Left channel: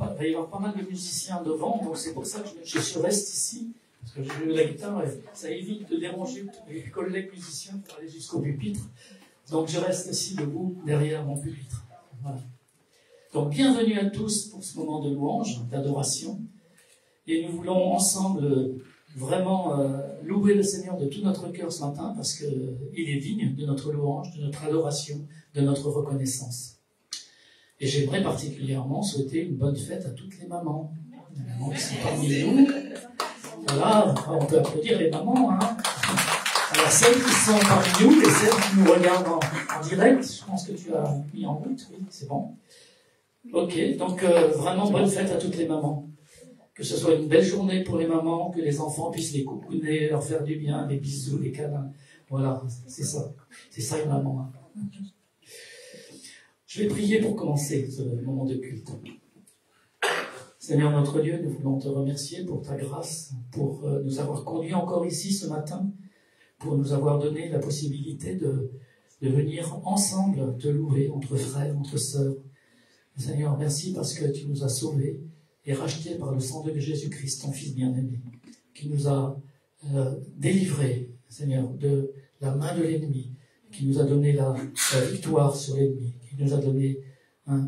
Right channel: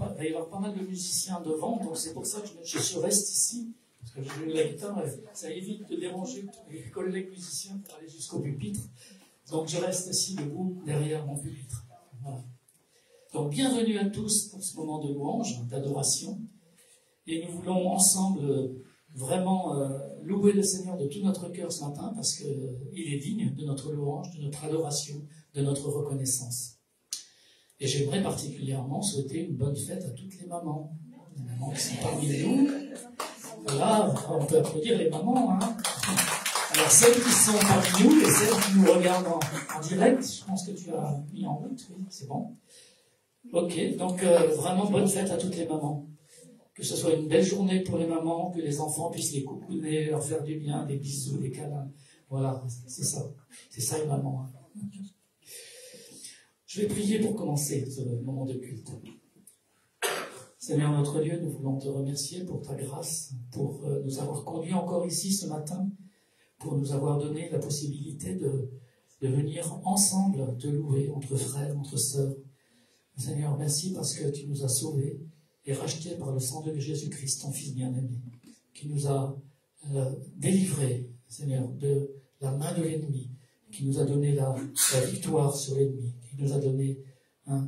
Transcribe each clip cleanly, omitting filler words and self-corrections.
il va y avoir pas mal de musiciens devant, donc c'est pour ça que je reste ici, parce que j'ai joué la guitare, et ça évite de déranger les collègues musiciens pour aller jusqu'au pupitre. Donc je reste ici debout derrière mon pupitre. Voilà. Donc bienvenue à tous pour ce moment de louange, d'adoration. Et nous voulons ensemble vraiment louer le Seigneur de tout notre cœur ce matin, parce qu'il est digne de notre louange, de notre adoration, de notre reconnaissance. Et j'aimerais particulièrement souhaiter une bonne fête à toutes les mamans. Les mamans qui sont parmi nous. Voilà, on peut applaudir les mamans. Hein. Alors celles qui sont parmi nous et celles qui nous regardent en direct, je pense que tu as mis en route, oui, c'est bon. Ok, donc vraiment bonne fête à toutes les mamans. Que ce soit une belle journée pour les mamans, que les enfants puissent les coucouner, leur faire du bien, des bisous, des câlins. Voilà, c'est ça. C'est ça une maman. Hein. Je vais prier pour commencer ce moment de culte. Seigneur notre Dieu, nous voulons te remercier pour ta grâce, pour nous avoir conduits encore ici ce matin, pour nous avoir donné la possibilité de venir ensemble te louer entre frères, entre sœurs. Seigneur, merci parce que tu nous as sauvés et rachetés par le sang de Jésus-Christ, ton Fils bien-aimé, qui nous a délivrés, Seigneur, de la main de l'ennemi, qui nous a donné la victoire sur l'ennemi, qui nous a donné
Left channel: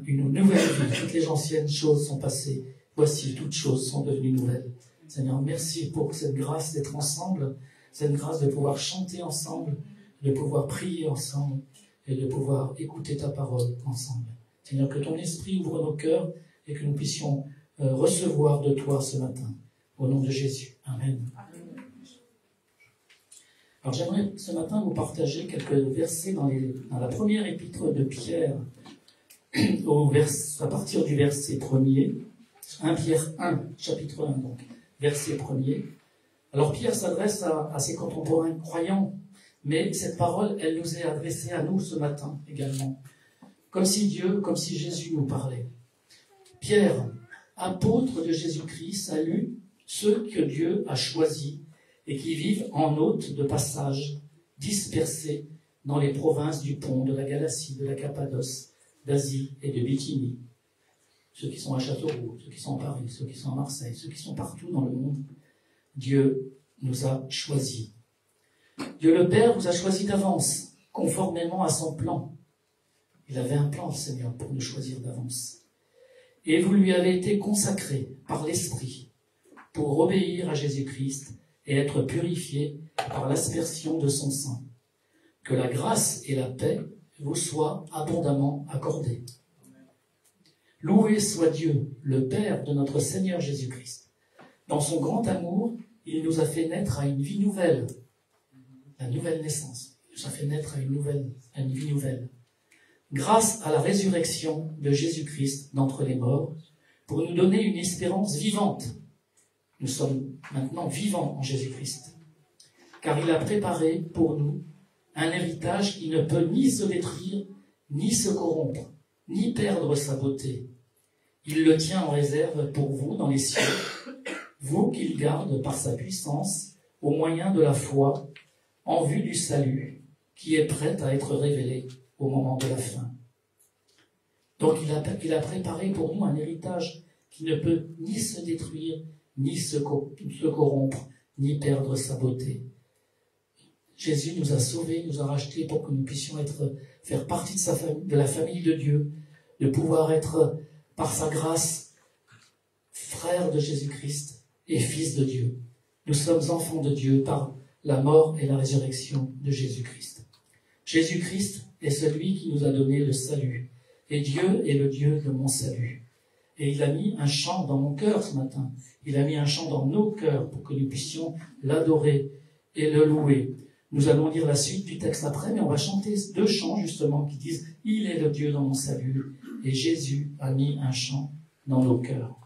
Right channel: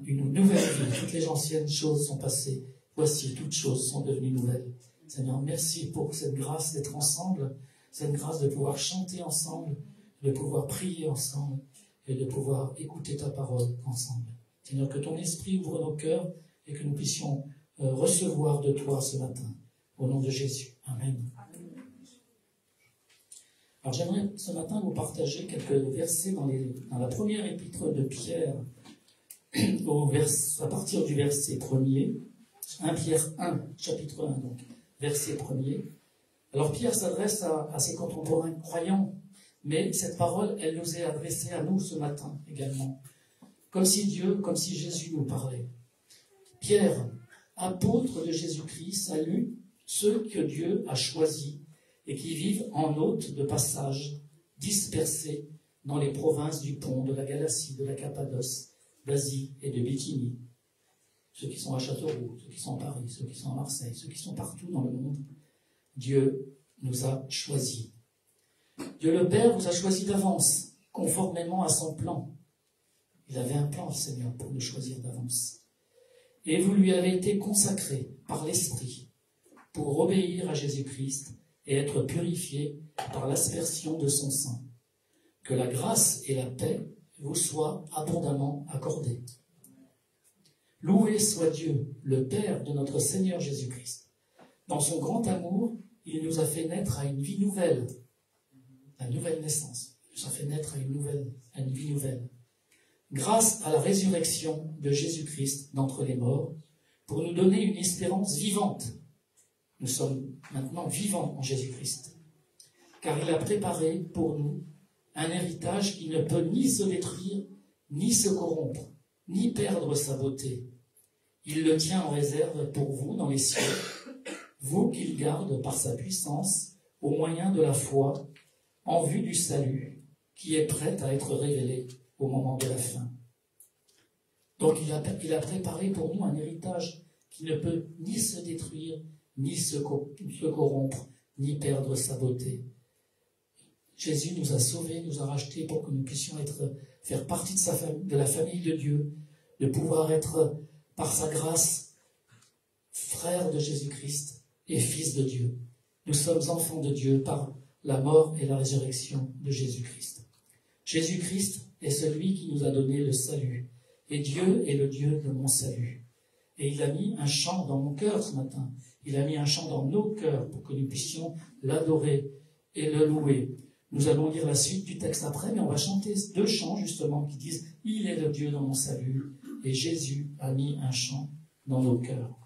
une nouvelle vie. Toutes les anciennes choses sont passées. Voici, toutes choses sont devenues nouvelles. Seigneur, merci pour cette grâce d'être ensemble, cette grâce de pouvoir chanter ensemble, de pouvoir prier ensemble et de pouvoir écouter ta parole ensemble. Seigneur, que ton esprit ouvre nos cœurs et que nous puissions recevoir de toi ce matin. Au nom de Jésus. Amen. Alors j'aimerais ce matin vous partager quelques versets dans la première épître de Pierre, à partir du verset 1er, 1 Pierre 1, chapitre 1, donc, verset 1er. Alors Pierre s'adresse à ses contemporains croyants, mais cette parole, elle nous est adressée à nous ce matin également. Comme si Jésus nous parlait. Pierre, apôtre de Jésus-Christ, salue ceux que Dieu a choisis et qui vivent en hôtes de passage, dispersés dans les provinces du Pont, de la Galatie, de la Cappadoce, d'Asie et de Bithynie. Ceux qui sont à Châteauroux, ceux qui sont à Paris, ceux qui sont à Marseille, ceux qui sont partout dans le monde. Dieu nous a choisis. Dieu le Père vous a choisis d'avance, conformément à son plan. Il avait un plan, le Seigneur, pour nous choisir d'avance. Et vous lui avez été consacrés par l'Esprit pour obéir à Jésus-Christ et être purifiés par l'aspersion de son sang. Que la grâce et la paix vous soient abondamment accordées. Loué soit Dieu, le Père de notre Seigneur Jésus-Christ. Dans son grand amour, il nous a fait naître à une vie nouvelle, la nouvelle naissance. Il nous a fait naître à une vie nouvelle. Grâce à la résurrection de Jésus-Christ d'entre les morts, pour nous donner une espérance vivante. Nous sommes maintenant vivants en Jésus-Christ, car il a préparé pour nous un héritage qui ne peut ni se détruire, ni se corrompre, ni perdre sa beauté. Il le tient en réserve pour vous dans les cieux, vous qu'il garde par sa puissance au moyen de la foi, en vue du salut, qui est prêt à être révélé au moment de la fin. Donc il a préparé pour nous un héritage qui ne peut ni se détruire, ni se corrompre, ni perdre sa beauté. Jésus nous a sauvés, nous a rachetés pour que nous puissions faire partie de la famille de Dieu, de pouvoir être, par sa grâce, frères de Jésus-Christ et fils de Dieu. Nous sommes enfants de Dieu par la mort et la résurrection de Jésus-Christ. Jésus-Christ est celui qui nous a donné le salut. Et Dieu est le Dieu de mon salut. Et il a mis un chant dans mon cœur ce matin. Il a mis un chant dans nos cœurs pour que nous puissions l'adorer et le louer. Nous allons lire la suite du texte après, mais on va chanter 2 chants justement qui disent « Il est le Dieu dans mon salut » et Jésus a mis un chant dans nos cœurs.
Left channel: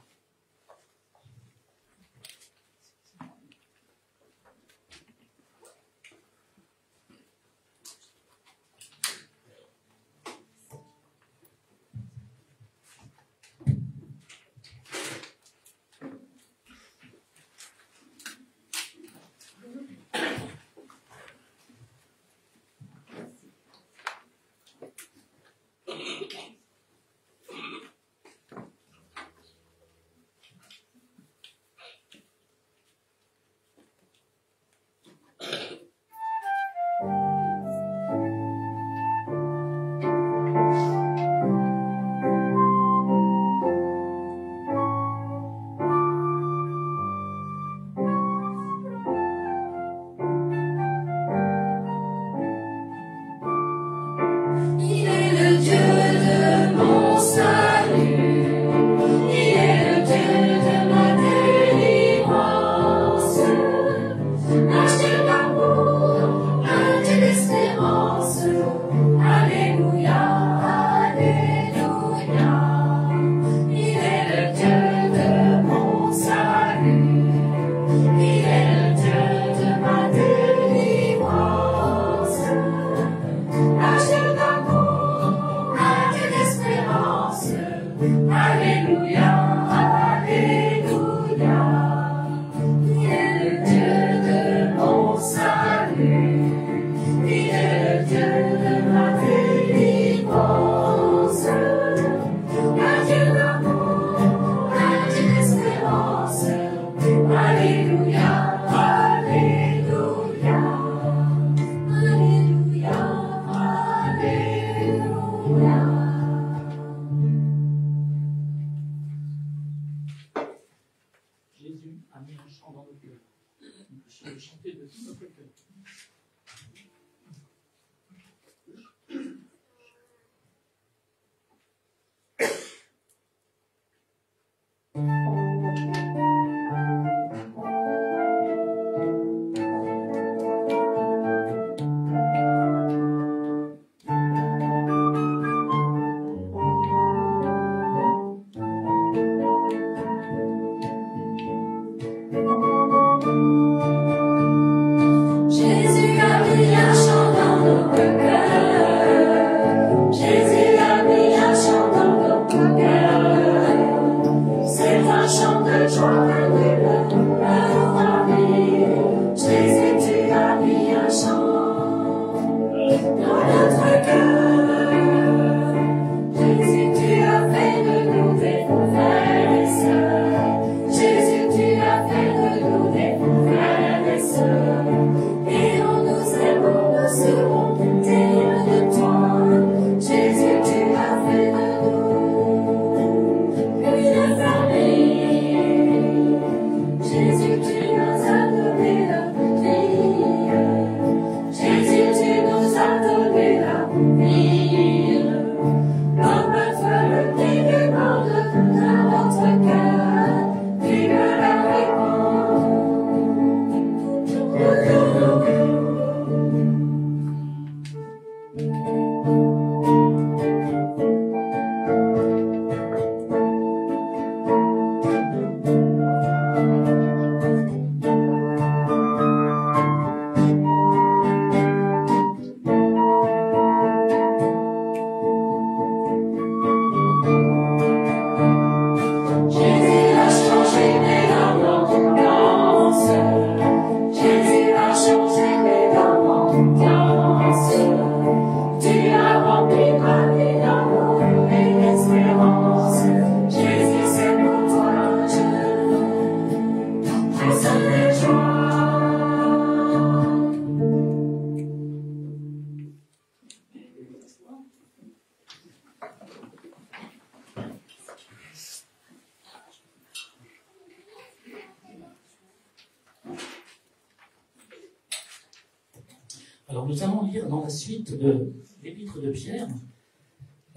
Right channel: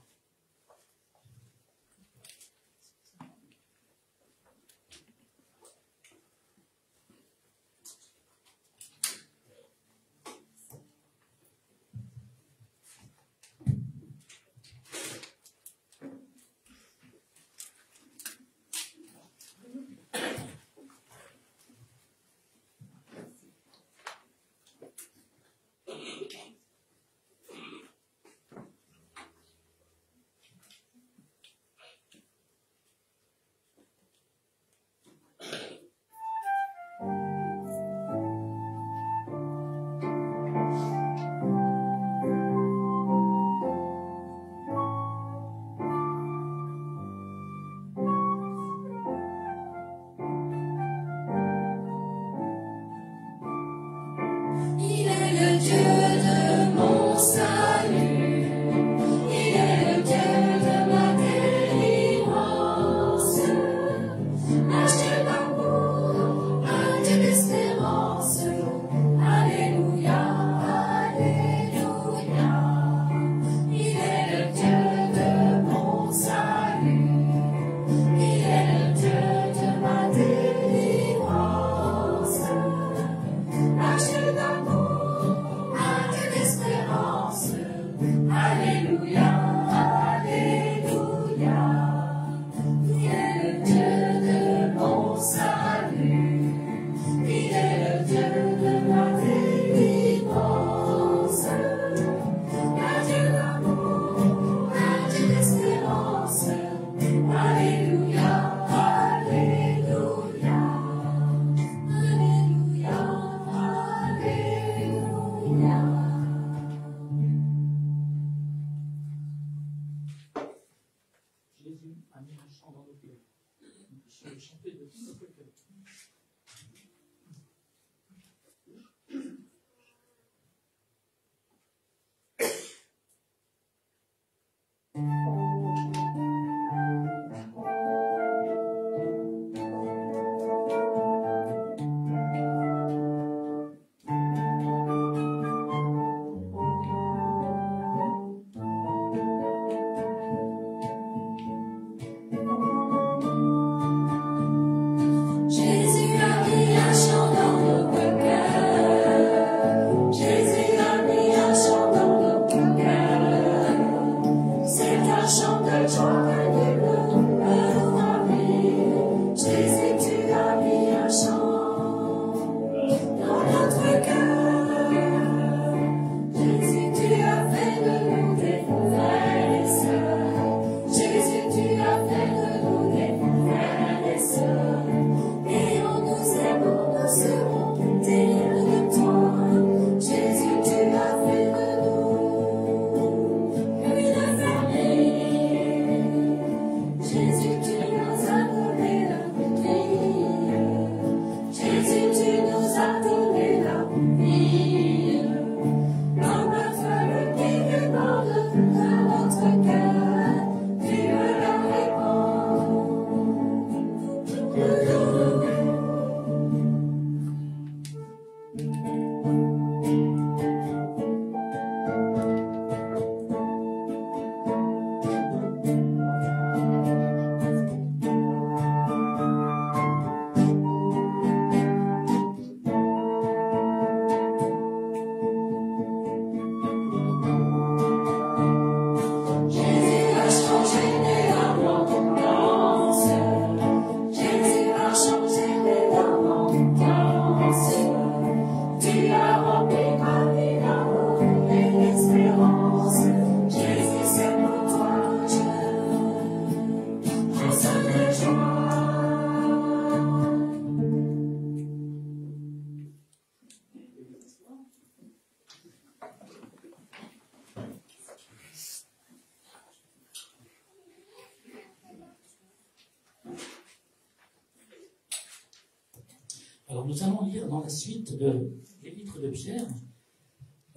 Alors nous allons lire dans la suite de l'épître de Pierre,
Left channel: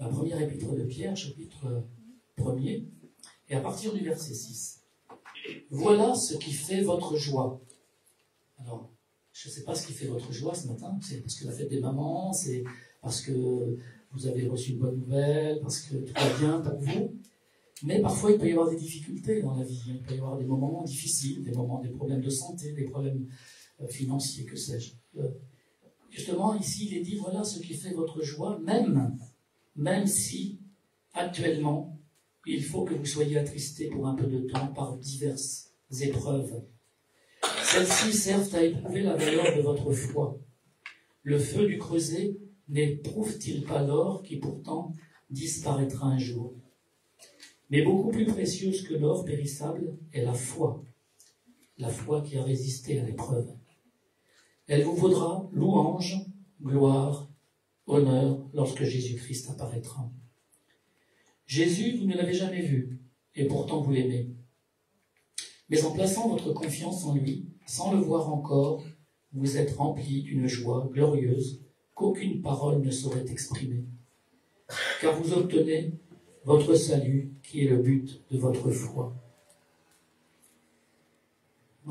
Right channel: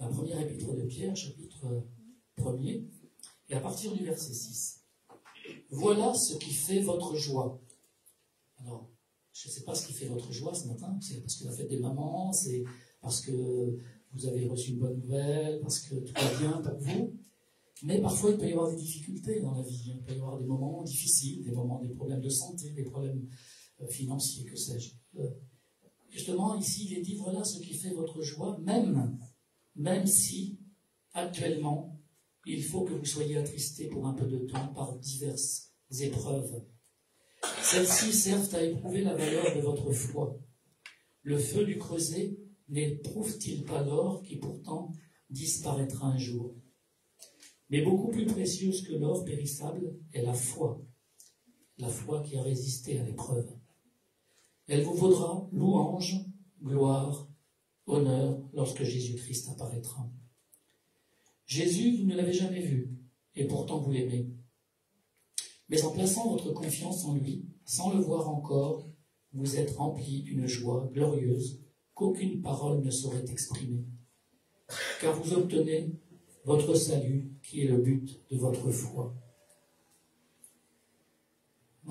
la première épître de Pierre, chapitre 1er, et à partir du verset 6. Voilà ce qui fait votre joie. Alors, je ne sais pas ce qui fait votre joie ce matin, c'est parce que la fête des mamans, c'est parce que vous avez reçu une bonne nouvelle, parce que tout va bien pour vous. Mais parfois, il peut y avoir des difficultés dans la vie. Il peut y avoir des moments difficiles, des problèmes de santé, des problèmes financiers, que sais-je. Justement, ici, il est dit, voilà ce qui fait votre joie, même si, actuellement, il faut que vous soyez attristés pour un peu de temps par diverses épreuves. Celles-ci servent à éprouver la valeur de votre foi. Le feu du creuset n'éprouve-t-il pas l'or qui pourtant disparaîtra un jour? Mais beaucoup plus précieuse que l'or périssable est la foi qui a résisté à l'épreuve. Elle vous vaudra louange, gloire, honneur lorsque Jésus-Christ apparaîtra. Jésus, vous ne l'avez jamais vu, et pourtant vous l'aimez. Mais en plaçant votre confiance en lui, sans le voir encore, vous êtes remplis d'une joie glorieuse qu'aucune parole ne saurait exprimer. Car vous obtenez votre salut, qui est le but de votre foi.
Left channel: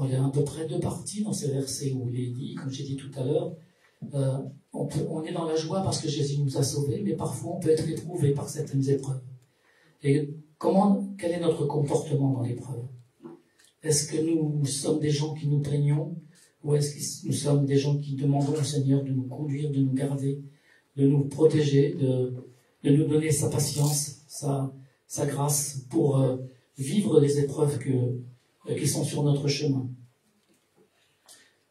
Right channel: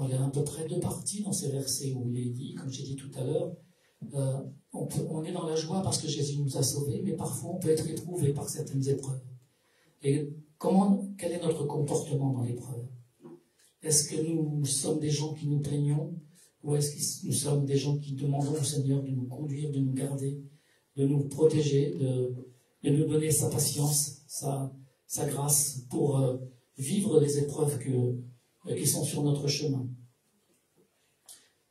Il y a à peu près deux parties dans ces versets où il est dit, comme j'ai dit tout à l'heure, on est dans la joie parce que Jésus nous a sauvés, mais parfois on peut être éprouvé par certaines épreuves. Et quel est notre comportement dans l'épreuve? Est-ce que nous sommes des gens qui nous plaignons, ou est-ce que nous sommes des gens qui demandons au Seigneur de nous conduire, de nous garder, de nous protéger, de nous donner sa patience, sa grâce pour vivre les épreuves qui sont sur notre chemin.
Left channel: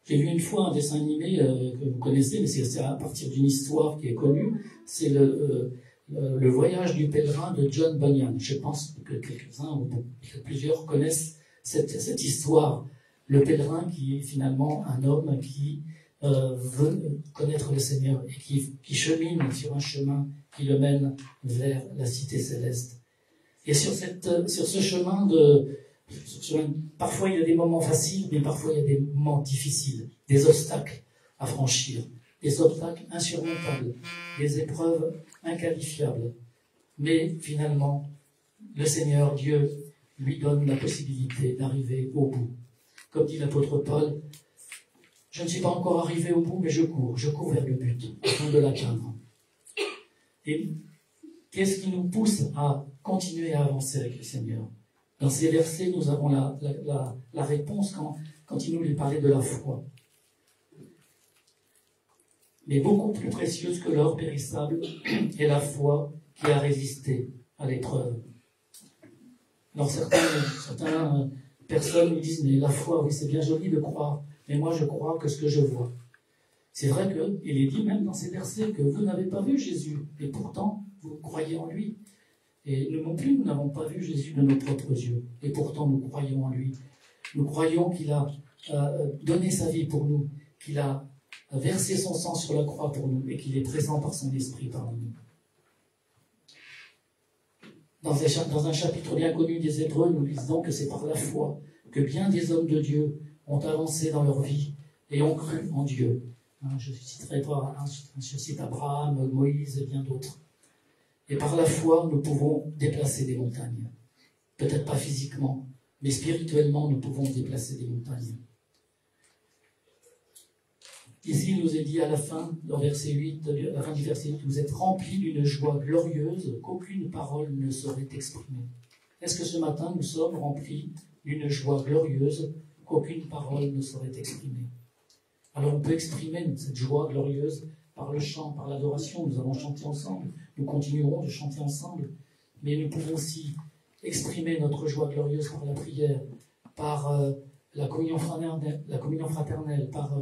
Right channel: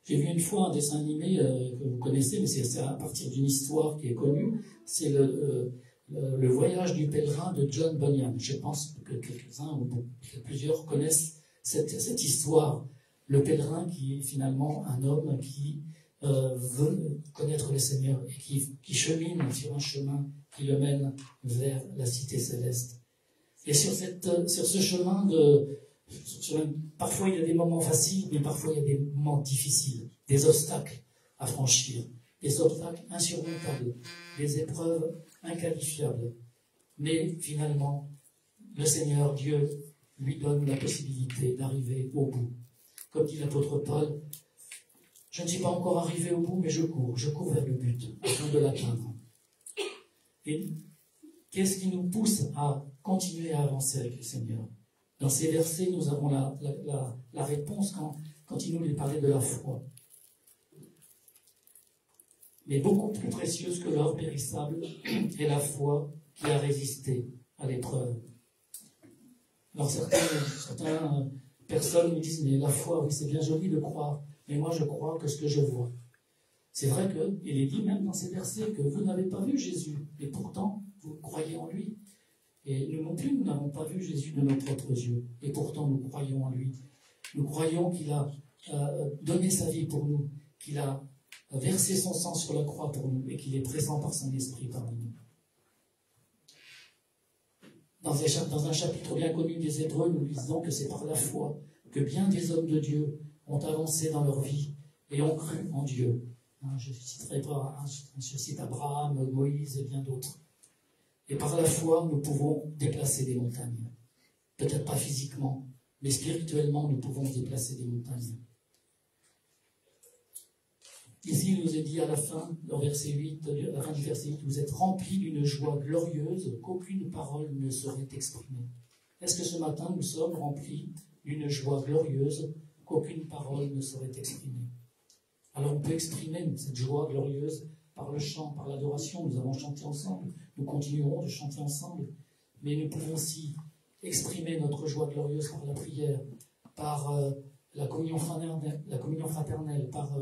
J'ai vu une fois un dessin animé que vous connaissez, mais c'est à partir d'une histoire qui est connue. C'est le voyage du pèlerin de John Bunyan. Je pense que quelques-uns ou plusieurs connaissent cette histoire. Le pèlerin qui est finalement un homme qui veut connaître le Seigneur et qui chemine sur un chemin qui le mène vers la cité céleste. Et sur ce chemin parfois il y a des moments faciles, mais parfois il y a des moments difficiles, des obstacles à franchir, des obstacles insurmontables, des épreuves inqualifiables. Mais finalement, le Seigneur Dieu lui donne la possibilité d'arriver au bout. Comme dit l'apôtre Paul, je ne suis pas encore arrivé au bout, mais je cours vers le but, afin de l'atteindre. Et qu'est-ce qui nous pousse à continuer à avancer avec le Seigneur? Dans ces versets, nous avons la réponse quand il nous parlait de la foi. Mais beaucoup plus précieuse que l'or périssable est la foi qui a résisté à l'épreuve. Alors certaines personnes me disent, mais la foi, oui, c'est bien joli de croire, mais moi je crois que ce que je vois. C'est vrai qu'il est dit même dans ces versets que vous n'avez pas vu Jésus, et pourtant vous croyez en lui. Et nous non plus, nous n'avons pas vu Jésus de nos propres yeux, et pourtant nous croyons en lui. Nous croyons qu'il a donné sa vie pour nous, qu'il a versé son sang sur la croix pour nous, et qu'il est présent par son esprit parmi nous. Dans un chapitre bien connu des Hébreux, nous lisons que c'est par la foi que bien des hommes de Dieu ont avancé dans leur vie et ont cru en Dieu. Je ne citerai pas, je cite Abraham, Moïse et bien d'autres. Et par la foi, nous pouvons déplacer des montagnes. Peut-être pas physiquement, mais spirituellement, nous pouvons déplacer des montagnes. Ici, il nous est dit à la fin, dans verset 8, à la fin du verset 8, vous êtes remplis d'une joie glorieuse qu'aucune parole ne saurait exprimer. Est-ce que ce matin, nous sommes remplis d'une joie glorieuse qu'aucune parole ne saurait exprimer? Alors on peut exprimer cette joie glorieuse par le chant, par l'adoration. Nous avons chanté ensemble, nous continuerons de chanter ensemble, mais nous pouvons aussi exprimer notre joie glorieuse par la prière, par la communion fraternelle, par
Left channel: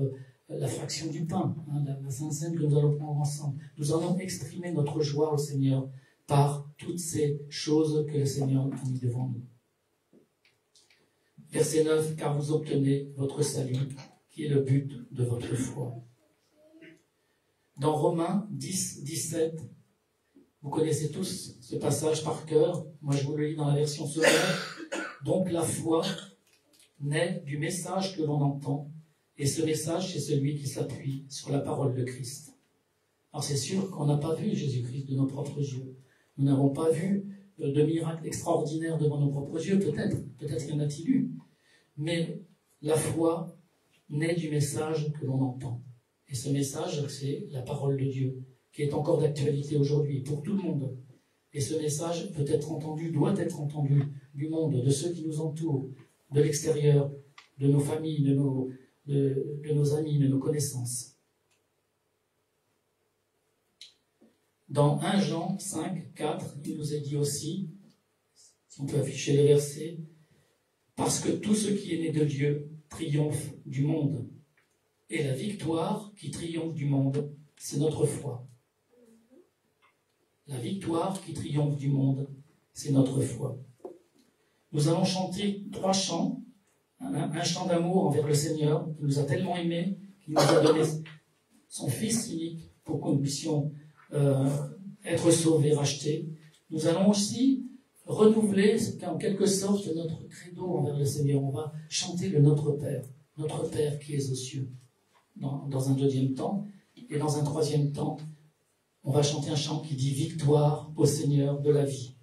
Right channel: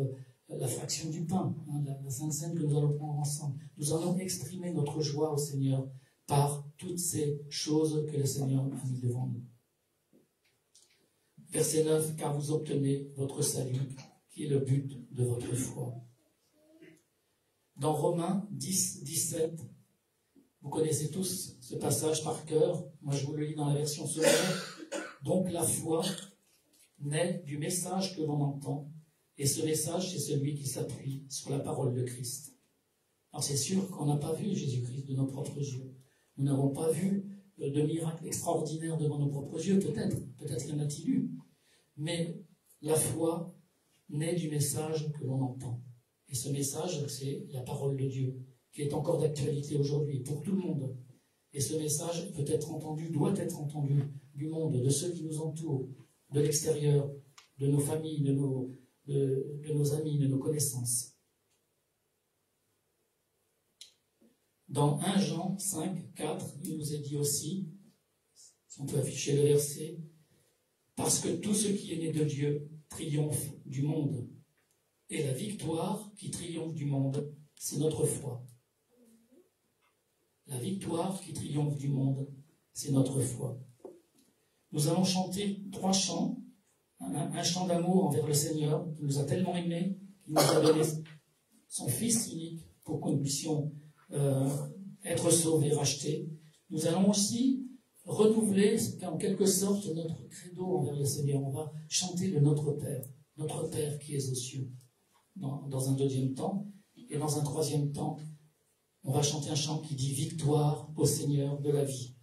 la fraction du pain, la Sainte Seine que nous allons prendre ensemble. Nous allons exprimer notre joie au Seigneur par toutes ces choses que le Seigneur a mis devant nous. Verset 9, car vous obtenez votre salut, qui est le but de votre foi. Dans Romains 10, 17, vous connaissez tous ce passage par cœur. Moi, je vous le lis dans la version secondaire. Donc, la foi naît du message que l'on entend, et ce message, c'est celui qui s'appuie sur la parole de Christ. Alors, c'est sûr qu'on n'a pas vu Jésus-Christ de nos propres yeux. Nous n'avons pas vu de miracles extraordinaires devant nos propres yeux, peut-être y en a-t-il eu. Mais la foi naît du message que l'on entend. Et ce message, c'est la parole de Dieu, qui est encore d'actualité aujourd'hui pour tout le monde. Et ce message peut être entendu, doit être entendu du monde, de ceux qui nous entourent, de l'extérieur, de nos familles, de nos amis, de nos connaissances. Dans 1 Jean 5, 4, il nous est dit aussi, si on peut afficher le verset, parce que tout ce qui est né de Dieu triomphe du monde. Et la victoire qui triomphe du monde, c'est notre foi. La victoire qui triomphe du monde, c'est notre foi. Nous allons chanter 3 chants. Un chant d'amour envers le Seigneur, qui nous a tellement aimés, qui nous a donné son Fils unique pour que nous puissions être sauvés, rachetés. Nous allons aussi renouveler en quelque sorte notre credo envers le Seigneur. On va chanter le Notre Père qui est aux cieux, dans un deuxième temps. Et dans un troisième temps, on va chanter un chant qui dit « Victoire au Seigneur de la vie ».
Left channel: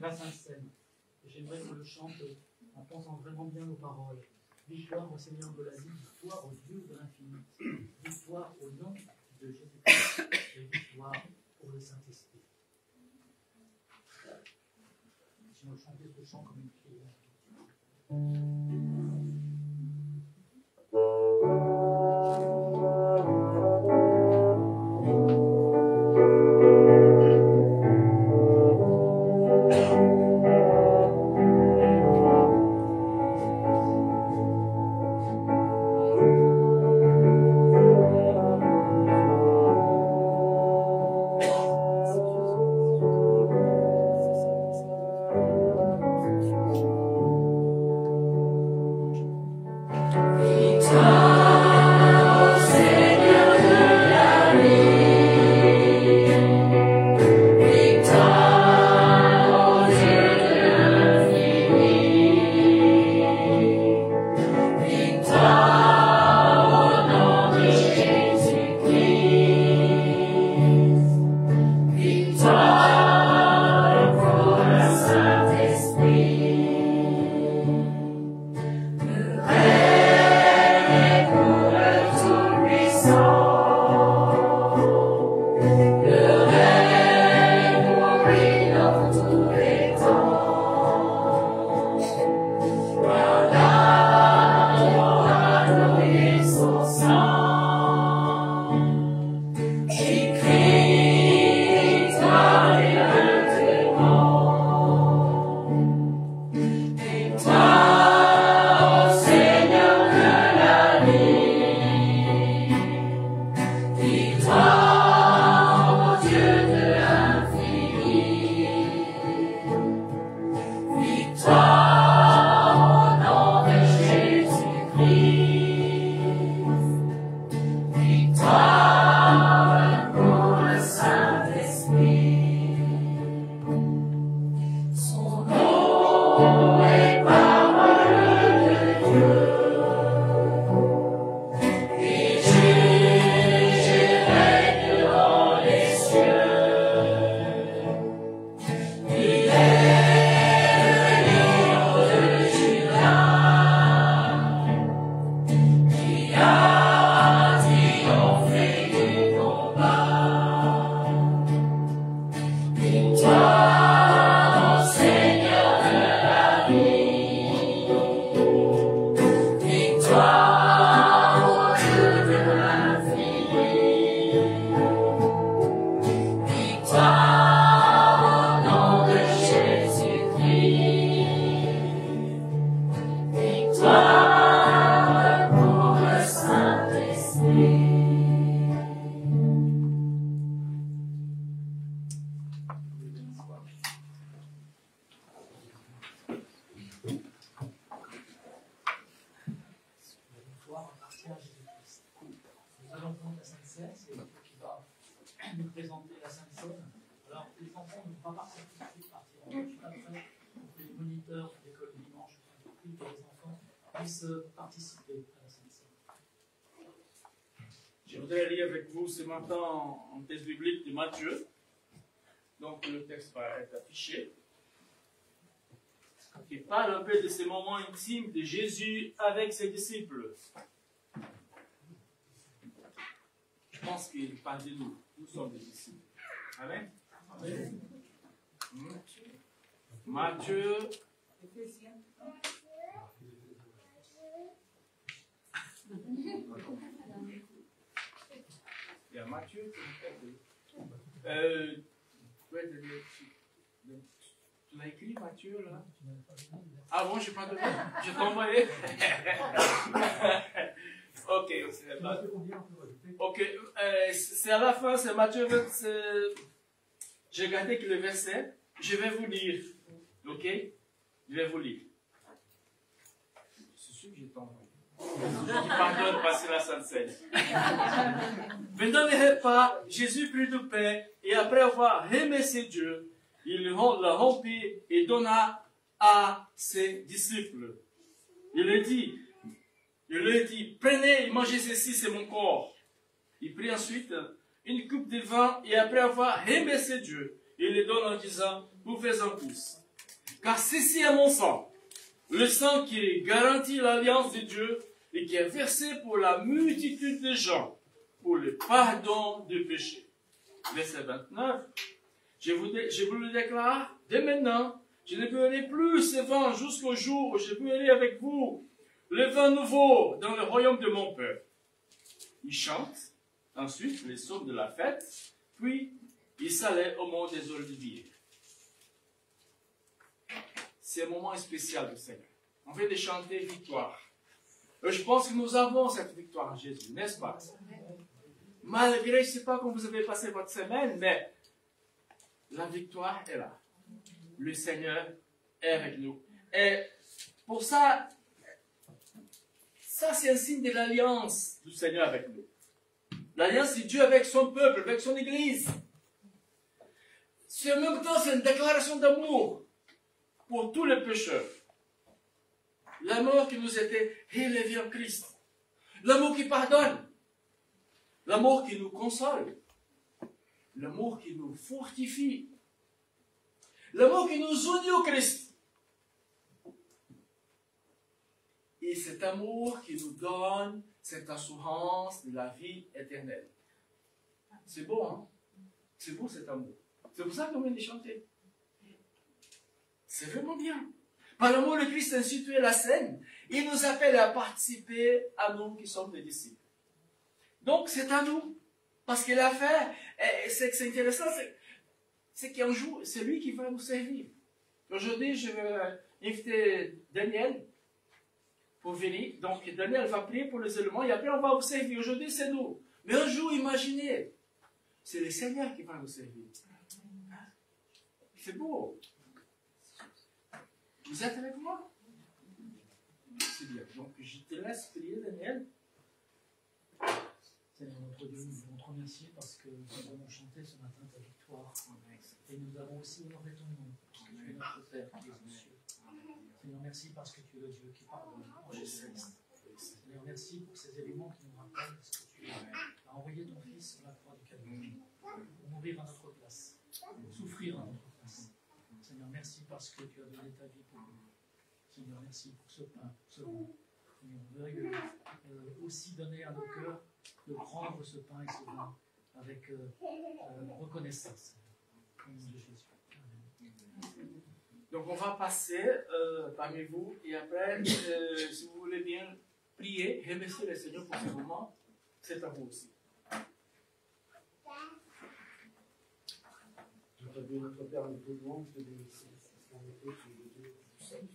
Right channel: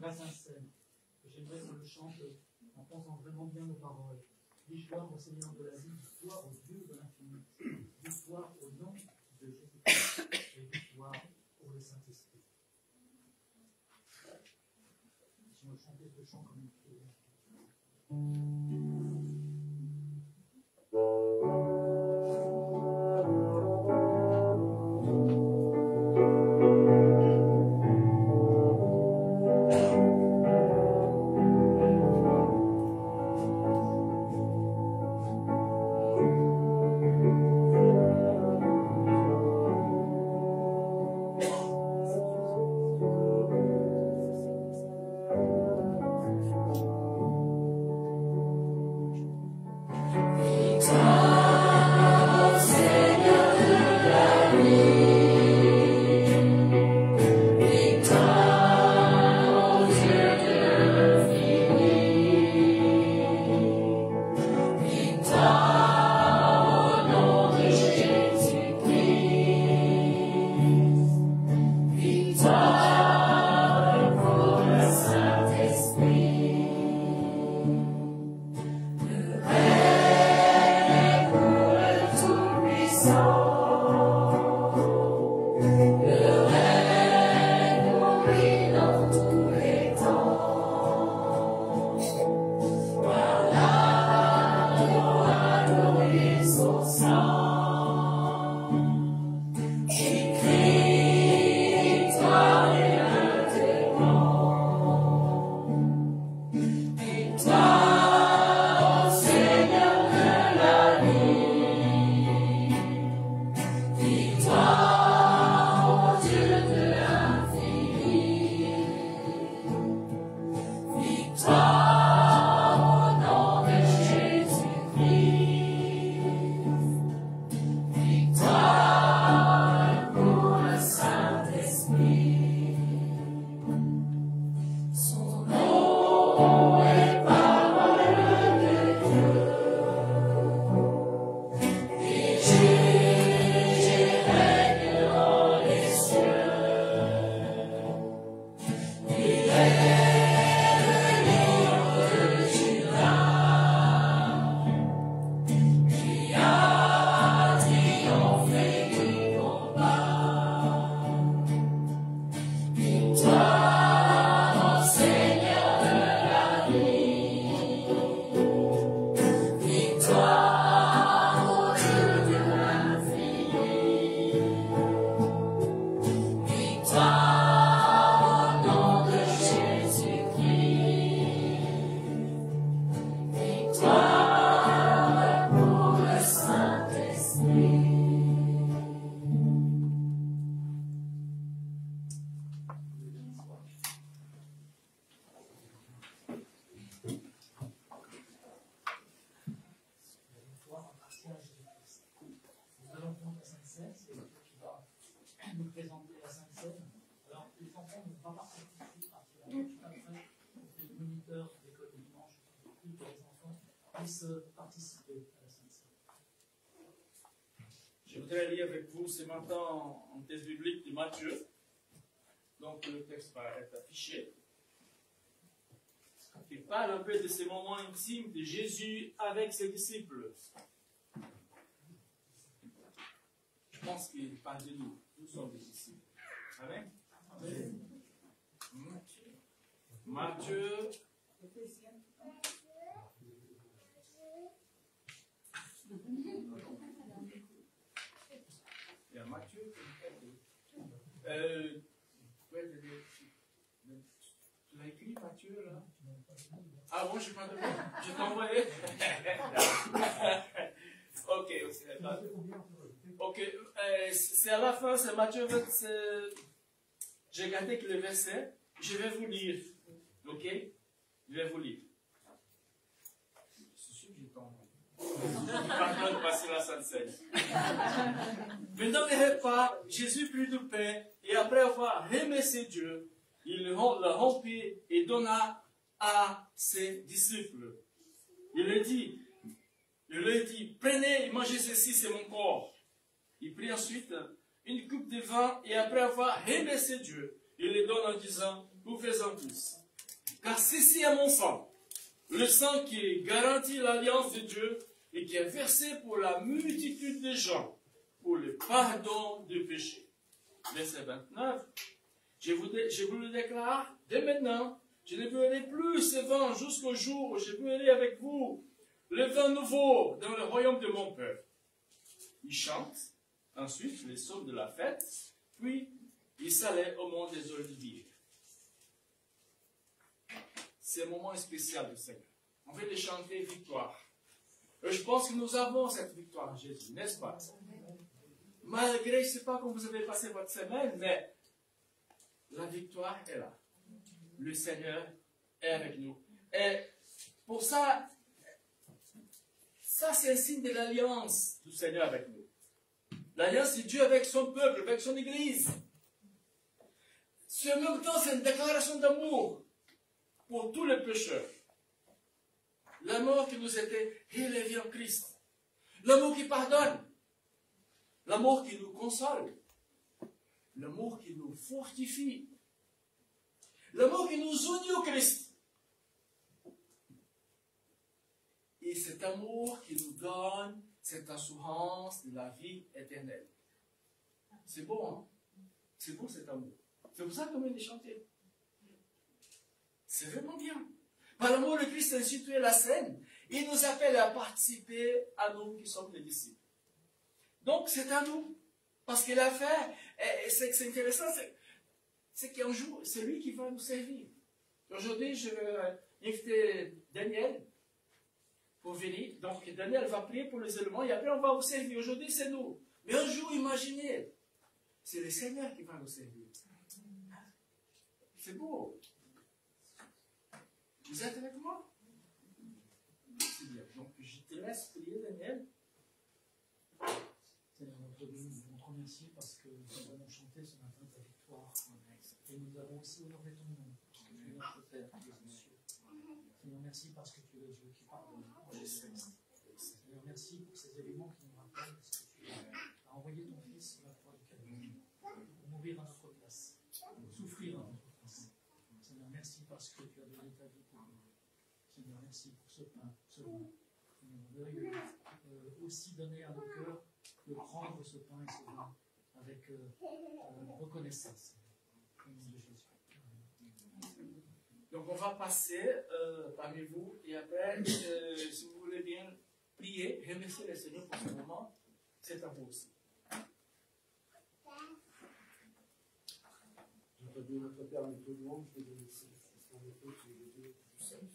La Sainte Seine. J'aimerais qu'on le chante en pensant vraiment bien aux paroles. Victoire au Seigneur de la vie, victoire au Dieu de l'infini, victoire au nom de Jésus-Christ et victoire pour le Saint-Esprit. Si nous chantons ce chant comme une prière. Participer à la Sainte Seine. Je voudrais lire avec vous ce matin en texte biblique de Matthieu, Donc le texte va être affiché. Il parle un peu de ces moments intimes de Jésus avec ses disciples. Je pense qu'il parle de nous. Nous sommes des disciples. Amen. Matthieu. Il y a Matthieu. Tu l'as écrit, Matthieu, là? Ah bon, je n'ai pas de je t'ai envoyé. Ok, c'est à la fin, c'est Matthieu. J'ai gardé que le verset. Je vais vous lire. Ok? Je vais vous lire. C'est sûr que j'ai t'envoyé. Pardonne, parce que la Sainte Seine. Pendant les repas, Jésus prit du pain et après avoir remercié Dieu, il le rompit et donna à ses disciples. Il leur dit, prenez et mangez ceci, c'est mon corps. Il prit ensuite une coupe de vin et après avoir remercié Dieu, il le donne en disant, vous faites en tous. Car ceci est mon sang, le sang qui garantit l'alliance de Dieu et qui est versé pour la multitude de gens, pour le pardon des péchés. Verset 29. Je vous le déclare, dès maintenant, je ne beurrai plus ce vin jusqu'au jour où je beurrai avec vous le vin nouveau dans le royaume de mon Père. Il chante ensuite les psaumes de la fête, puis il s'allait au mont des Oliviers. C'est un moment spécial du Seigneur. On vient de chanter victoire. Et je pense que nous avons cette victoire en Jésus, n'est-ce pas? Malgré, je ne sais pas comment vous avez passé votre semaine, mais la victoire est là. Le Seigneur est avec nous. Et pour ça, c'est un signe de l'alliance du Seigneur avec nous. L'alliance de Dieu avec son peuple, avec son Église. En même temps, c'est une déclaration d'amour pour tous les pécheurs. L'amour qui nous était élevé en Christ. L'amour qui pardonne. L'amour qui nous console. L'amour qui nous fortifie. L'amour qui nous unit au Christ. Et cet amour qui nous donne cette assurance de la vie éternelle. C'est beau, hein? C'est beau cet amour. C'est pour ça qu'on vient de chanter. C'est vraiment bien. Par l'amour, le Christ a institué la scène. Il nous appelle à participer à nous qui sommes les disciples. Donc, c'est à nous. Parce qu'il a fait, c'est intéressant, c'est qu'un jour, c'est lui qui va nous servir. Aujourd'hui, je vais inviter Daniel pour venir. Donc, Daniel va prier pour les éléments et après, on va vous servir. Aujourd'hui, c'est nous. Mais un jour, imaginez, c'est le Seigneur qui va nous servir. C'est beau. Vous êtes avec moi? C'est bien. Donc, je te laisse prier, Daniel. Seigneur notre Dieu, nous voulons te remercier parce que nous avons chanté ce matin ta victoire. Et nous avons aussi honoré ton nom. Tu es notre Père qui est aux cieux. Seigneur, merci parce que tu es le Dieu qui pardonne en Jésus-Christ. Seigneur, merci pour ces éléments qui nous rappellent ce que tu as envoyé ton Fils sur la croix du Calvaire pour mourir à notre place, pour souffrir à notre place. Seigneur, merci parce que tu as donné ta vie pour nous. Seigneur, merci pour ce pain, ce vin. Seigneur, on veut aussi donner à nos cœurs de prendre ce pain et ce vin avec reconnaissance. Au nom de Jésus. Amen. Donc on va passer parmi vous et après, si vous voulez bien prier, remercier le Seigneur pour ce moment, c'est à vous aussi. Notre Dieu, notre Père, nous te louons, je te dis ici, c'est un Dieu qui est le Dieu du salut.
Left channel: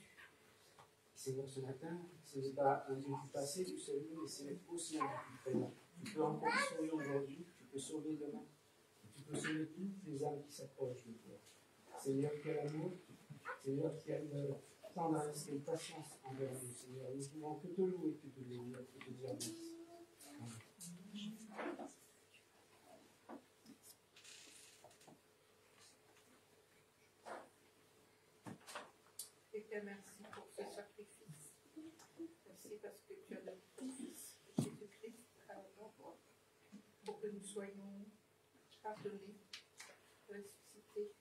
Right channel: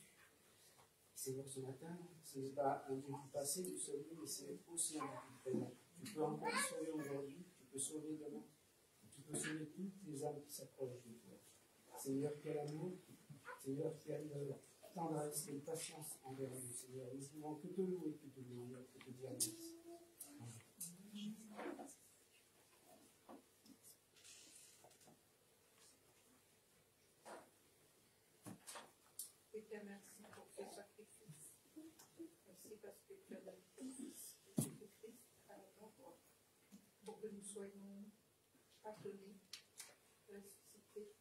Seigneur, ce matin, ce n'est pas un Dieu du passé, du salut, mais c'est aussi un Dieu du présent. Tu peux encore sauver aujourd'hui, tu peux sauver demain, tu peux sauver toutes les âmes qui s'approchent de toi. Seigneur, qui a l'amour, Seigneur, qui a une tendresse, une patience envers nous, Seigneur. Nous ne pouvons que te louer, que te louer, que te dire merci. Amen. Je te remercie pour ce sacrifice. Merci parce que tu as donné ton Fils, Jésus-Christ, à la croix, pour que nous soyons pardonnés, ressuscités conforté,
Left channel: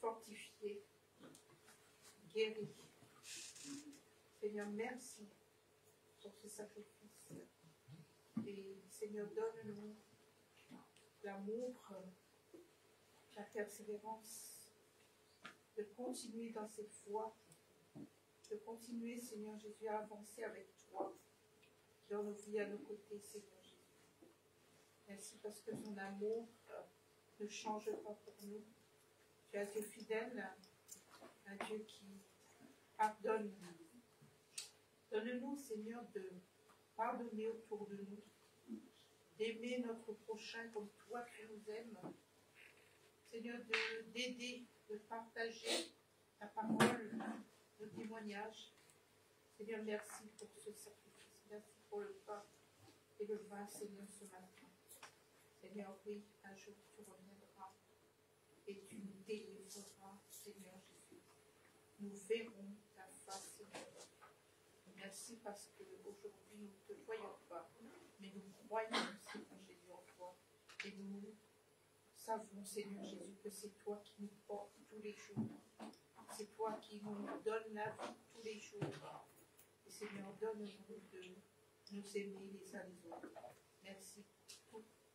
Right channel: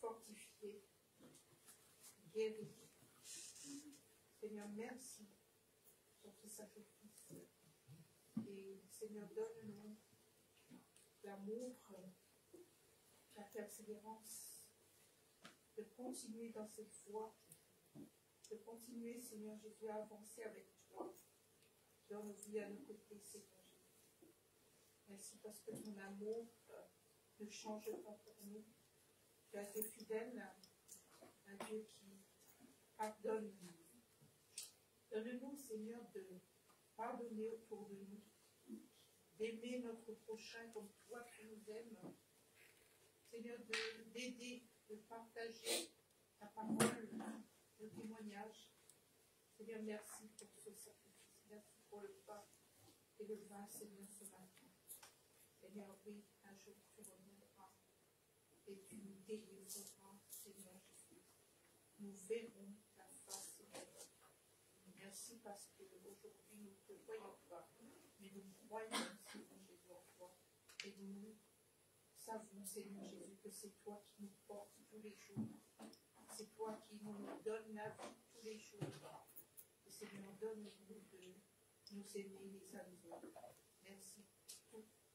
fortifié, guéri. Seigneur, merci pour ce sacrifice. Et Seigneur, donne-nous l'amour, la persévérance, de continuer dans cette voie, de continuer, Seigneur Jésus, à avancer avec toi dans nos vies, à nos côtés, Seigneur Jésus. Merci parce que ton amour ne change pas pour nous. Tu es un Dieu fidèle, un Dieu qui pardonne. Donne-nous, Seigneur, de pardonner autour de nous, d'aimer notre prochain comme toi tu nous aimes. Seigneur, d'aider, de partager ta parole, le témoignage. Seigneur, merci pour ce sacrifice. Merci pour le pain et le vin, Seigneur, ce matin. Seigneur, oui, un jour tu reviendras et tu nous délivreras, Seigneur Jésus. Nous verrons ta face, Seigneur. Merci parce qu'aujourd'hui nous ne te voyons pas, mais nous croyons, Seigneur Jésus, en toi. Et nous savons, Seigneur Jésus, que c'est toi qui nous portes tous les jours. C'est toi qui nous donne la vie tous les jours. Et Seigneur, donne-nous de nous aimer les uns les autres. Merci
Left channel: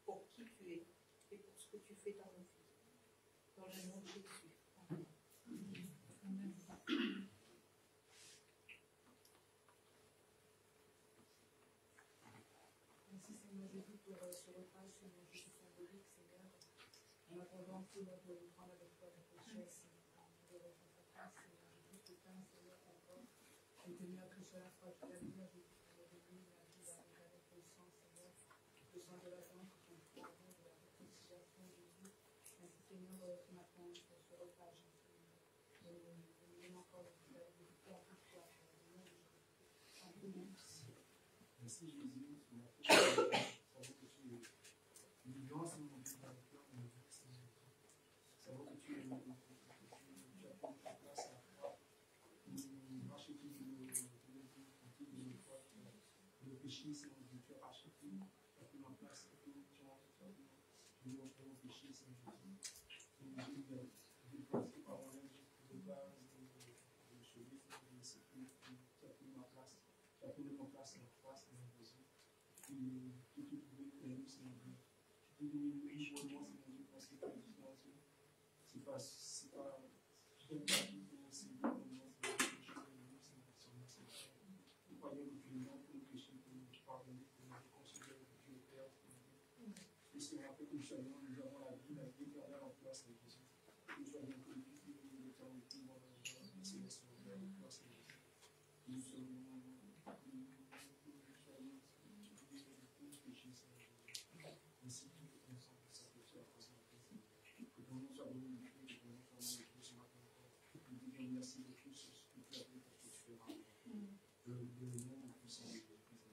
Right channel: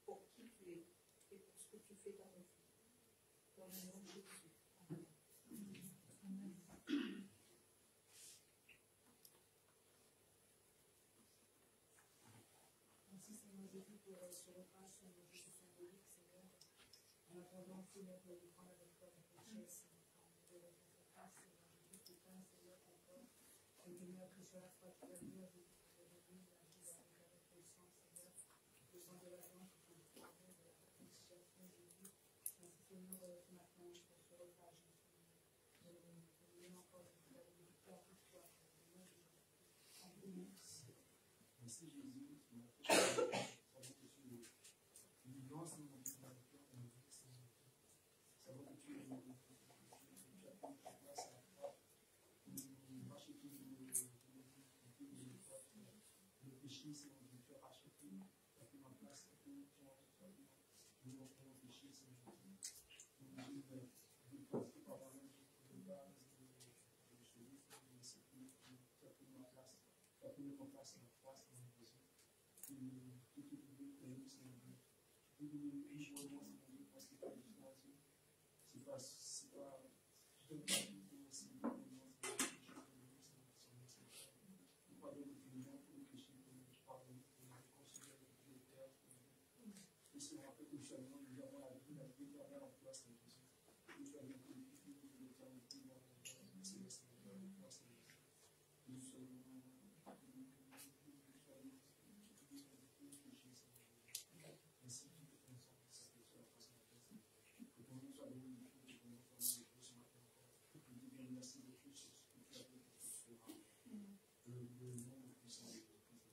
pour qui tu es et pour ce que tu fais dans nos vies. Dans le nom de Jésus. Amen. Merci Seigneur Jésus pour ce repas, Seigneur Jésus symbolique, Seigneur. En attendant, Seigneur, de le prendre avec toi, avec richesse, de votre face, Seigneur Jésus, tout un, Seigneur, encore. Et Seigneur, que cela soit clair, Jésus, pour nous donner la vie avec le sang, Seigneur, le sang de la joie, qui sont pour nous, la réconciliation, Jésus. Merci Seigneur, ce matin, pour ce repas, Jésus. De nous donner encore de la victoire pour toi, Merci Jésus, ça vaut que tu es une grâce dans notre cœur, ça vaut que tu es nous racheter le péché, c'est que tu as racheté, tu as fait ma place, tu as fait mon péché, c'est Jésus. Nous de déposer par moi-même de base, de sauver, tu as pris ma place, tu as pris mon place, la place, tout est trouvé pour nous, c'est mon Dieu. Tout est devenu riche pour moi, c'est mon Dieu, parce que c'est pas Dieu. C'est pas tout un parti pour le Seigneur, pour moi, c'est mon Dieu, c'est mon Seigneur. Nous croyons que tu es mort pour nous pécher, pour nous pardonner, pour nous réconcilier avec Dieu le Père, pour nous. Et Seigneur, après que nous soyons, nous avons la vie éternelle en place avec Jésus. Nous soyons glorifiés de l'éternité, moi, céleste, en toi, Seigneur. Nous sommes ainsi que ton sang qui s'appelle à présent. Que ton nom soit glorifié, que ton nom soit magnifié ce matin encore. Nous te disons merci de tout ce que tu as fait parce que tu feras. Le nom puissant de Jésus-Christ.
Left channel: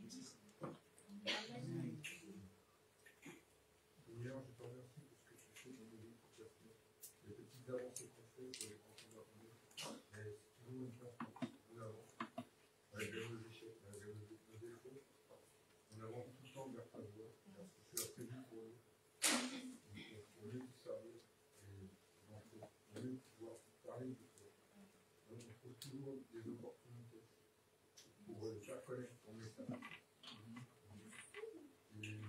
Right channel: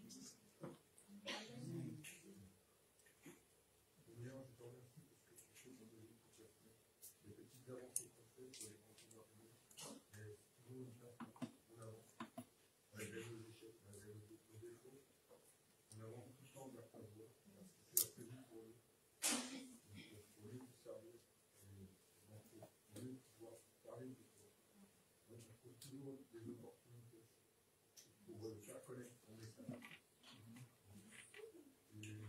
Merci Seigneur. Seigneur, je te remercie pour ce que tu fais dans nos vies, pour ta fait. Les petites avancées qu'on fait pour les pensées d'avenir. Mais toujours une chance en avant. Malgré nos échecs, malgré nos défauts. On avance tout le temps vers ta voie. Tu as prévu pour nous. Pour mieux te servir. Et pour mieux pouvoir parler de toi. Donc on trouve toujours des opportunités pour faire connaître ton message. Et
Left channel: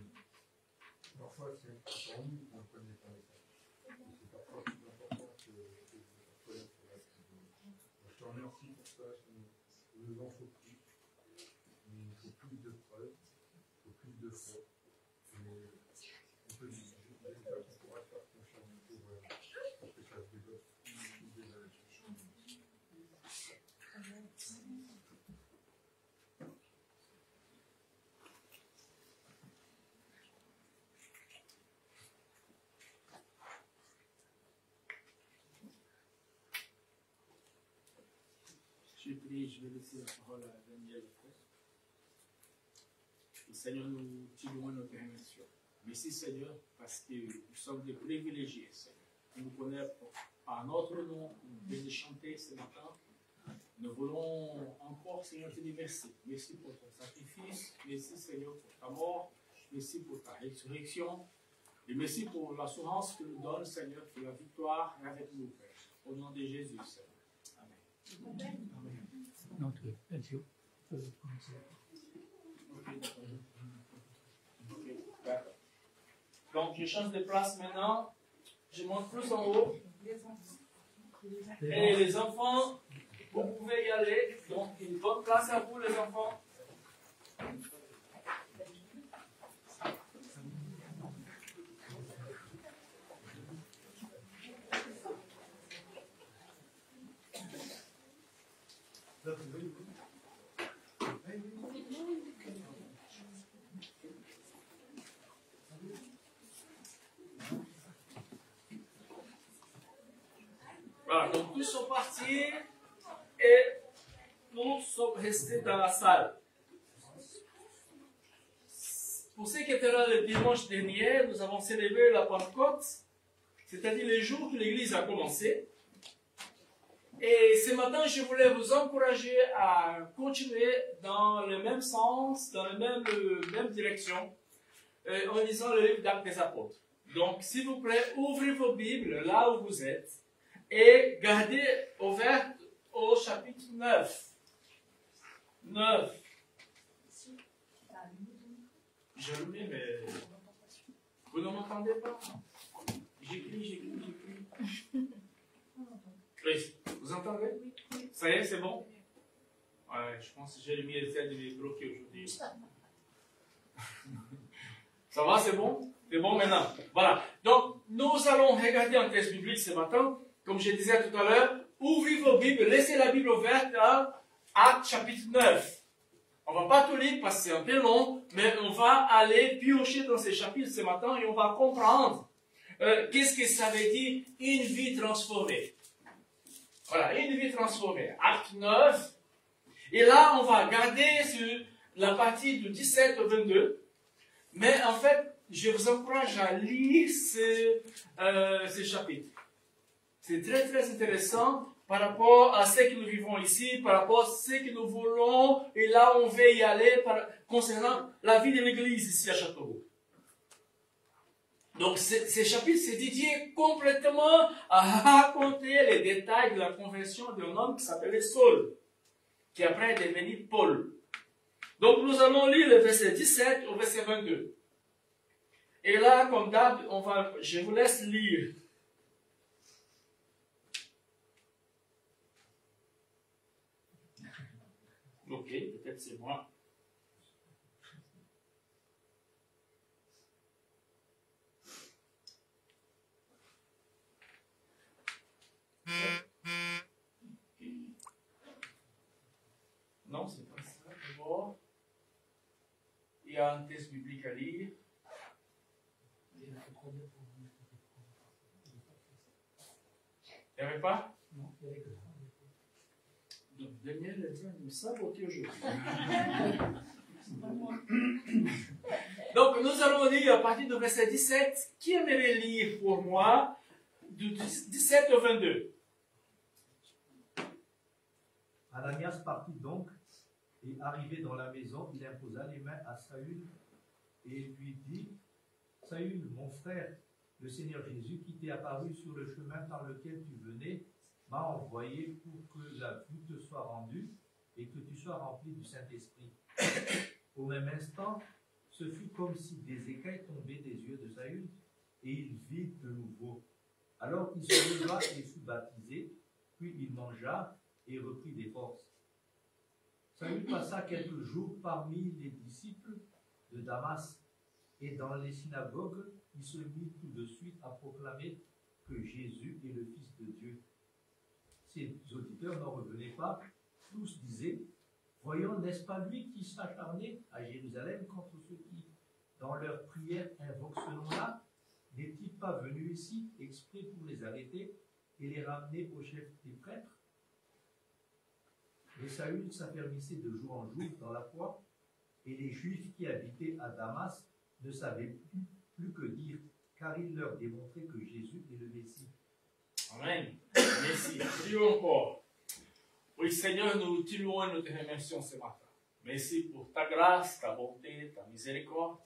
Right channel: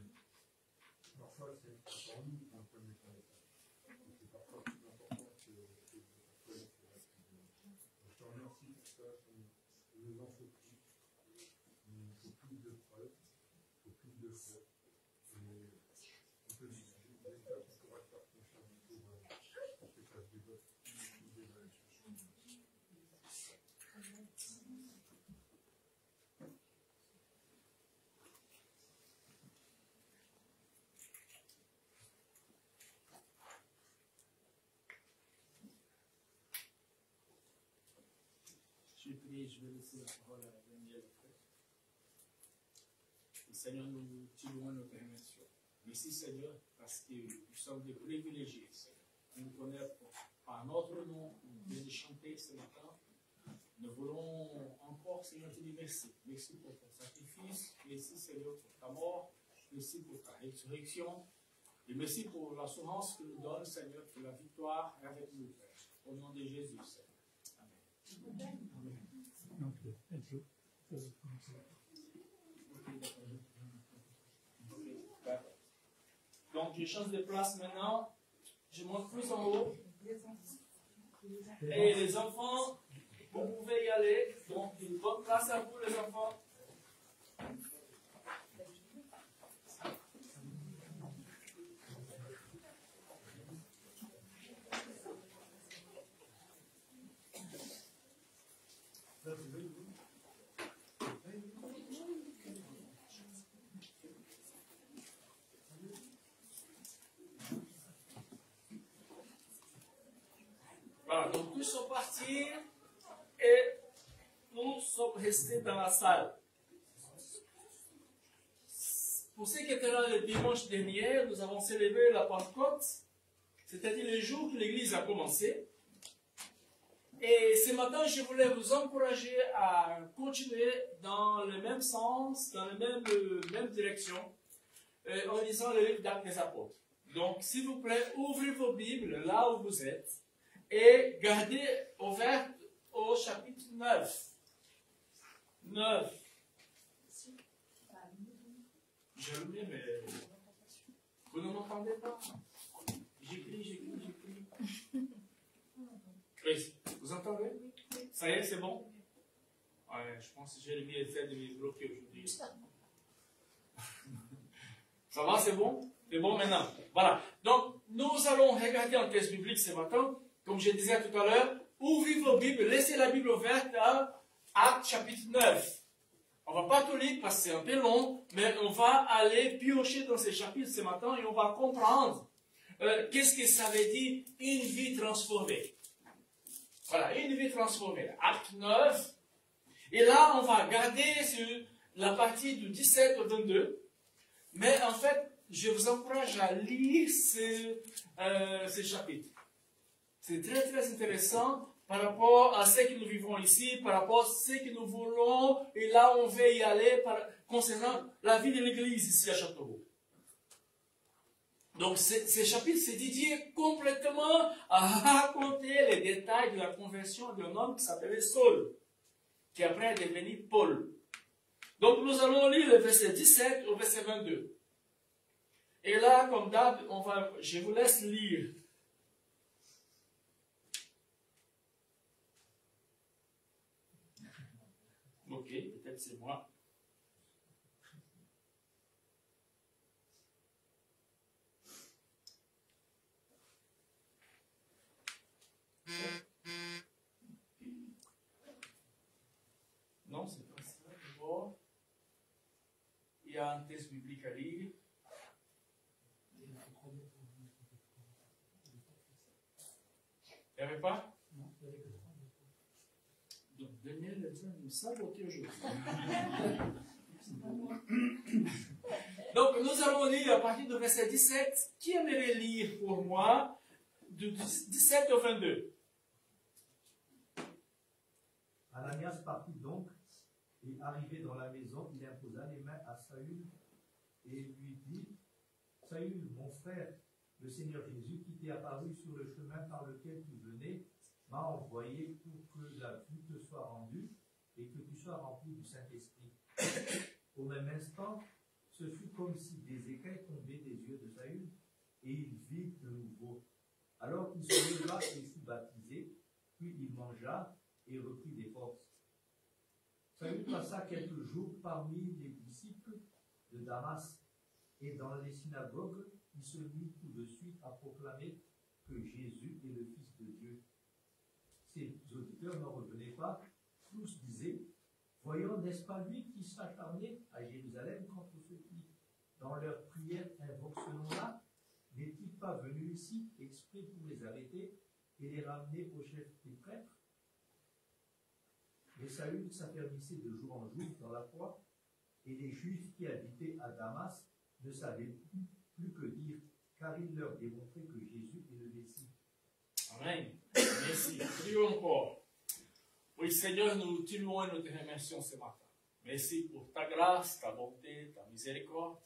parfois c'est en nous qu'on connaît ton message. Et c'est parfois plus important que de faire connaître le reste. Je te remercie pour ça. Il nous en faut plus. Il faut plus de preuves. Il faut plus de foi. Mais on peut dire qu'on pourra faire confiance pour que ça se développe. Je prie, je vais laisser la parole à Daniel. Et Seigneur, nous tirons nos permissions. Merci Seigneur, parce que nous sommes des privilégiés, Seigneur. Nous connaissons par notre nom, de chanter ce matin. Nous voulons encore, Seigneur, te dire merci. Merci pour ton sacrifice. Merci Seigneur pour ta mort. Merci pour ta résurrection. Et merci pour l'assurance que nous donne, Seigneur, que la victoire est avec nous, Père. Au nom de Jésus, Seigneur. Amen. Donc, je change de place maintenant. Je monte plus en haut. Et les enfants, vous pouvez y aller. Donc, une bonne place à vous, les enfants. Voilà, donc tous sont partis et nous sommes restés dans la salle. Pour ceux qui étaient là le dimanche dernier, nous avons célébré la Pentecôte, c'est-à-dire les jours que l'Église a commencé. Et ce matin, je voulais vous encourager à continuer dans le même sens, dans la même direction, en lisant le livre d'Actes des Apôtres. Donc, s'il vous plaît, ouvrez vos Bibles là où vous êtes et gardez ouvert au chapitre 9. 9. Je le mets, mais vous ne m'entendez pas. J'écris. Oui, vous entendez? Ça y est, c'est bon? Ouais, je pense que j'ai mis les aides de les bloquer aujourd'hui. Ça va, c'est bon? C'est bon maintenant. Voilà. Donc, nous allons regarder un texte biblique ce matin. Comme je disais tout à l'heure, ouvrez vos Bibles, laissez la Bible ouverte à Actes chapitre 9. On ne va pas tout lire parce que c'est un peu long, mais on va aller piocher dans ces chapitres ce matin et on va comprendre qu'est-ce que ça veut dire une vie transformée. Voilà, une vie transformée. Acte 9. Et là, on va garder sur la partie du 17 au 22. Mais en fait, je vous encourage à lire ces chapitres. C'est très, très intéressant par rapport à ce que nous vivons ici, par rapport à ce que nous voulons, et là, on veut y aller concernant la vie de l'Église ici à Châteauroux. Donc, ces chapitres, c'est dédié complètement à raconter les détails de la conversion d'un homme qui s'appelait Saul, qui après est devenu Paul. Donc, nous allons lire le verset 17 au verset 22. Et là, comme d'hab, je vous laisse lire. Ok, peut-être c'est moi. Non, c'est pas ça. D'abord, il y a un texte biblique à lire. Il n'y avait pas? Non, il y avait que ça. Donc, Daniel est en train de me saboter aujourd'hui. Donc, nous allons lire à partir du verset 17. Qui aimerait lire pour moi du 17 au 22? Ananias partit donc, et arrivé dans la maison, il imposa les mains à Saül et lui dit: Saül, mon frère, le Seigneur Jésus, qui t'est apparu sur le chemin par lequel tu venais, m'a envoyé pour que la vue te soit rendue et que tu sois rempli du Saint-Esprit. Au même instant, ce fut comme si des écailles tombaient des yeux de Saül, et il vit de nouveau. Alors il se leva et fut baptisé, puis il mangea et reprit des forces. Saül passa quelques jours parmi les disciples de Damas, et dans les synagogues, il se mit tout de suite à proclamer que Jésus est le Fils de Dieu. Ses auditeurs n'en revenaient pas, tous disaient: voyons, n'est-ce pas lui qui s'acharnait à Jérusalem contre ceux qui, dans leur prière, invoquent ce nom-là? N'est-il pas venu ici exprès pour les arrêter et les ramener au chef des prêtres? Mais Saül s'affermissait de jour en jour dans la foi, et les Juifs qui habitaient à Damas ne savaient plus que dire, car il leur démontrait que Jésus est le Messie. Amen. Merci. Prions encore. Oui, Seigneur, nous te louons et nous te remercions ce matin. Merci pour ta grâce, ta bonté, ta miséricorde.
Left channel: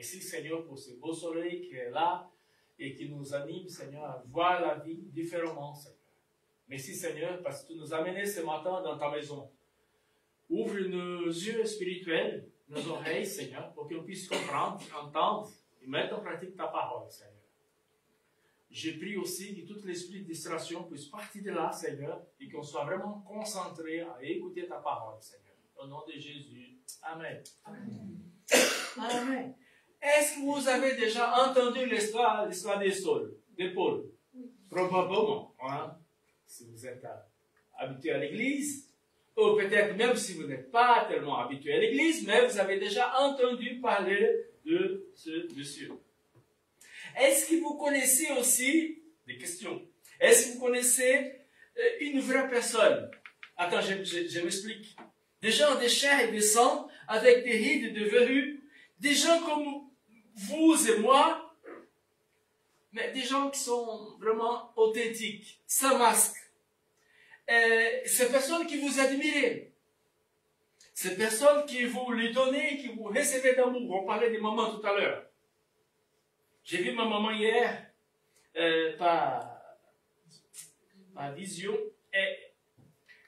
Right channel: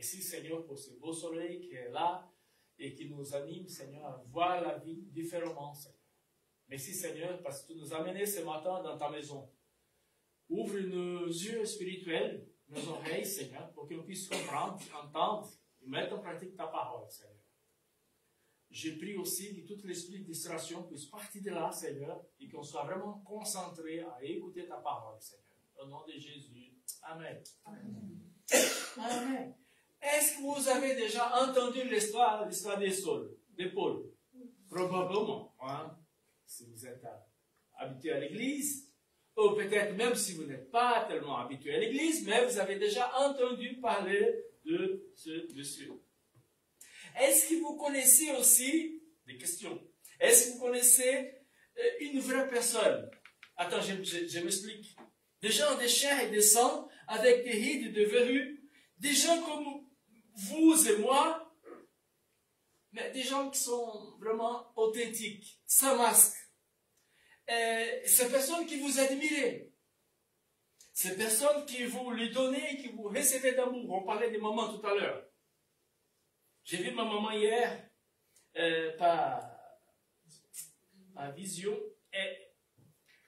Merci, Seigneur, pour ce beau soleil qui est là et qui nous anime, Seigneur, à voir la vie différemment, Seigneur. Merci, Seigneur, parce que tu nous as amenés ce matin dans ta maison. Ouvre nos yeux spirituels, nos oreilles, Seigneur, pour qu'on puisse comprendre, entendre et mettre en pratique ta parole, Seigneur. Je prie aussi que tout l'esprit de distraction puisse partir de là, Seigneur, et qu'on soit vraiment concentré à écouter ta parole, Seigneur. Au nom de Jésus. Amen. Amen. Amen. Est-ce que vous avez déjà entendu l'histoire de Paul? Probablement, hein? Si vous êtes habitué à l'église, ou peut-être même si vous n'êtes pas tellement habitué à l'église, mais vous avez déjà entendu parler de ce monsieur. Est-ce que vous connaissez aussi, des questions, est-ce que vous connaissez une vraie personne? Attends, je m'explique. Des gens de chair et de sang, avec des rides et des verrues, des gens comme vous et moi, mais des gens qui sont vraiment authentiques, sans masque. Ces personnes qui vous admirent, ces personnes qui vous les donnez, qui vous recevez d'amour. On parlait des mamans tout à l'heure. J'ai vu ma maman hier par vision. Et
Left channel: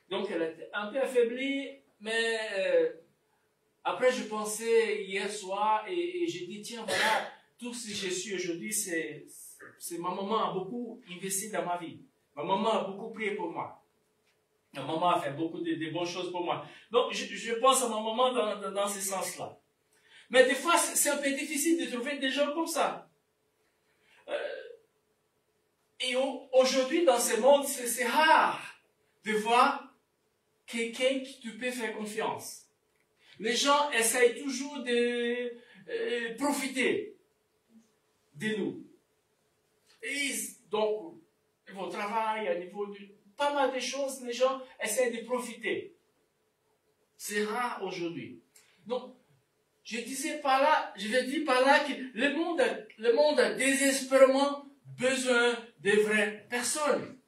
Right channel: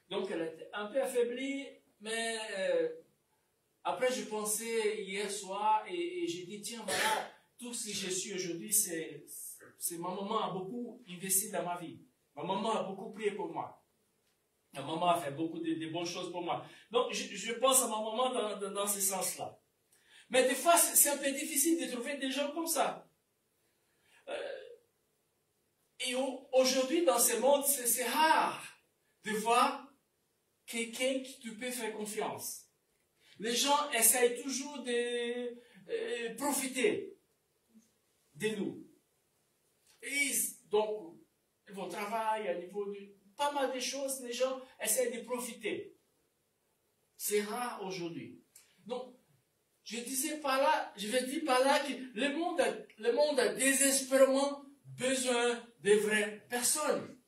donc elle était un peu affaiblie, mais après je pensais hier soir et j'ai dit tiens voilà, tout ce que je suis aujourd'hui, c'est ma maman a beaucoup investi dans ma vie. Ma maman a beaucoup prié pour moi. Ma maman a fait beaucoup de bonnes choses pour moi. Donc je pense à ma maman dans ce sens-là. Mais des fois c'est un peu difficile de trouver des gens comme ça. Et aujourd'hui, dans ce monde, c'est rare de voir quelqu'un qui tu peux faire confiance. Les gens essayent toujours de profiter de nous. Et donc, au niveau du travail, au niveau de pas mal de choses, les gens essayent de profiter. C'est rare aujourd'hui. Donc, je veux dire par là que le monde a désespérément besoin de vraies personnes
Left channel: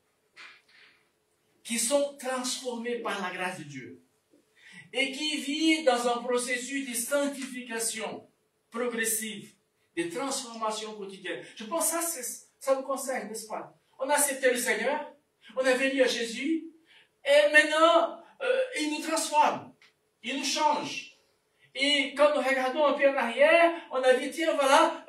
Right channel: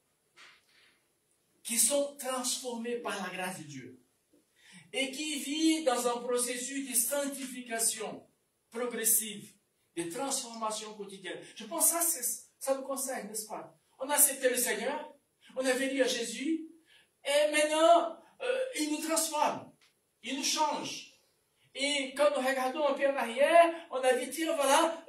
qui sont transformées par la grâce de Dieu et qui vivent dans un processus de sanctification progressive, de transformation quotidienne. Je pense que ça nous concerne, n'est-ce pas? On a accepté le Seigneur, on est venu à Jésus et maintenant il nous transforme, il nous change. Et quand nous regardons un peu en arrière, on a dit, tiens, voilà,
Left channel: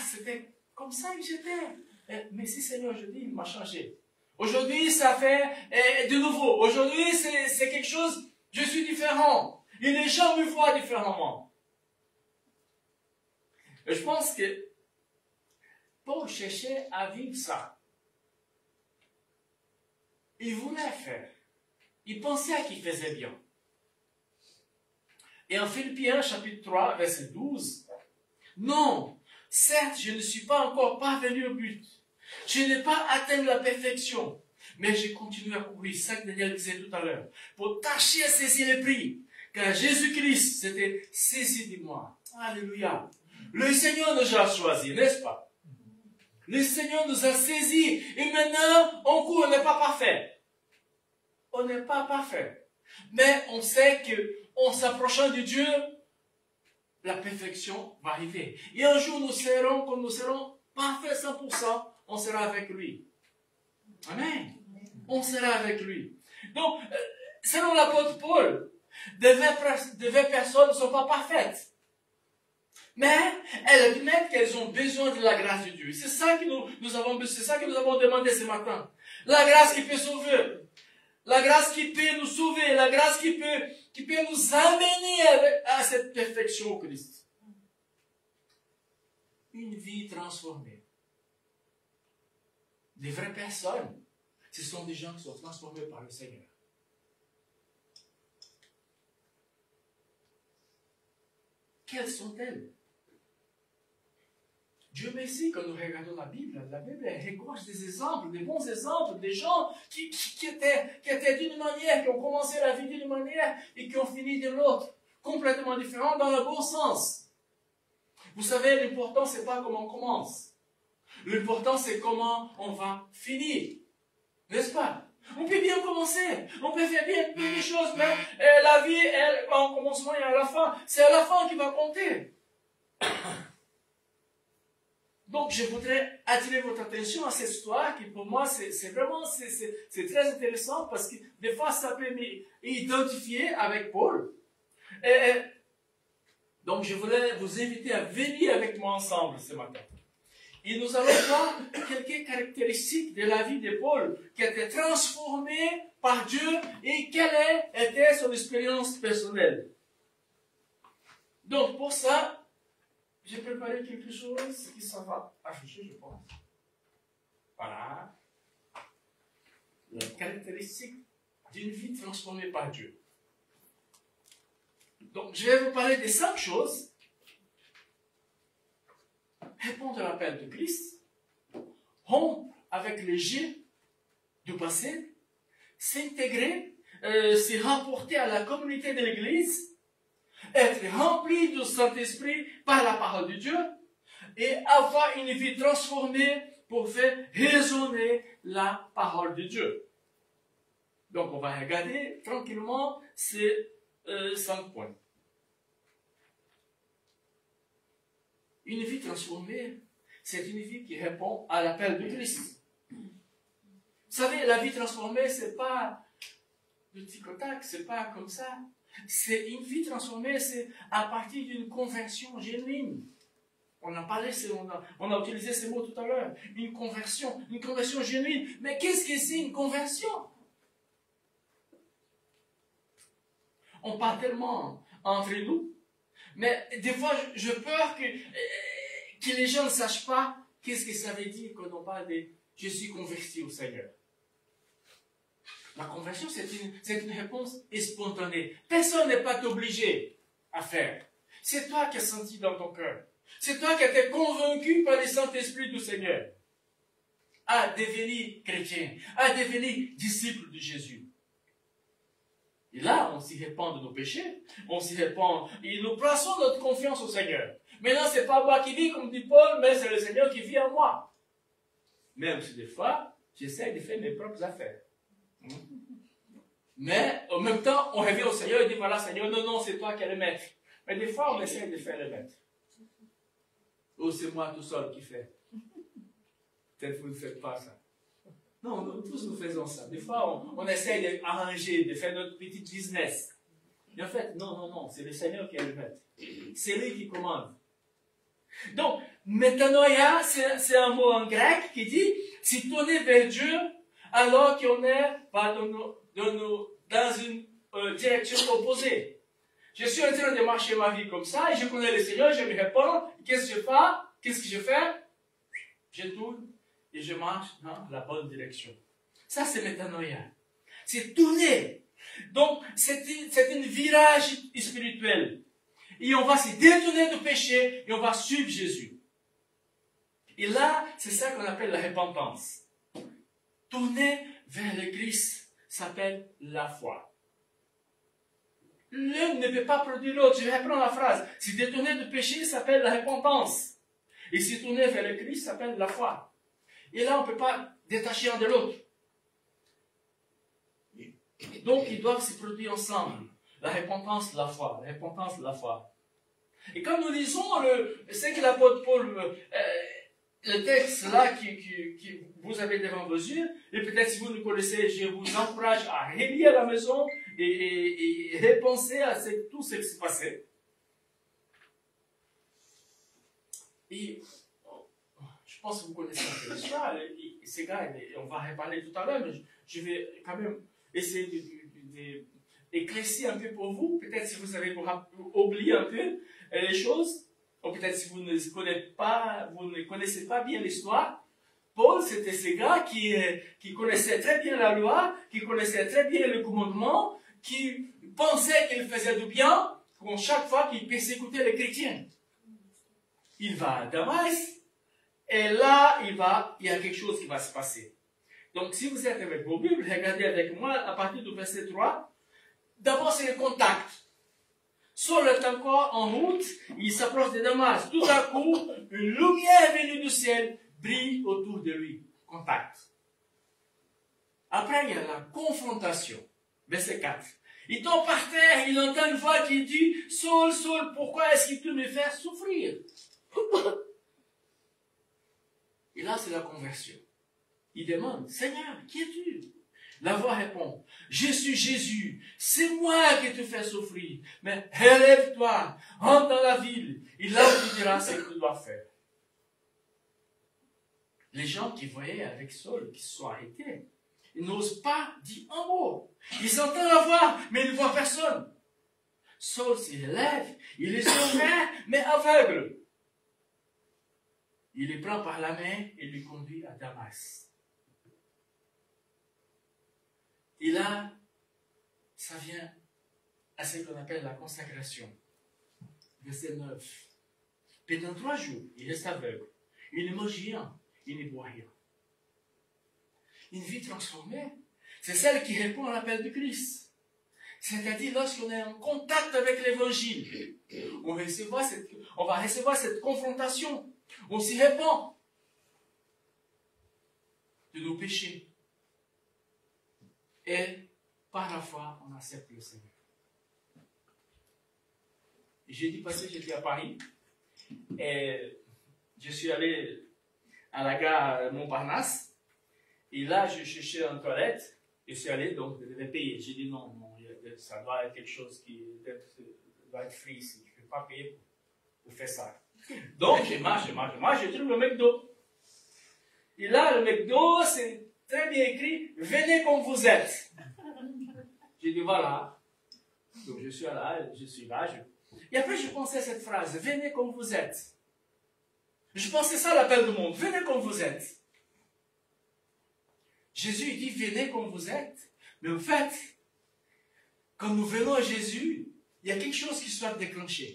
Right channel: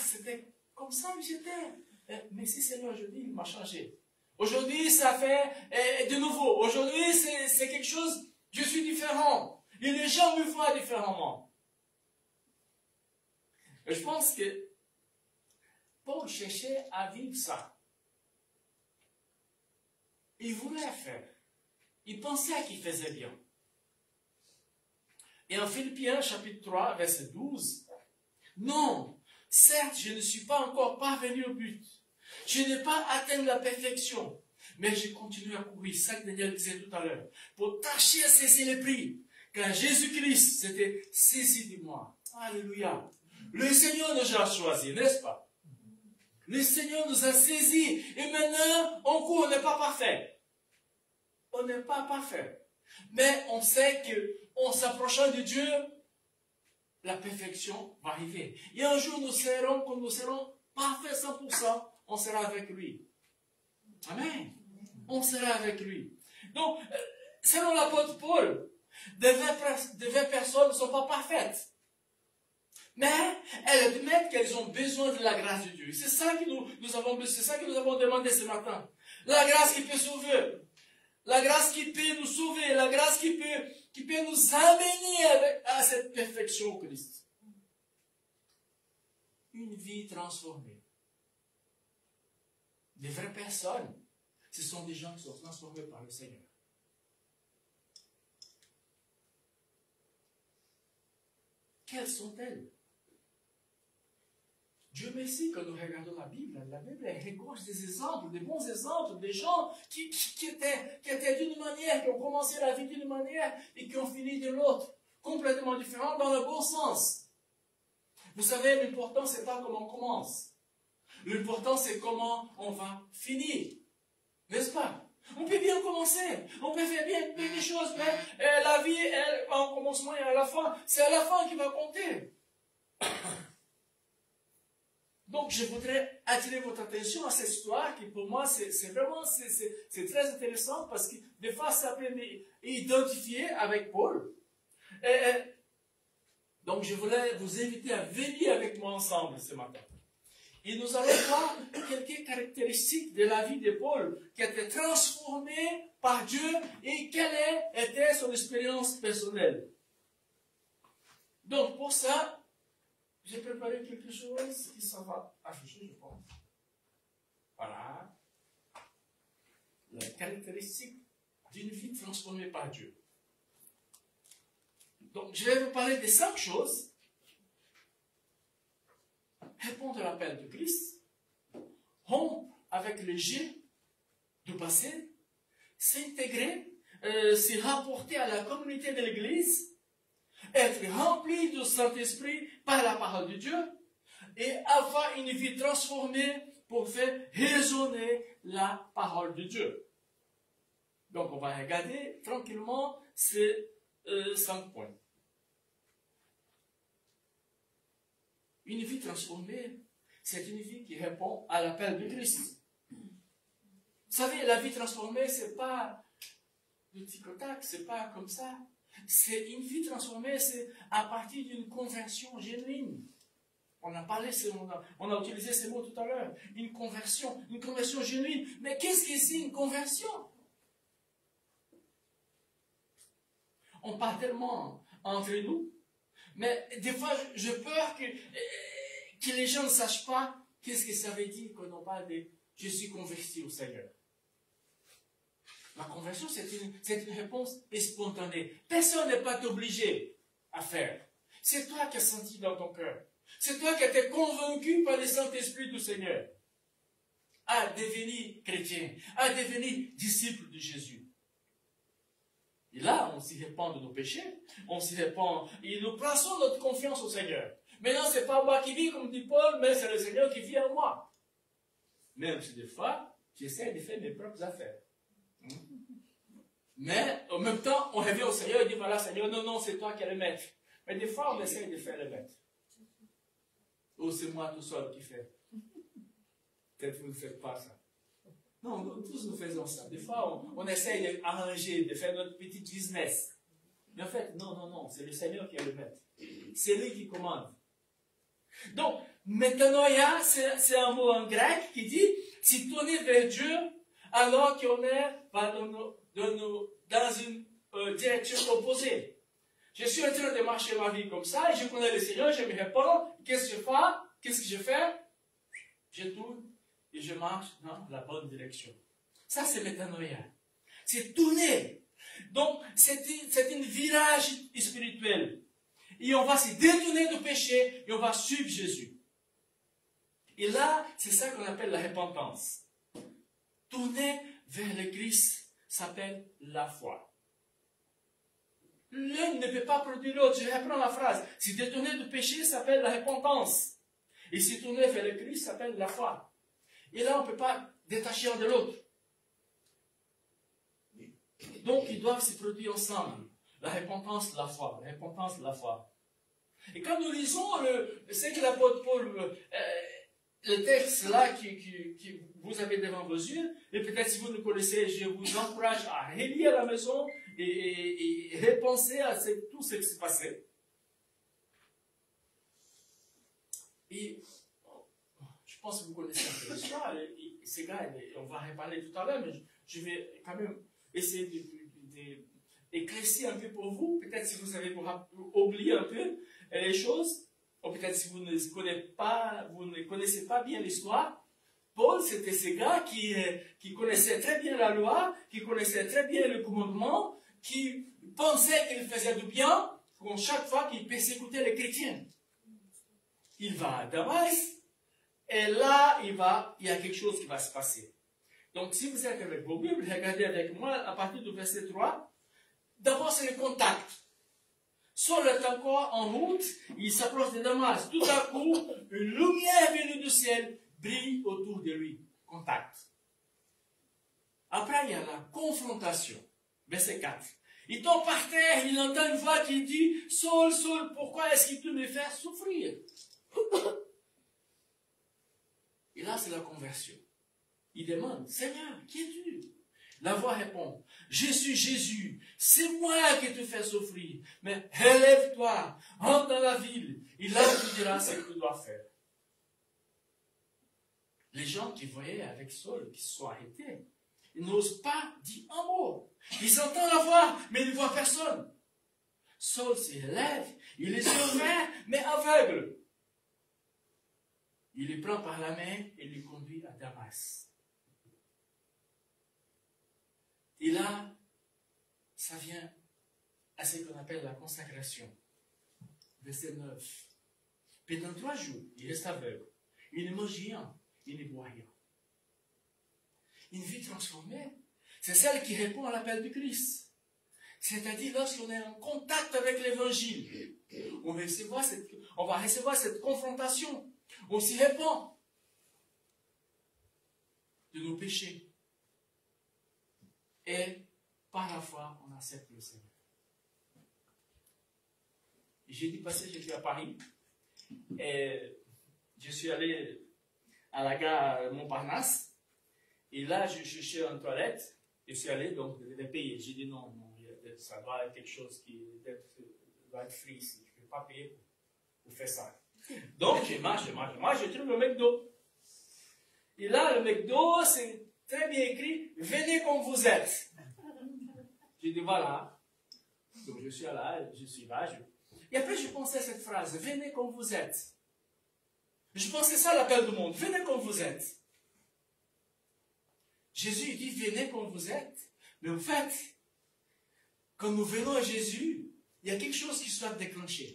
c'était comme ça que j'étais. Mais si Seigneur, je dis, il m'a changé. Aujourd'hui, ça fait de nouveau. Aujourd'hui, c'est quelque chose, je suis différent. Et les gens me voient différemment. Et je pense que Paul cherchait à vivre ça. Il voulait faire. Il pensait qu'il faisait bien. Et en Philippiens, chapitre 3, verset 12, non, certes, je ne suis pas encore parvenu au but. Je n'ai pas atteint la perfection, mais je continue à courir, ça que Daniel disait tout à l'heure, pour tâcher à saisir le prix, car Jésus-Christ s'était saisi de moi. Alléluia. Le Seigneur nous a choisis, n'est-ce pas? Le Seigneur nous a saisis, et maintenant, on court, on n'est pas parfait. On n'est pas parfait. Mais on sait que en s'approchant de Dieu, la perfection va arriver. Et un jour, quand nous serons parfaits 100%, on sera avec lui. Amen. On sera avec lui. Donc, selon l'apôtre Paul, des vraies personnes ne sont pas parfaites. Mais elles admettent qu'elles ont besoin de la grâce de Dieu. C'est ça que nous avons demandé ce matin. La grâce qui peut sauver. La grâce qui peut nous sauver. La grâce qui peut nous amener à cette perfection au Christ. Une vie transformée. Les vraies personnes, ce sont des gens qui sont transformés par le Seigneur. Quelles sont-elles? Dieu merci, quand nous regardons la Bible regorge des exemples, des bons exemples, des gens qui étaient d'une manière, qui ont commencé la vie d'une manière et qui ont fini de l'autre, complètement différent dans le bon sens. Vous savez, l'important, c'est pas comment on commence. L'important, c'est comment on va finir. N'est-ce pas? On peut bien commencer, on peut faire bien les choses, mais la vie, elle, en commencement et à la fin, c'est à la fin qui va compter. Donc, je voudrais attirer votre attention à cette histoire qui, pour moi, c'est vraiment c'est très intéressant parce que des fois, ça peut m'identifier avec Paul. Donc, je voulais vous inviter à venir avec moi ensemble ce matin. Et nous allons voir quelques caractéristiques de la vie de Paul qui a été transformée par Dieu et quelle était son expérience personnelle. Donc, pour ça, j'ai préparé quelque chose qui ça va afficher, je pense. Voilà. Les caractéristiques d'une vie transformée par Dieu. Donc, je vais vous parler de 5 choses. Répondre à l'appel de Christ, rompre avec les jets du passé, s'intégrer, se rapporter à la communauté de l'Église, être rempli du Saint-Esprit par la parole de Dieu et avoir une vie transformée pour faire résonner la parole de Dieu. Donc, on va regarder tranquillement ces 5 points. Une vie transformée, c'est une vie qui répond à l'appel de Christ. Vous savez, la vie transformée, c'est pas le tic-tac, c'est pas comme ça. C'est une vie transformée, c'est à partir d'une conversion genuine. On a parlé, on a utilisé ces mots tout à l'heure. Une conversion genuine. Mais qu'est-ce que c'est une conversion? On parle tellement entre nous, mais des fois, j'ai peur que les gens ne sachent pas qu'est-ce que ça veut dire quand on parle de « je suis converti au Seigneur ». La conversion, c'est une réponse spontanée. Personne n'est pas obligé à faire. C'est toi qui as senti dans ton cœur. C'est toi qui as été convaincu par le Saint-Esprit du Seigneur à devenir chrétien, à devenir disciple de Jésus. Et là, on s'y répand de nos péchés, on s'y répand, et nous plaçons notre confiance au Seigneur. Maintenant, ce n'est pas moi qui vis, comme dit Paul, mais c'est le Seigneur qui vit en moi. Même si des fois, j'essaie de faire mes propres affaires. Mais, en même temps, on revient au Seigneur et dit, voilà, Seigneur, non, c'est toi qui es le maître. Mais des fois, on essaie de faire le maître. Ou c'est moi tout seul qui fais. Peut-être que vous ne faites pas ça. Non, tous nous faisons ça. Des fois, on essaie d'arranger, de faire notre petit business. Mais en fait, non, c'est le Seigneur qui est le maître. C'est lui qui commande. Donc, métanoïa, c'est un mot en grec qui dit se tourner vers Dieu alors qu'on est dans une direction opposée. Je suis en train de marcher ma vie comme ça et je connais le Seigneur, je me réponds, qu'est-ce que je fais? Je tourne et je marche dans la bonne direction. Ça, c'est métanoïa. C'est tourner. Donc, c'est un virage spirituel. Et on va se détourner du péché et on va suivre Jésus. Et là, c'est ça qu'on appelle la repentance. Tourner vers le Christ s'appelle la foi. L'un ne peut pas produire l'autre. Je reprends la phrase. Se détourner du péché s'appelle la repentance. Et se tourner vers le Christ s'appelle la foi. Et là, on ne peut pas détacher un de l'autre. Donc, ils doivent se produire ensemble. La repentance, la foi. La repentance, la foi. Et quand nous lisons ce que l'apôtre Paul, le texte là que vous avez devant vos yeux, et peut-être si vous le connaissez, je vous encourage à relire à la maison et repenser à tout ce qui s'est passé. Et je pense que vous connaissez un peu l'histoire. Ces gars, on va reparler tout à l'heure, mais je vais quand même essayer d'éclaircir un peu pour vous. Peut-être si vous avez oublié un peu les choses, ou peut-être si vous ne connaissez pas bien l'histoire. Paul, c'était ce gars qui connaissait très bien la loi, qui connaissait très bien le commandement, qui pensait qu'il faisait du bien, comme chaque fois qu'il persécutait les chrétiens. Il va à Damas, et là, il y a quelque chose qui va se passer. Donc, si vous êtes avec vos Bibles, regardez avec moi à partir du verset 3. D'abord, c'est le contact. Saul est encore en route, il s'approche de Damas. Tout à coup, une lumière venue du ciel brille autour de lui. Contact. Après, il y a la confrontation. Verset 4. Il tombe par terre, il entend une voix qui dit « Saul, Saul, pourquoi est-ce que tu me fais souffrir ?» Et là, c'est la conversion. Il demande, Seigneur, qui es-tu? La voix répond, je suis Jésus, c'est moi qui te fais souffrir, mais relève-toi, rentre dans la ville, et là tu diras ce que tu dois faire. Les gens qui voyaient avec Saul, qui se sont arrêtés, ils n'osent pas dire un mot. Ils entendent la voix, mais ils ne voient personne. Saul se relève, il les ouverts, mais aveugle. Il les prend par la main et les conduit à Damas. Et là, ça vient à ce qu'on appelle la consécration. Verset 9. Pendant 3 jours, il reste aveugle. Il ne mange rien, il ne boit rien. Une vie transformée, c'est celle qui répond à l'appel du Christ. C'est-à-dire lorsqu'on est en contact avec l'évangile, on va recevoir cette confrontation. On s'y répand de nos péchés. Et par la foi, on accepte le Seigneur. Jeudi passé, j'étais à Paris et je suis allé à la gare Montparnasse et là, je cherchais une toilette et je suis allé, donc je devais payer. J'ai dit non, ça doit être quelque chose qui doit être free ici. Je ne peux pas payer pour faire ça. Donc, je marche, je trouve le McDo. Et là, le McDo, c'est très bien écrit, venez comme vous êtes. J'ai dit, voilà. Donc, je suis là. Et après, je pensais à cette phrase, venez comme vous êtes. Je pensais ça à l'appel du monde, venez comme vous êtes. Jésus dit, venez comme vous êtes. Mais en fait, quand nous venons à Jésus, il y a quelque chose qui soit déclenché.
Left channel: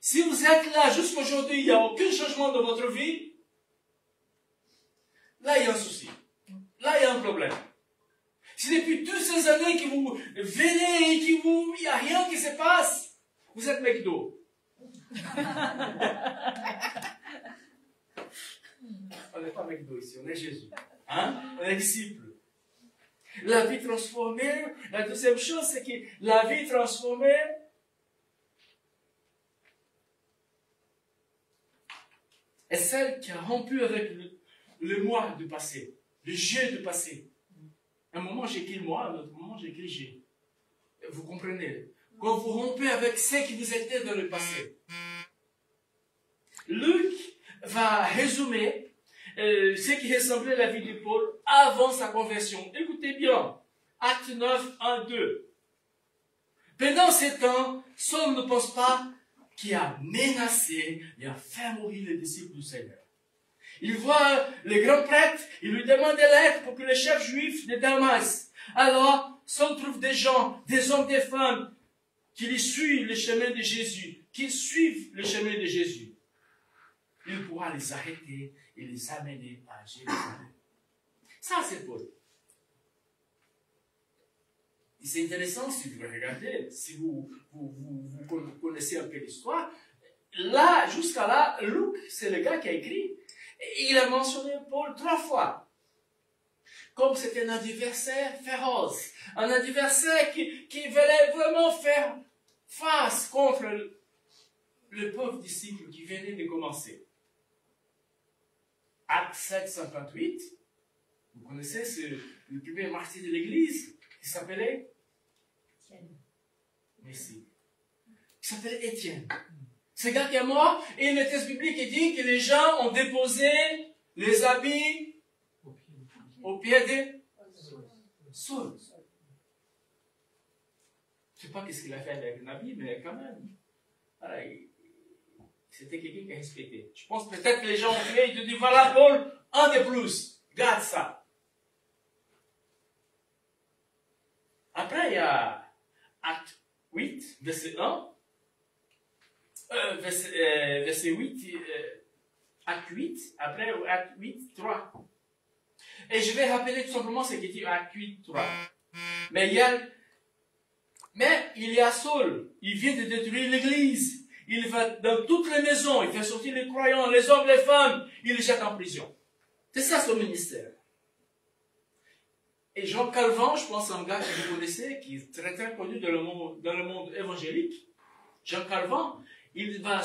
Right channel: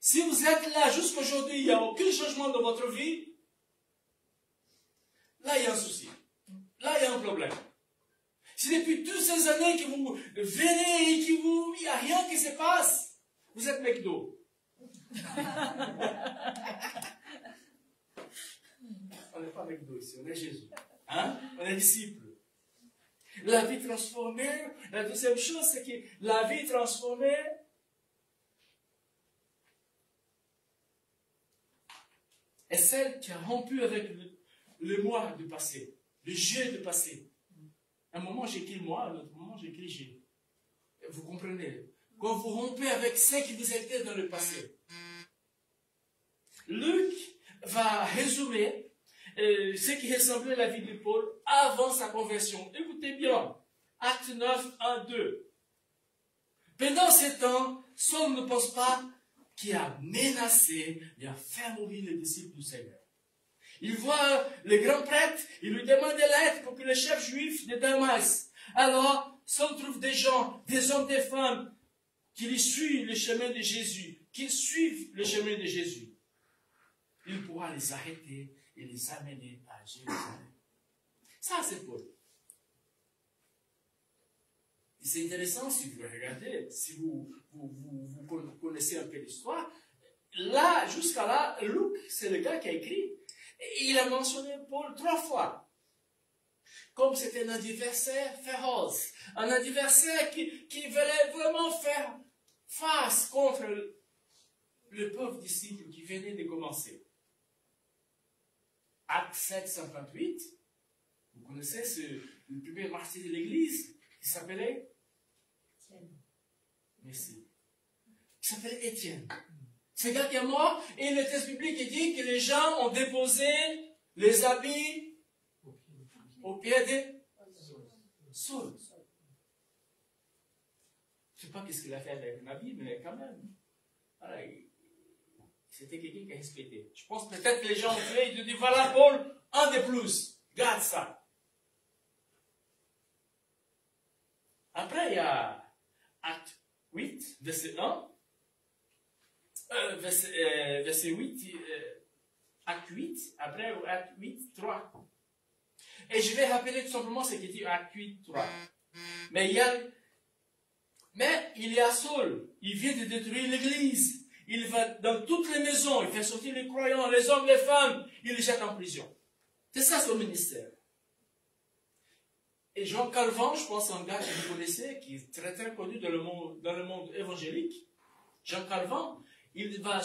Si vous êtes là jusqu'à aujourd'hui, il n'y a aucun changement dans votre vie, là, il y a un souci. Là, il y a un problème. Si depuis toutes ces années que vous venez et qu'il n'y a rien qui se passe, vous êtes McDo. On n'est pas McDo ici, on est Jésus. Hein? On est disciples. La vie transformée, la deuxième chose, c'est que la vie transformée est celle qui a rompu avec le moi du passé, le jeu du passé. Un moment j'écris moi, un autre moment j'écris j'ai. Vous comprenez? Quand vous rompez avec ce qui vous était dans le passé. Luc va résumer ce qui ressemblait à la vie de Paul avant sa conversion. Écoutez bien, Acte 9, 1, 2. Pendant ce temps, Saul ne pense pas qu'il a menacé et a fait mourir les disciples du Seigneur. Il voit le grand prêtre, il lui demande de l'aide pour que le chef juif de Damas. Alors, Saul trouve des gens, des hommes, des femmes, qui lui suivent le chemin de Jésus, qui suivent le chemin de Jésus. Il pourra les arrêter et les amener à Jérusalem. Ça, c'est Paul. Et c'est intéressant si vous regardez, si vous connaissez un peu l'histoire. Là, jusqu'à là, Luc, c'est le gars qui a écrit. Et il a mentionné Paul 3 fois. Comme c'était un adversaire féroce. Un adversaire qui voulait vraiment faire face contre le pauvre disciple qui venait de commencer. Acte 7, 58. Vous connaissez le premier martyr de l'église qui s'appelait Merci. Qui s'appelait Étienne. Ce gars qui est mort, et le texte biblique dit que les gens ont déposé les habits au pied de Saul. Je ne sais pas ce qu'il a fait avec un habit, mais quand même. Voilà, c'était quelqu'un qui a respecté. Je pense peut-être que les gens ont fait, ils ont dit voilà Paul, un de plus. Garde ça. Après, il y a Acte 8, verset 1. Verset 8, Acte 8, après Acte 8, 3. Et je vais rappeler tout simplement ce qui dit Acte 8, 3. Mais il y a Saul, il vient de détruire l'église. Il va dans toutes les maisons, il fait sortir les croyants, les hommes, les femmes, il les jette en prison. C'est ça son ministère. Et Jean Calvin, je pense un gars que vous connaissez, qui est très très connu dans le monde évangélique. Jean Calvin, il va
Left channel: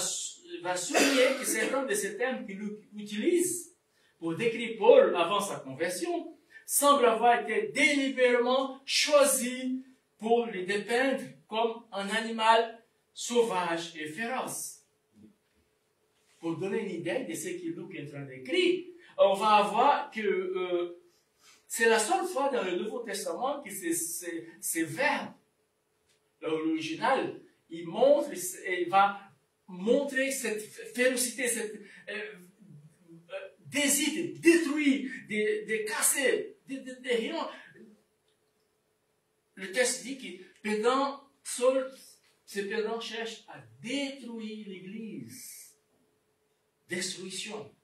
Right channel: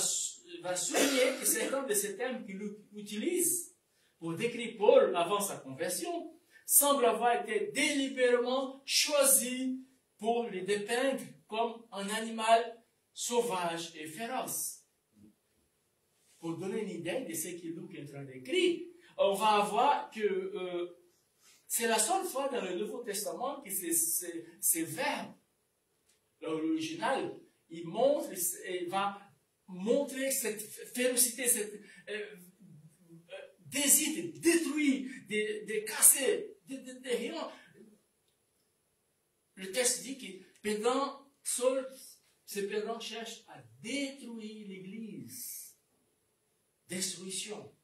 va souligner que certains de ces termes qu'il utilise pour décrire Paul avant sa conversion semblent avoir été délibérément choisis pour le dépeindre comme un animal sauvage et féroce. Pour donner une idée de ce que Luc est en train d'écrire, on va voir que c'est la seule fois dans le Nouveau Testament que ces verbes, l'original, il va montrer cette férocité, cette désir de détruire, de casser, de rien. Le texte dit que Saul cherche à détruire l'Église. Destruction.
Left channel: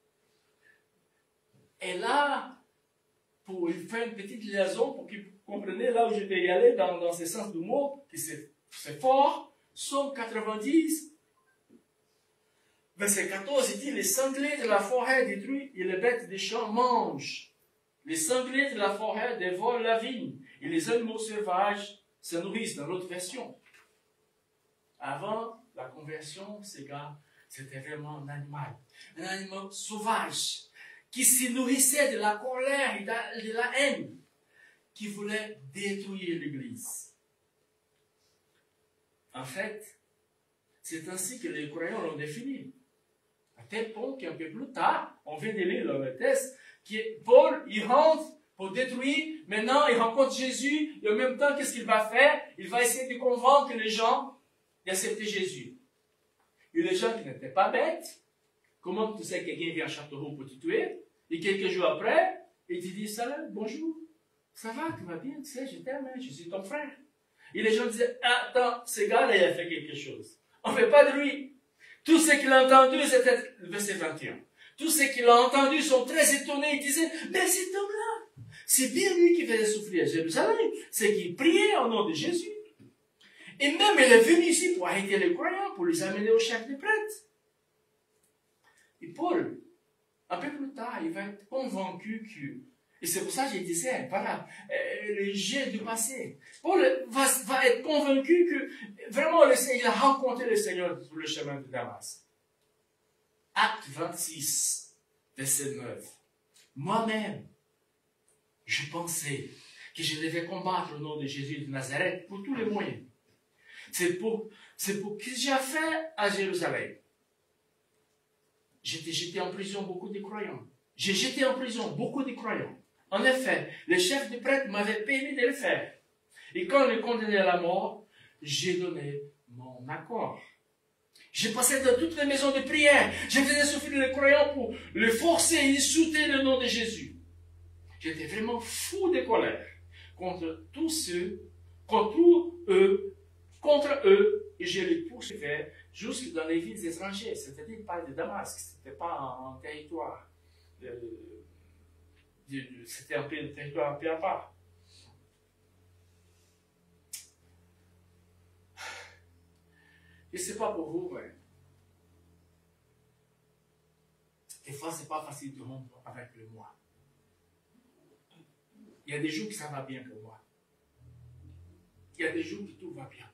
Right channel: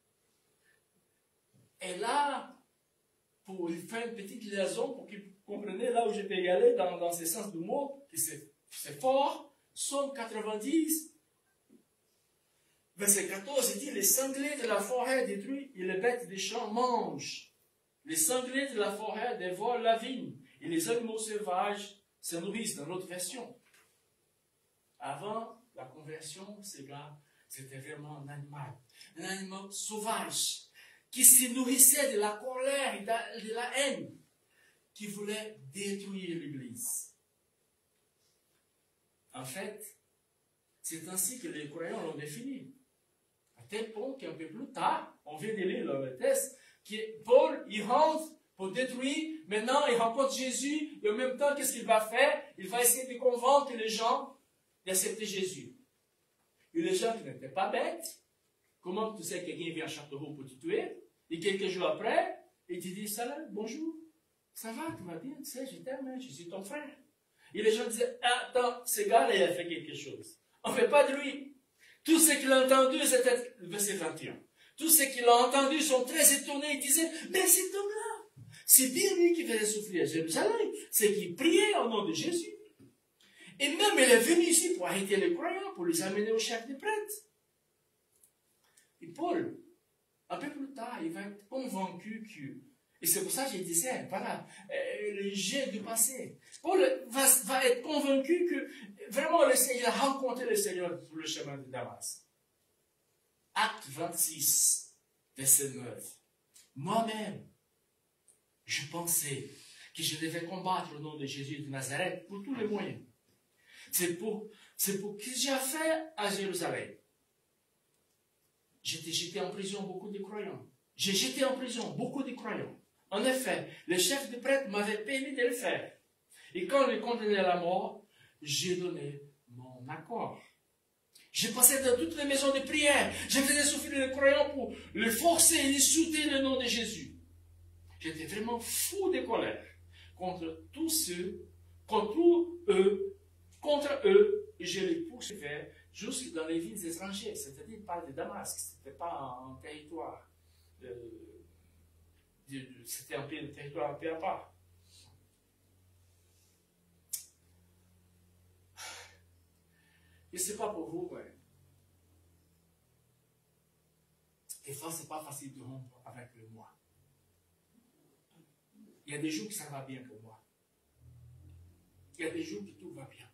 Et là, pour faire une petite liaison, pour que vous compreniez là où je vais y aller, dans ce sens du mot, que c'est fort, Psaume 90, verset 14, il dit, les sangliers de la forêt détruisent et les bêtes des champs mangent. Les sangliers de la forêt dévorent la vigne et les animaux sauvages se nourrissent, dans l'autre version. Avant la conversion, ces gars, c'était vraiment un animal sauvage, qui se nourrissait de la colère et de la haine, qui voulait détruire l'Église. En fait, c'est ainsi que les croyants l'ont défini. À tel point qu'un peu plus tard, on vient de lire dans le texte, que Paul, il rentre pour détruire, maintenant il rencontre Jésus, le même temps, qu'est-ce qu'il va faire? Il va essayer de convaincre les gens d'accepter Jésus. Et les gens qui n'étaient pas bêtes, comment tu sais que quelqu'un vient à Châteauroux pour te tuer? Et quelques jours après, il te dit, salut, bonjour, ça va, tout va bien, tu sais, je t'aime, je suis ton frère. Et les gens disaient, attends, ce gars-là, il a fait quelque chose. On ne fait pas de lui. Tout ce qu'il a entendu, c'était le verset 21. Tous ceux qui l'ont entendu sont très étonnés. Ils disaient, mais cet homme-là, c'est bien lui qui faisait souffrir à Jérusalem. C'est qu'il priait au nom de Jésus. Et même, il est venu ici pour arrêter les croyants, pour les amener au chef des prêtres. Et Paul, un peu plus tard, il va être convaincu que, et c'est pour ça que je disais, voilà, le jet du passé. Paul va être convaincu que, vraiment, il a rencontré le Seigneur sur le chemin de Damas. Acte 26, verset 9. Moi-même, je pensais que je devais combattre au nom de Jésus de Nazareth pour tous les moyens. C'est pour que j'ai fait à Jérusalem. J'ai jeté en prison beaucoup de croyants. J'ai jeté en prison beaucoup de croyants. En effet, le chef des prêtres m'avait permis de le faire. Et quand on le condamnait à la mort, j'ai donné mon accord. J'ai passé dans toutes les maisons de prière. J'ai fait souffrir les croyants pour les forcer et insulter le nom de Jésus. J'étais vraiment fou de colère contre tous ceux, contre eux, et je les poursuivais jusque dans les villes étrangères. C'est-à-dire pas de Damas, c'était pas un territoire. C'était un territoire un peu à part. Et c'est pas pour vous, mais des fois, c'est pas facile de rompre avec le moi. Il y a des jours que ça va bien pour moi. Il y a des jours que tout va bien.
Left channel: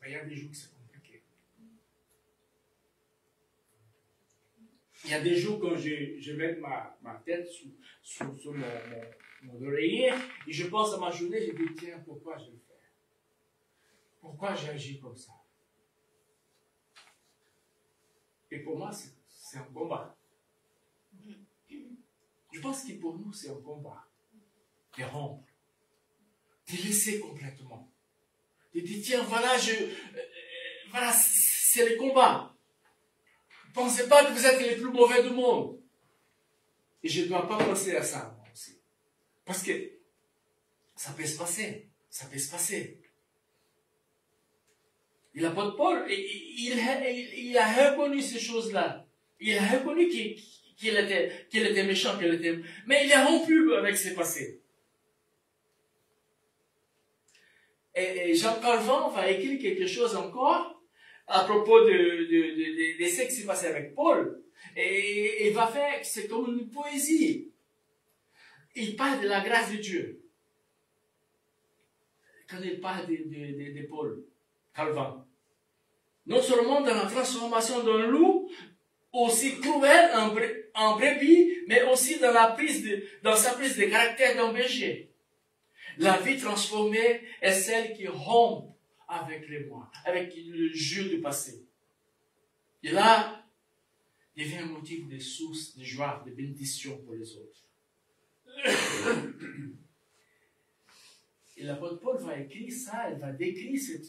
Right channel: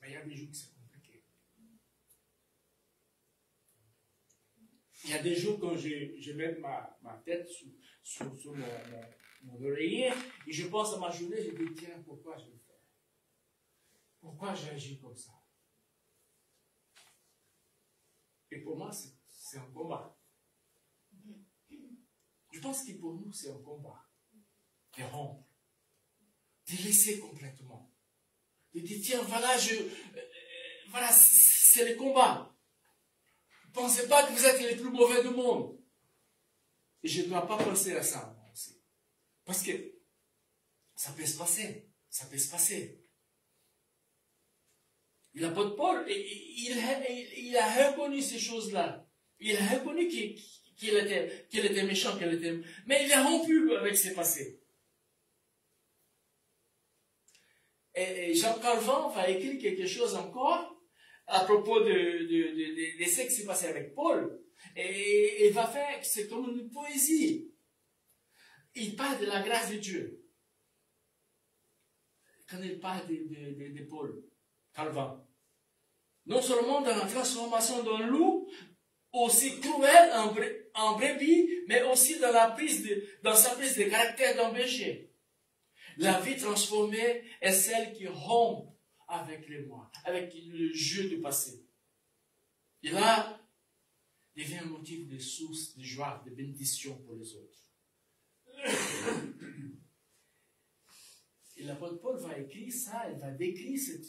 Mais il y a des jours que c'est compliqué. Il y a des jours quand je mets ma tête sur mon oreiller et je pense à ma journée, je me dis, tiens, pourquoi je le fais? Pourquoi j'ai agi comme ça? Et pour moi, c'est un combat. Je pense que pour nous, c'est un combat. De rompre. De laisser complètement. De dire, tiens, voilà, voilà, c'est le combat. Ne pensez pas que vous êtes les plus mauvais du monde. Et je ne dois pas penser à ça, moi aussi. Parce que ça peut se passer. Ça peut se passer. Et l'apôtre Paul, il a reconnu ces choses-là. Il a reconnu qu'il était méchant, mais il a rompu avec ses passés. Et Jean Calvin va écrire quelque chose encore à propos de ce qui s'est passé avec Paul. Et il va faire, c'est comme une poésie. Il parle de la grâce de Dieu. Quand il parle de Paul, Calvin. Non seulement dans la transformation d'un loup, aussi cruel en brebis, mais aussi dans sa prise de caractère d'un berger. La vie transformée est celle qui rompt avec les moi, avec le jeu du passé. Et là, devient un motif de source, de joie, de bénédiction pour les autres. Et l'apôtre Paul va écrire ça, il va décrire cette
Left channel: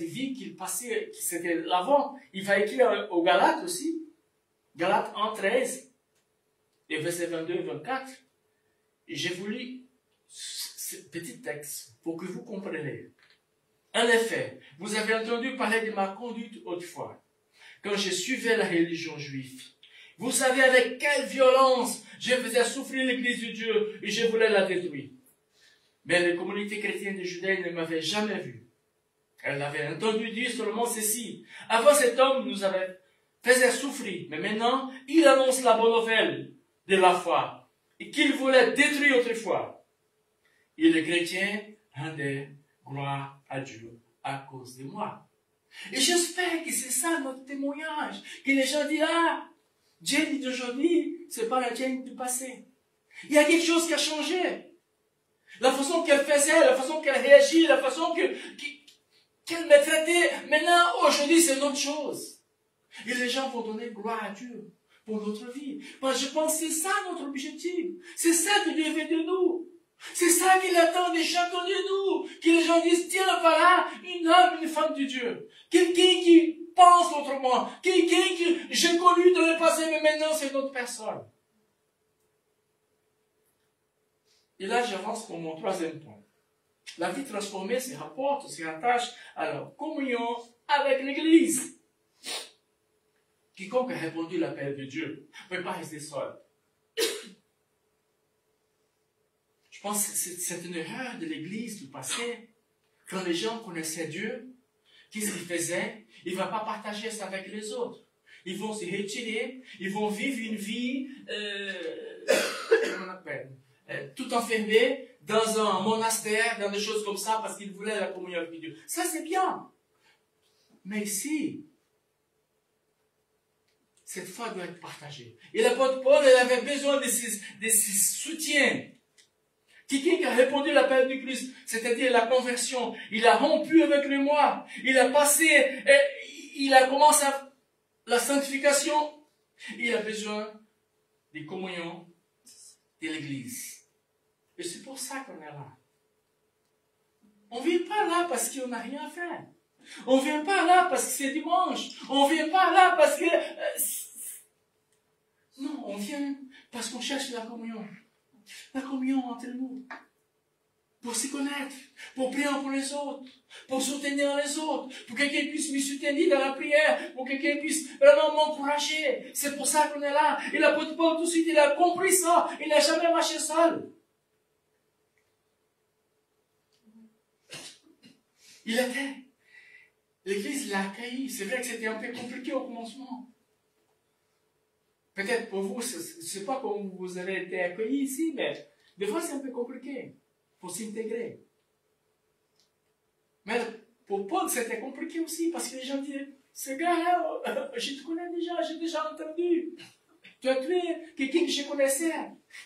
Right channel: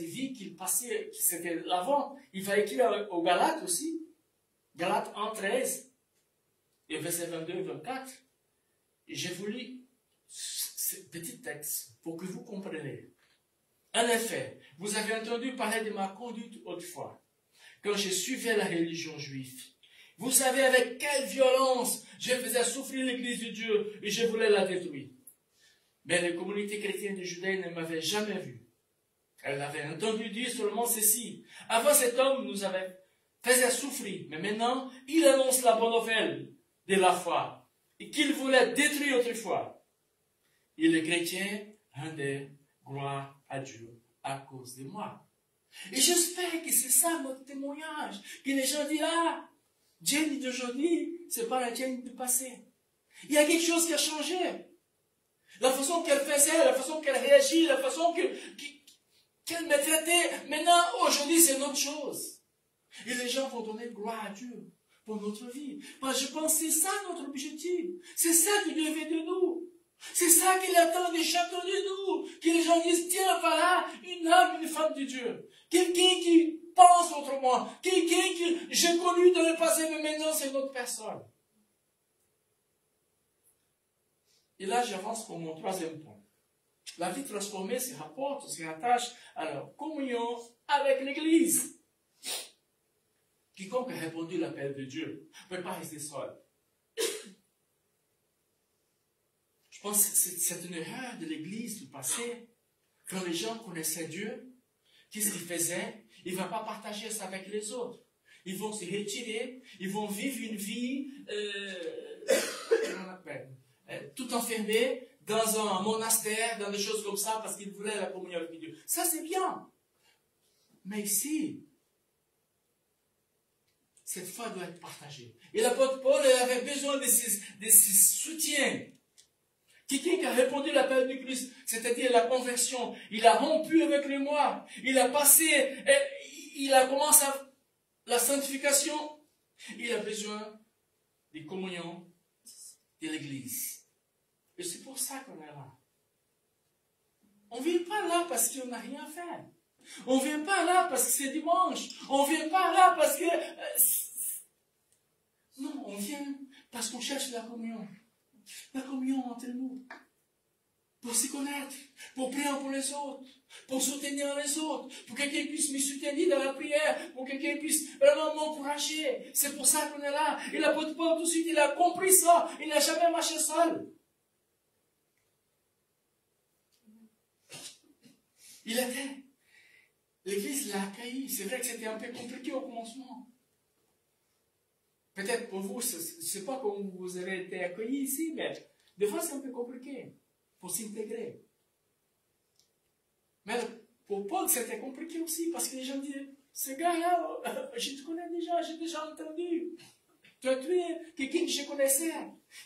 vie qu'il passait, qui c'était l'avant. Il va écrire aux Galates aussi, Galates 1, 13, et versets 22 et 24. Et j'ai voulu ce petit texte pour que vous compreniez. En effet, vous avez entendu parler de ma conduite autrefois, quand je suivais la religion juive. Vous savez avec quelle violence je faisais souffrir l'Église de Dieu et je voulais la détruire. Mais les communautés chrétiennes de Judée ne m'avaient jamais vu. Elles avaient entendu dire seulement ceci. Avant, cet homme nous faisait souffrir, mais maintenant, il annonce la bonne nouvelle de la foi et qu'il voulait détruire autrefois. Et les chrétiens rendaient gloire à Dieu à cause de moi. Et j'espère que c'est ça notre témoignage, que les gens disent, ah, Jane d'aujourd'hui, c'est pas la Jane du passé. Il y a quelque chose qui a changé. La façon qu'elle faisait, la façon qu'elle réagit, la façon qu'elle me traitait, maintenant, aujourd'hui, c'est une autre chose. Et les gens vont donner gloire à Dieu pour notre vie. Parce que je pense que c'est ça notre objectif. C'est ça que Dieu veut de nous. C'est ça qu'il attend des chacun de nous. Que les gens disent, tiens, voilà, une âme, une femme de Dieu. Quelqu'un qui pense autrement. Quelqu'un que j'ai connu dans le passé, mais maintenant c'est une autre personne. Et là, j'avance pour mon troisième point. La vie transformée se rapporte, se rattache à la communion avec l'Église. Quiconque a répondu à l'appel de Dieu ne peut pas rester seul. Je pense que c'est une erreur de l'Église du passé. Quand les gens connaissaient Dieu, qu'est-ce qu'ils faisaient? Ils ne vont pas partager ça avec les autres. Ils vont se retirer, ils vont vivre une vie, comment on appelle, tout enfermé dans un monastère, dans des choses comme ça, parce qu'ils voulaient la communion avec Dieu. Ça, c'est bien. Mais ici, cette foi doit être partagée. Et l'apôtre Paul, il avait besoin de ces soutiens. Quelqu'un qui a répondu à l'appel du Christ, c'est-à-dire la conversion, il a rompu avec le moi, il a passé, il a commencé la sanctification, il a besoin des communions de l'Église. Et c'est pour ça qu'on est là. On ne vient pas là parce qu'on n'a rien à faire. On ne vient pas là parce que c'est dimanche. On ne vient pas là parce que... non, on vient parce qu'on cherche la communion. La communion entre nous. Pour se connaître, pour prier pour les autres, pour soutenir les autres, pour que quelqu'un puisse me soutenir dans la prière, pour que quelqu'un puisse vraiment m'encourager. C'est pour ça qu'on est là. Et l'apôtre Paul, tout de suite, il a compris ça. Il n'a jamais marché seul. L'Église l'a accueilli. C'est vrai que c'était un peu compliqué au commencement. Peut-être pour vous, je ne sais pas comment vous avez été accueillis ici, mais des fois c'est un peu compliqué pour s'intégrer. Mais pour Paul, c'était compliqué aussi, parce que les gens disent, ce gars-là, je te connais déjà, j'ai déjà entendu. Tu as tué quelqu'un que je connaissais.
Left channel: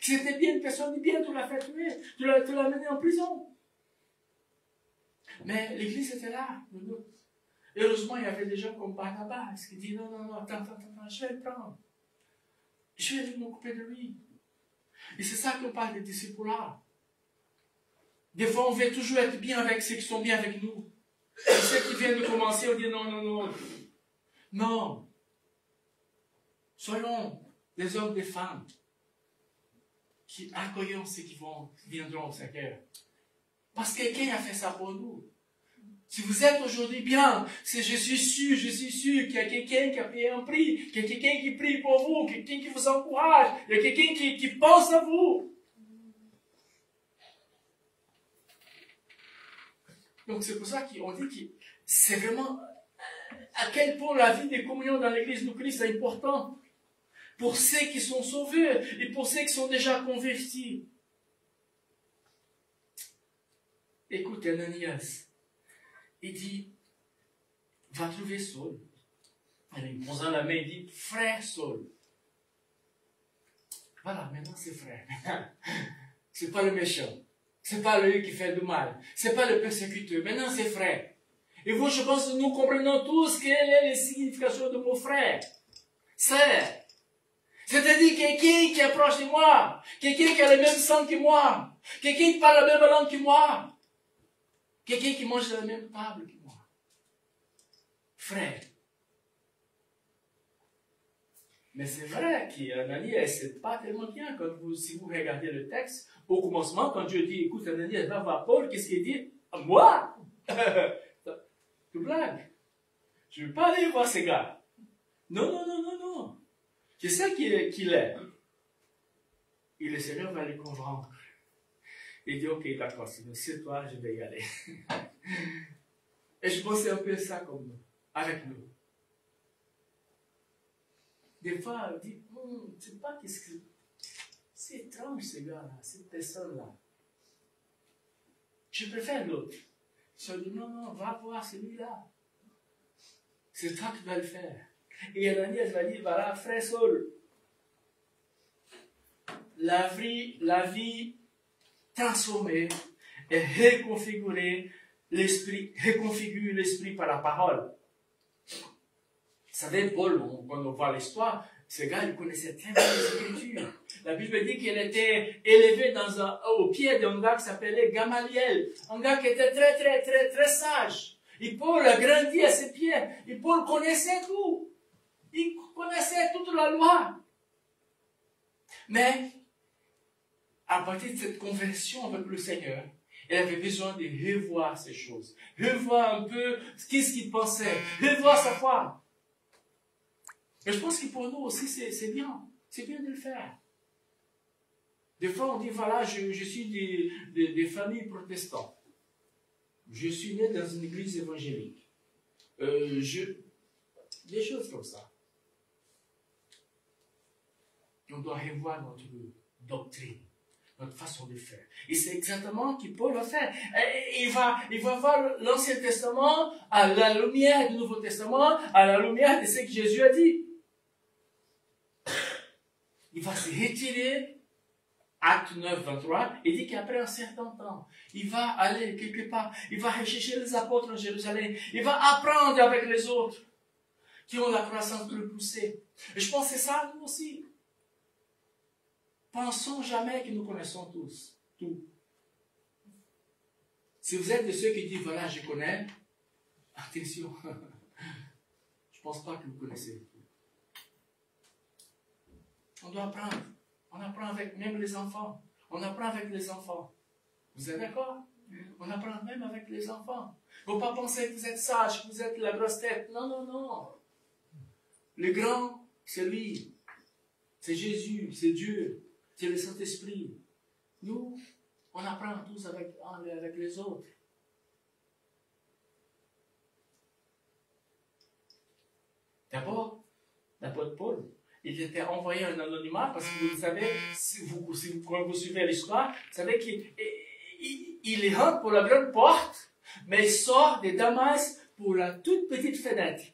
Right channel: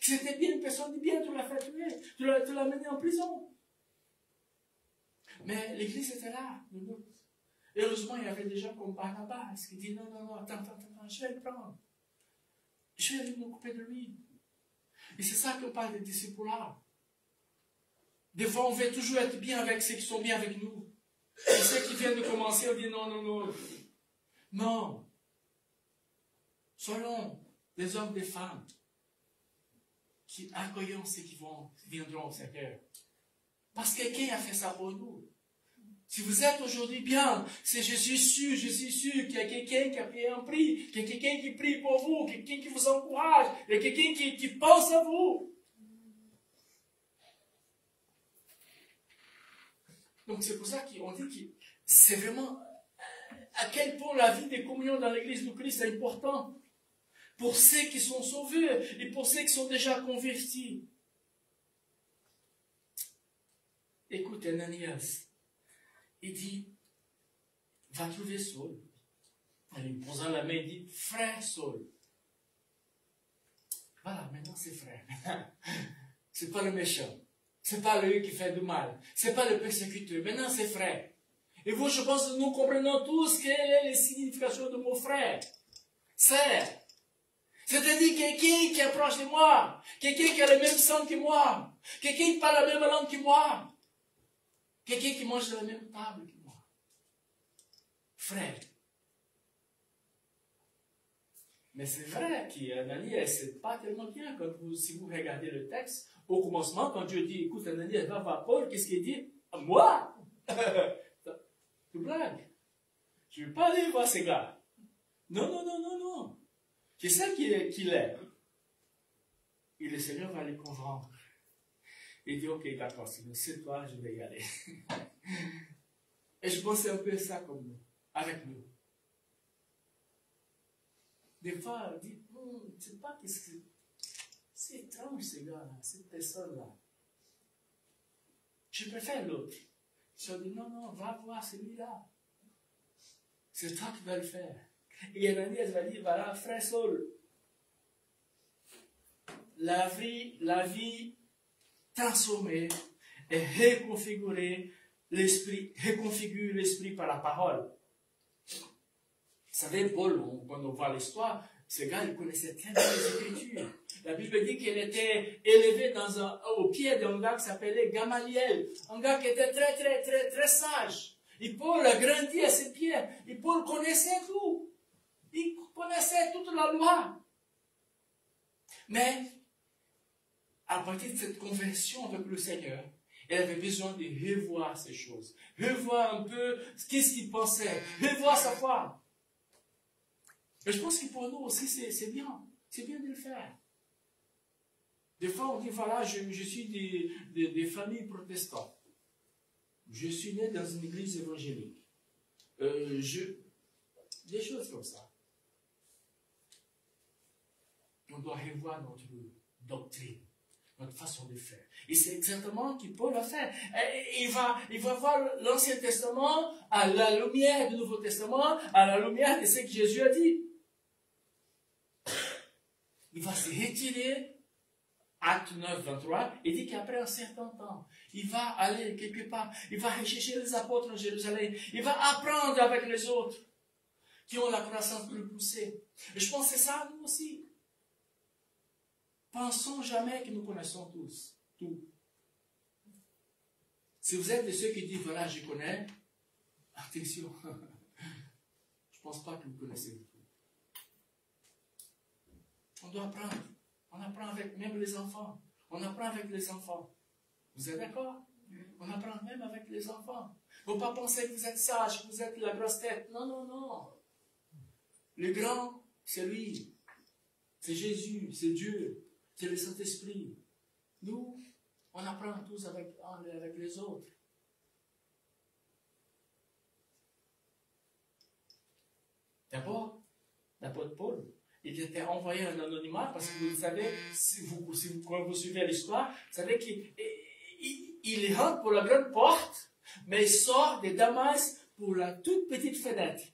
C'était bien, une personne de bien, tu l'as fait tuer, tu l'as mené en prison. Mais l'Église était là, heureusement, il y avait des gens comme Barnabas qui disaient, non, attends, je vais le prendre. Je vais m'occuper de lui. Et c'est ça qu'on parle des disciples-là. Des fois, on veut toujours être bien avec ceux qui sont bien avec nous. Et ceux qui viennent de commencer, on dit non. Non. Soyons des hommes, des femmes qui accueillons ceux qui viendront au Seigneur. Parce que quelqu'un a fait ça pour nous. Si vous êtes aujourd'hui bien, je suis sûr qu'il y a quelqu'un qui a payé un prix, qu'il y a quelqu'un qui prie pour vous, quelqu'un qui vous encourage, il y a quelqu'un qui pense à vous. Donc c'est pour ça qu'on dit que c'est vraiment à quel point la vie de communion dans l'Église du Christ est importante pour ceux qui sont sauvés et pour ceux qui sont déjà convertis. Écoute, Ananias, il dit, va trouver Saul. Alors, il posant la main, il dit, frère Saul. Voilà, maintenant c'est frère. C'est pas le méchant. C'est pas lui qui fait du mal. C'est pas le persécuteur. Maintenant c'est frère. Et vous, je pense que nous comprenons tous quelle est la signification de mon frère. Sœur. C'est-à-dire quelqu'un qui est proche de moi. Quelqu'un qui a le même sang que moi. Quelqu'un qui parle la même langue que moi. Quelqu'un qui mange à la même table que moi. Frère. Mais c'est vrai qu'Ananias, c'est pas tellement bien si vous regardez le texte. Au commencement, quand Dieu dit, écoute, Ananias, va voir Paul, qu'est-ce qu'il dit? Moi? Tu blagues. Je ne veux pas aller voir ces gars. Non, non, non, non, non. C'est ça qu'il est. Et le Seigneur va les convaincre. Il dit, ok, d'accord, c'est toi, je vais y aller. Et je pense que c'est un peu ça comme nous, avec nous. Des fois, on dit, je ne sais pas qu'est-ce que... C'est étrange, ces gars-là, cette personne-là. Je préfère l'autre. Ils ont dit, non, non, va voir celui-là. C'est toi qui vas le faire. Et Ananias va dire, voilà, frère Saul, la vie transformée et reconfigurée, reconfigure l'esprit par la parole. Vous savez, Paul, quand on voit l'histoire, ce gars, il connaissait très bien les Écritures. La Bible dit qu'il était élevé au pied d'un gars qui s'appelait Gamaliel, un gars qui était très, très, très, très sage. Et Paul a grandi à ses pieds. Et Paul connaissait tout. Il connaissait toute la loi. Mais, à partir de cette conversion avec le Seigneur, il avait besoin de revoir ces choses. Revoir un peu qu'est-ce qu'il pensait. Revoir sa foi. Mais je pense que pour nous aussi, c'est bien. C'est bien de le faire. Des fois, on dit, voilà, je suis des familles protestantes. Je suis né dans une église évangélique. Des choses comme ça. On doit revoir notre doctrine, notre façon de faire. Et c'est exactement ce que Paul va faire. Il va voir l'Ancien Testament à la lumière du Nouveau Testament, à la lumière de ce que Jésus a dit. Il va se retirer. Acte 9, 23, il dit qu'après un certain temps, il va aller quelque part, il va rechercher les apôtres en Jérusalem, il va apprendre avec les autres qui ont la croissance plus poussée. Et je pense que c'est ça, nous aussi. Pensons jamais que nous connaissons tous, tout. Si vous êtes de ceux qui disent, voilà, je connais, attention, je ne pense pas que vous connaissez tout. On doit apprendre. On apprend avec même les enfants. On apprend avec les enfants. Vous êtes d'accord? On apprend même avec les enfants. Il ne faut pas penser que vous êtes sage, que vous êtes la grosse tête. Non, non, non. Le grand, c'est lui. C'est Jésus, c'est Dieu, c'est le Saint-Esprit. Nous, on apprend tous avec les autres. D'abord, l'apôtre Paul. Il était envoyé en anonymat parce que vous savez, quand vous suivez l'histoire, vous savez qu'il rentre pour la grande porte, mais il sort de Damas pour la toute petite fenêtre.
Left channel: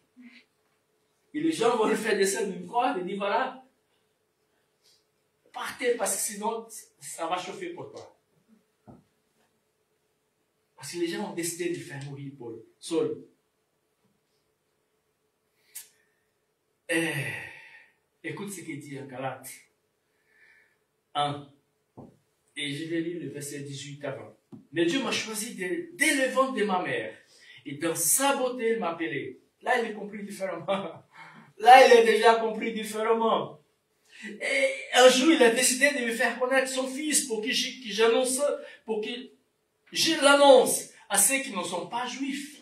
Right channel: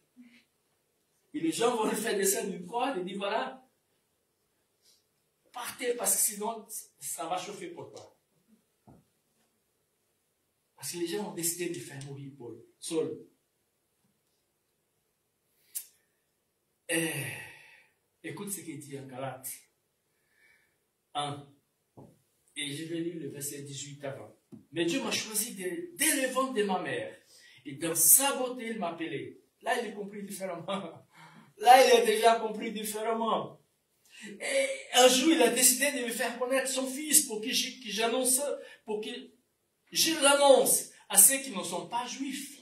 Et les gens vont le faire descendre d'une croix et disent, voilà, partez parce que sinon, ça va chauffer pour toi. Parce que les gens ont décidé de faire mourir Paul, Saul. Écoute ce qu'il dit en Galates 1. Et je vais lire le verset 18 avant. Mais Dieu m'a choisi dès le ventre de ma mère. Et dans sa beauté, il m'a appelé. Là, il est compris différemment. Là, il a déjà compris différemment. Et un jour, il a décidé de me faire connaître son fils pour que je l'annonce à ceux qui ne sont pas juifs.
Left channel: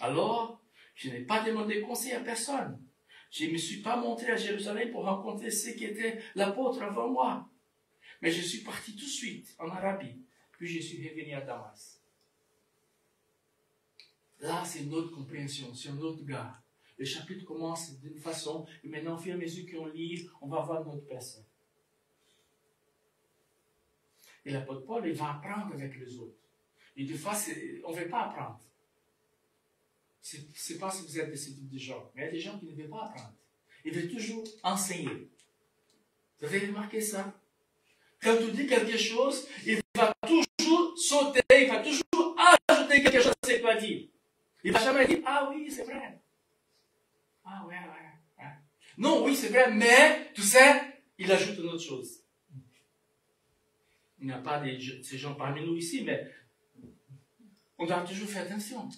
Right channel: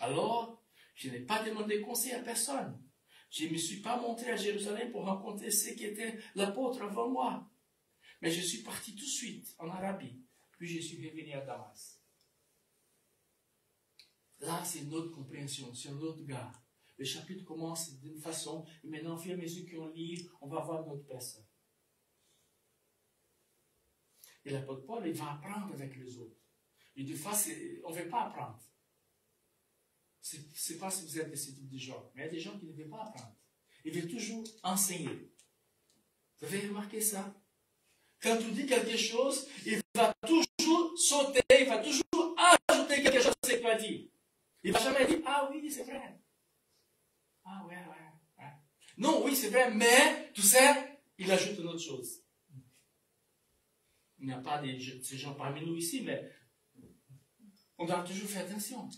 Alors, je n'ai pas demandé conseil à personne. Je ne me suis pas montré à Jérusalem pour rencontrer ceux qui étaient l'apôtre avant moi. Mais je suis parti tout de suite en Arabie. Puis je suis revenu à Damas. Là, c'est notre compréhension, c'est notre gars. Le chapitre commence d'une façon, et maintenant, au fur et à mesure qu'on lit, on va voir notre personne. Et l'apôtre Paul, il va apprendre avec les autres. Et des fois, on ne veut pas apprendre. Je ne sais pas si vous êtes de ce type de gens, mais il y a des gens qui ne veulent pas apprendre. Ils veulent toujours enseigner. Vous avez remarqué ça? Quand tu dis quelque chose, il va toujours sauter, il va toujours ajouter quelque chose que ce n'est pas dit. Il ne va jamais dire, ah oui, c'est vrai. Ah ouais. Non, oui, c'est vrai, mais, tu sais, il ajoute une autre chose. Il n'y a pas de ces gens parmi nous ici, mais on doit toujours faire attention.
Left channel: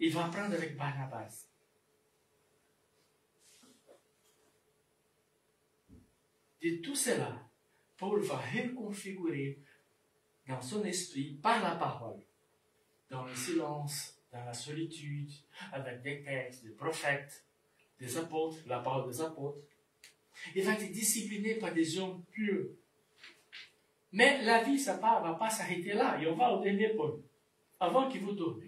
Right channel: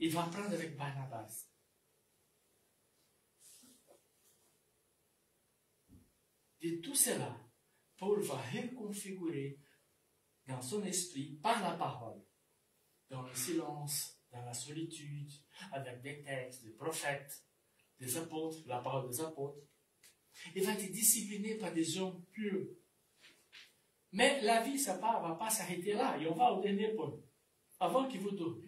Il va apprendre avec Barnabas. De tout cela, Paul va reconfigurer dans son esprit, par la parole, dans le silence, dans la solitude, avec des textes, des prophètes, des apôtres, la parole des apôtres. Il va être discipliné par des hommes purs. Mais la vie, ça ne va pas s'arrêter là. Et on va au dernier point, avant qu'il vous tourne.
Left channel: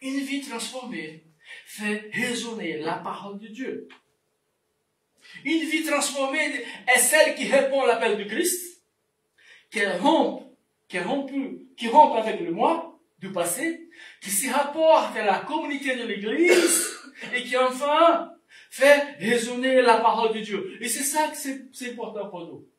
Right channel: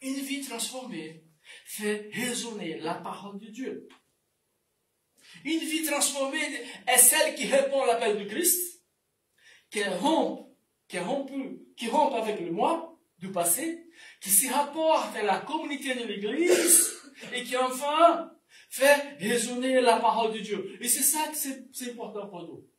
Une vie transformée fait résonner la parole de Dieu. Une vie transformée est celle qui répond à l'appel du Christ, qui rompt avec le moi du passé, qui se rapporte à la communauté de l'Église et qui enfin fait résonner la parole de Dieu. Et c'est ça que c'est important pour nous.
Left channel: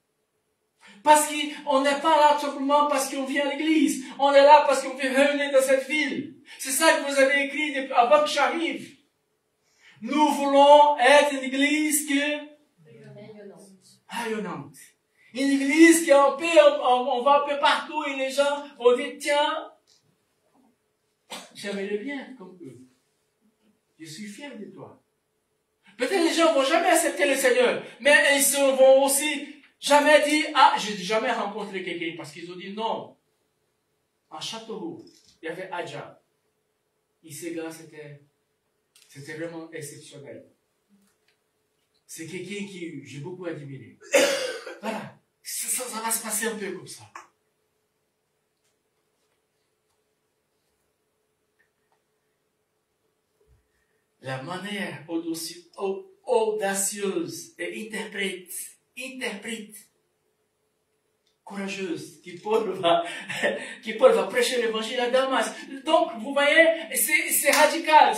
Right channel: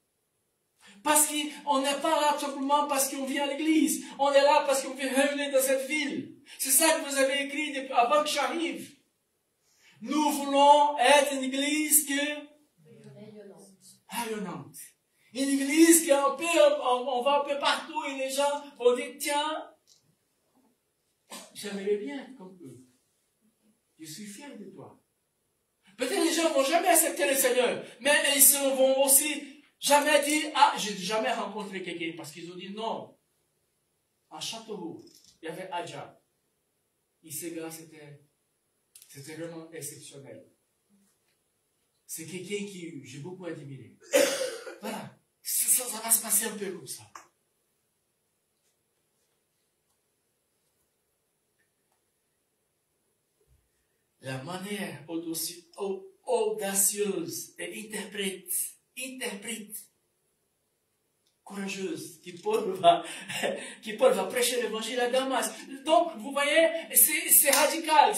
Parce qu'on n'est pas là simplement parce qu'on vient à l'église. On est là parce qu'on veut réunir dans cette ville. C'est ça que vous avez écrit avant que j'arrive. Nous voulons être une église rayonnante. Une église qui est en paix, on va un peu partout et les gens vont dire, tiens, j'aimerais le bien comme eux. Je suis fier de toi. Peut-être les gens ne vont jamais accepter le Seigneur, mais ils vont aussi jamais dire, ah, j'ai jamais rencontré quelqu'un, parce qu'ils ont dit non. En Châteauroux, il y avait Adja. Et ce gars, c'était vraiment exceptionnel. C'est quelqu'un qui j'ai beaucoup admiré. Voilà. Ça va se passer un peu comme ça. La manière audacieuse et interprète, courageuse, qui Paul va prêcher l'évangile à Damas. Donc, vous voyez, c'est radical.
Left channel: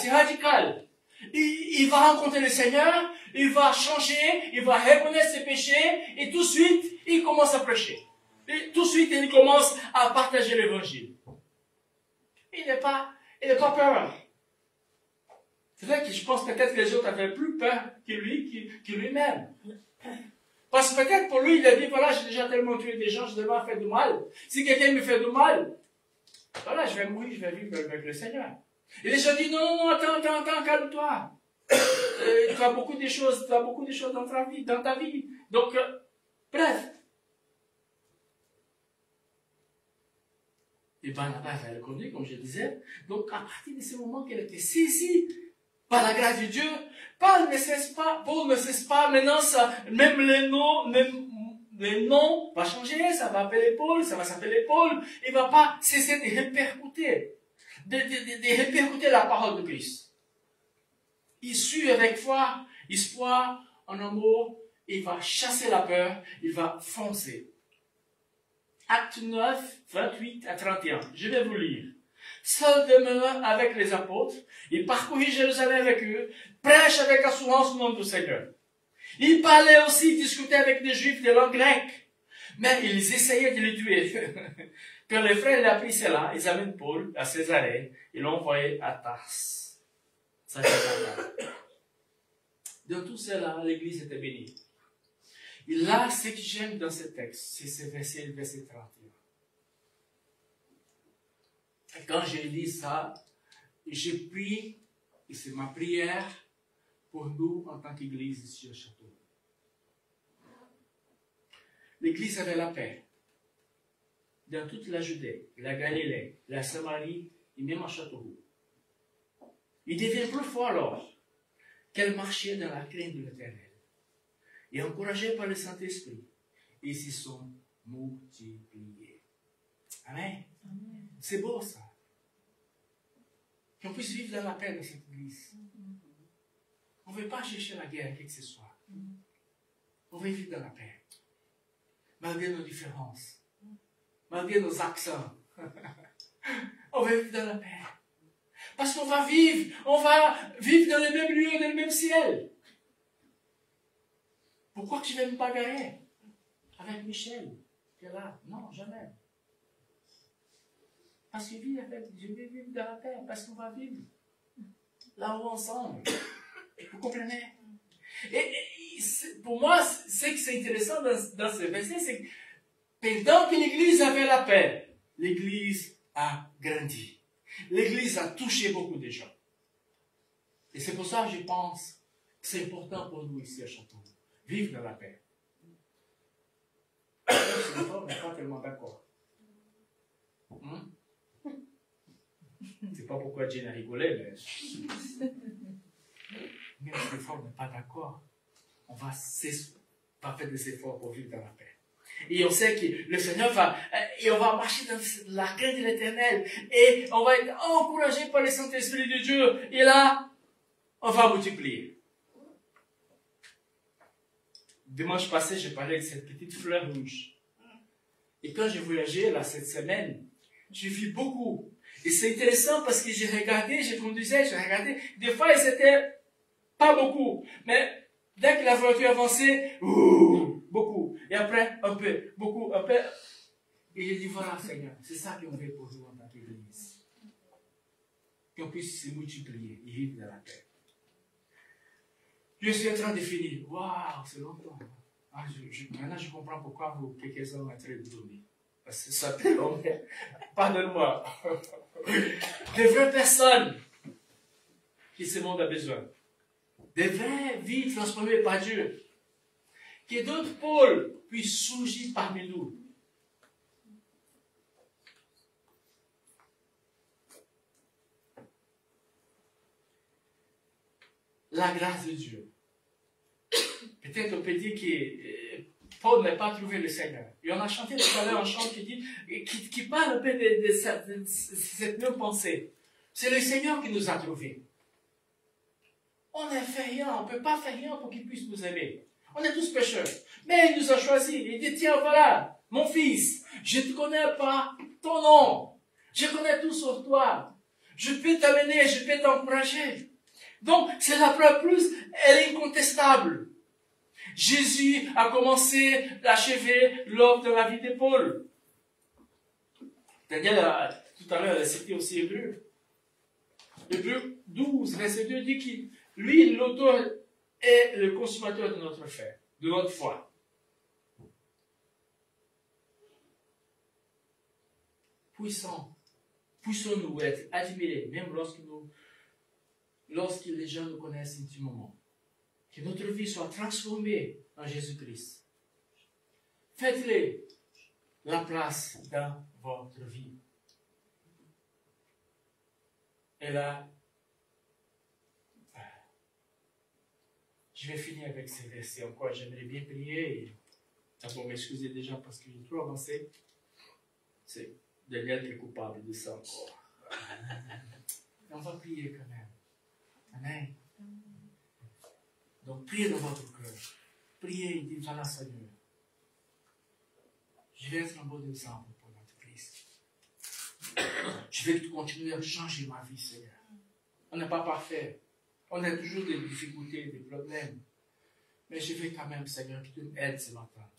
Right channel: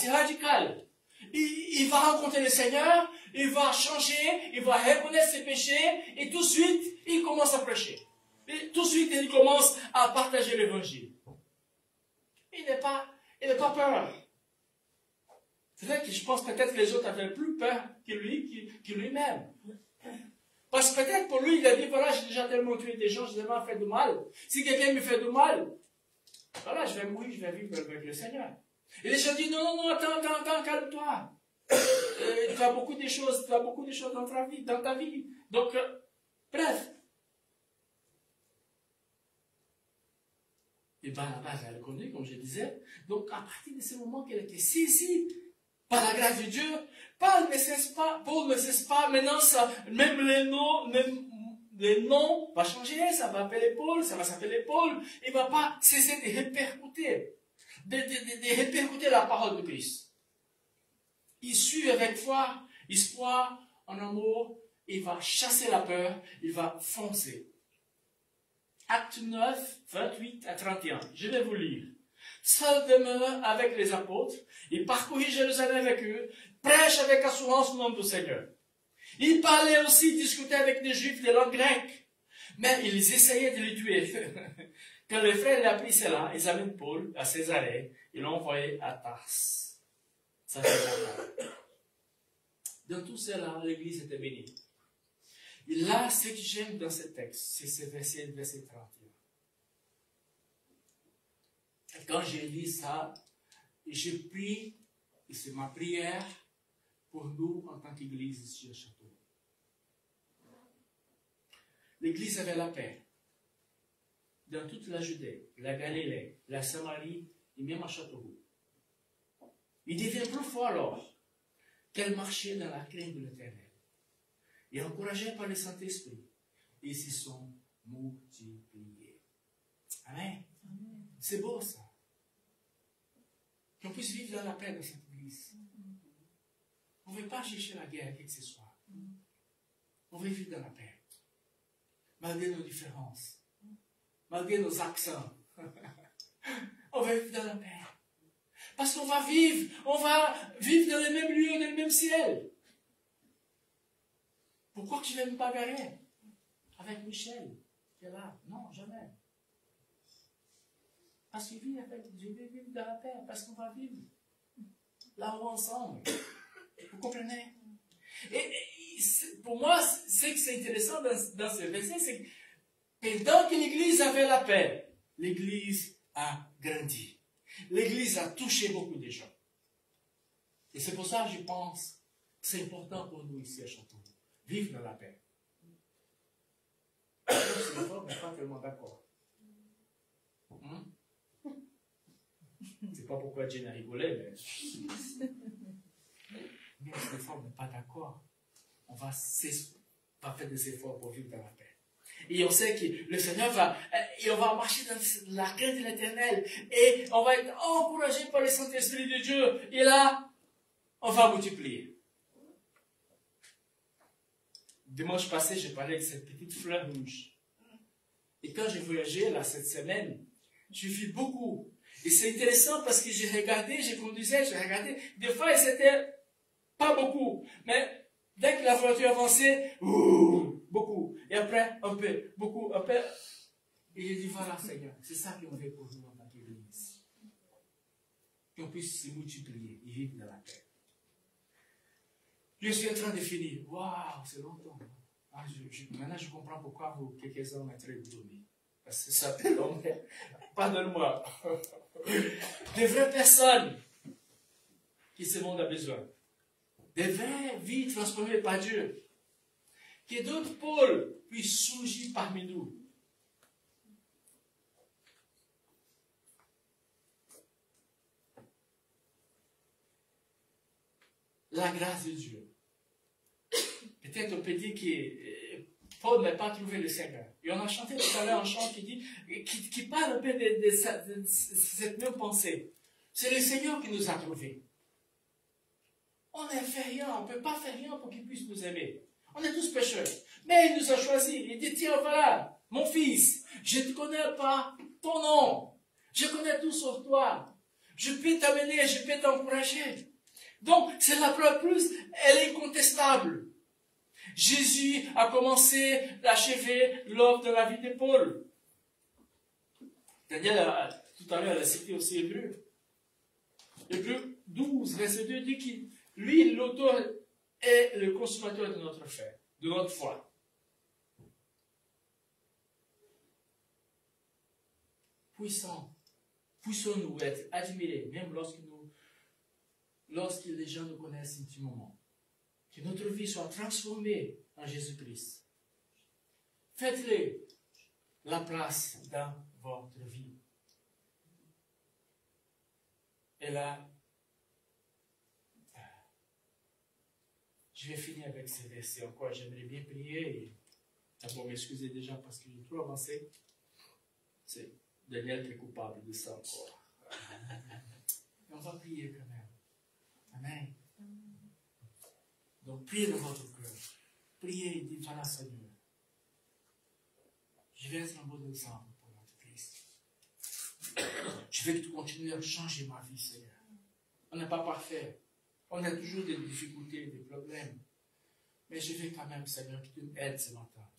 Il va rencontrer le Seigneur, il va changer, il va reconnaître ses péchés, et tout de suite, il commence à prêcher. Et tout de suite, il commence à partager l'évangile. Il n'est pas peur. C'est vrai que je pense peut-être que les autres avaient plus peur que lui-même. Parce que peut-être pour lui, il a dit, voilà, j'ai déjà tellement tué des gens, j'ai tellement fait du mal. Si quelqu'un me fait du mal, voilà, je vais mourir, je vais vivre avec le Seigneur. Et les gens disent, non, attends, calme-toi. Tu as beaucoup de choses dans ta vie. Donc, bref. Et Barnabas a reconnu, comme je disais. Donc, à partir de ce moment qu'elle était si, par la grâce de Dieu, Paul ne cesse pas, maintenant, même les noms vont changer, ça va s'appeler Paul, il ne va pas cesser de répercuter, de répercuter la parole de Christ. Il suit avec foi, espoir, en amour, il va chasser la peur, il va foncer. Acte 9, 28 à 31, je vais vous lire. Seul demeure avec les apôtres, il parcourut Jérusalem avec eux, prêche avec assurance le nom du Seigneur. Il parlait aussi, discutait avec des Juifs de langue grecque, mais ils essayaient de le tuer. Quand les frères l'apprirent cela, ils amènent Paul à Césarée et l'ont envoyé à Tars. Ça, c'est important. De tout cela, l'église était bénie. Et là, ce que j'aime dans ce texte, c'est ce verset, le verset 31. Et quand j'ai dit ça, j'ai pris, et c'est ma prière pour nous en tant qu'église ici au château. L'église avait la paix. Dans toute la Judée, la Galilée, la Samarie et même à Châteauroux. Il devient plus fort alors qu'elle marchait dans la crainte de l'Éternel. Et encouragée par le Saint-Esprit, ils s'y sont multipliés. Amen. C'est beau ça. Qu'on puisse vivre dans la paix dans cette église. On ne veut pas chercher la guerre, quel que ce soit. On veut vivre dans la paix. Malgré nos différences. Malgré nos accents. On va vivre dans la paix. Parce qu'on va vivre dans le même lieu, dans le même ciel. Pourquoi que je ne vais me bagarrer avec Michel qui est là? Non, jamais. Parce que je vais vivre dans la paix, parce qu'on va vivre là-haut ensemble. Vous comprenez? Et pour moi, ce qui est intéressant dans ce verset, c'est que pendant que l'Église avait la paix, l'Église a grandi. L'Église a touché beaucoup de gens. Et c'est pour ça que je pense que c'est important pour nous ici à Châteauroux. Vivre dans la paix. On n'est pas tellement d'accord. C'est pas pourquoi Dieu a rigolé, mais même si des fois on n'est pas d'accord, on va faire des efforts pour vivre dans la paix. Et on sait que le Seigneur et on va marcher dans la crainte de l'Éternel, et on va être encouragé par le Saint-Esprit de Dieu, et là, on va multiplier. Dimanche passé, j'ai parlé de cette petite fleur rouge. Et quand j'ai voyagé là cette semaine, j'ai vu beaucoup. Et c'est intéressant parce que j'ai regardé, j'ai conduisais, j'ai regardé. Des fois, c'était pas beaucoup. Mais dès que la voiture avançait, beaucoup. Et après, un peu, beaucoup, un peu. Et j'ai dit, voilà Seigneur, c'est ça qu'on veut pour nous en tant qu'Église. Qu'on puisse se multiplier et vivre dans la paix. Je suis en train de finir. Waouh, c'est longtemps. Maintenant, je comprends pourquoi vous, quelques-uns m'ont très étonné. Parce que ça fait long. Pardonne-moi. Les vraies personnes qui ce monde a besoin. Des vraies vies transformées par Dieu. Que d'autres pôles puissent surgir parmi nous. La grâce de Dieu. Peut-être on peut dire que Paul n'a pas trouvé le Seigneur. Et on a chanté tout à l'heure un chant qui parle un peu de cette même pensée. C'est le Seigneur qui nous a trouvés. On n'a fait rien, on ne peut pas faire rien pour qu'il puisse nous aimer. On est tous pécheurs. Mais il nous a choisis. Il dit, tiens, voilà, mon fils, je ne connais pas ton nom. Je connais tout sur toi. Je peux t'amener, je peux t'encourager. Donc, c'est la preuve plus, elle est incontestable. Jésus a commencé d'achever l'œuvre de la vie de Paul. Daniel, tout à l'heure, elle a cité aussi Hébreu. Hébreu 12, verset 2 dit qu'il, lui, l'auteur est le consommateur de notre foi. Puissons-nous être admirés, même lorsque les gens nous connaissent intimement. Que notre vie soit transformée en Jésus-Christ. Faites-le la place dans votre vie. Et là, je vais finir avec ces versets encore. J'aimerais bien prier. D'abord, m'excuser déjà parce que j'ai trop avancé. C'est Daniel qui est coupable de ça encore. On va prier quand même. Amen. Donc, priez dans votre cœur. Priez et dites, voilà Seigneur. Je vais être un bon exemple pour notre Christ. Je vais continuer à changer ma vie, Seigneur. On n'est pas parfait. On a toujours des difficultés, des problèmes. Mais je veux quand même, Seigneur, que tu m'aides ce matin.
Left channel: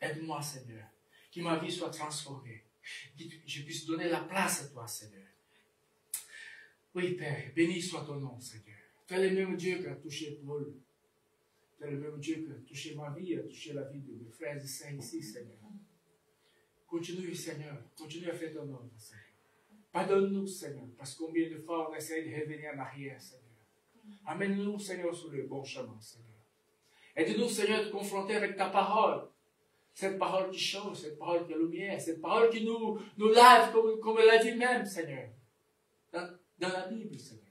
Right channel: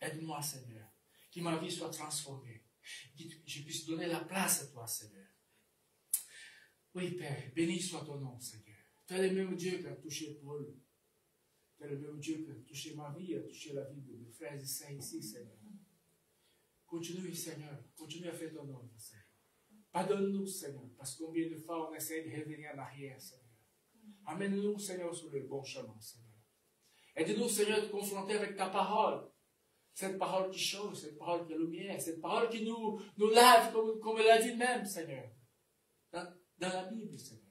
Aide-moi, Seigneur. Que ma vie soit transformée. Que je puisse donner la place à toi, Seigneur. Oui, Père, béni soit ton nom, Seigneur. Tu es le même Dieu qui a touché Paul. Tu es le même Dieu qui a touché ma vie, a touché la vie de mes frères et sœurs ici, Seigneur. Continue, Seigneur. Continue à faire ton œuvre, Seigneur. Pardonne-nous, Seigneur, parce que combien de fois on essaie de revenir en arrière, Seigneur. Amène-nous, Seigneur, sur le bon chemin, Seigneur. Aide-nous, Seigneur, de confronter avec ta parole. Cette parole qui change, cette parole qui est lumière, cette parole qui nous lave, comme elle a dit même, Seigneur. Dans la Bible, Seigneur.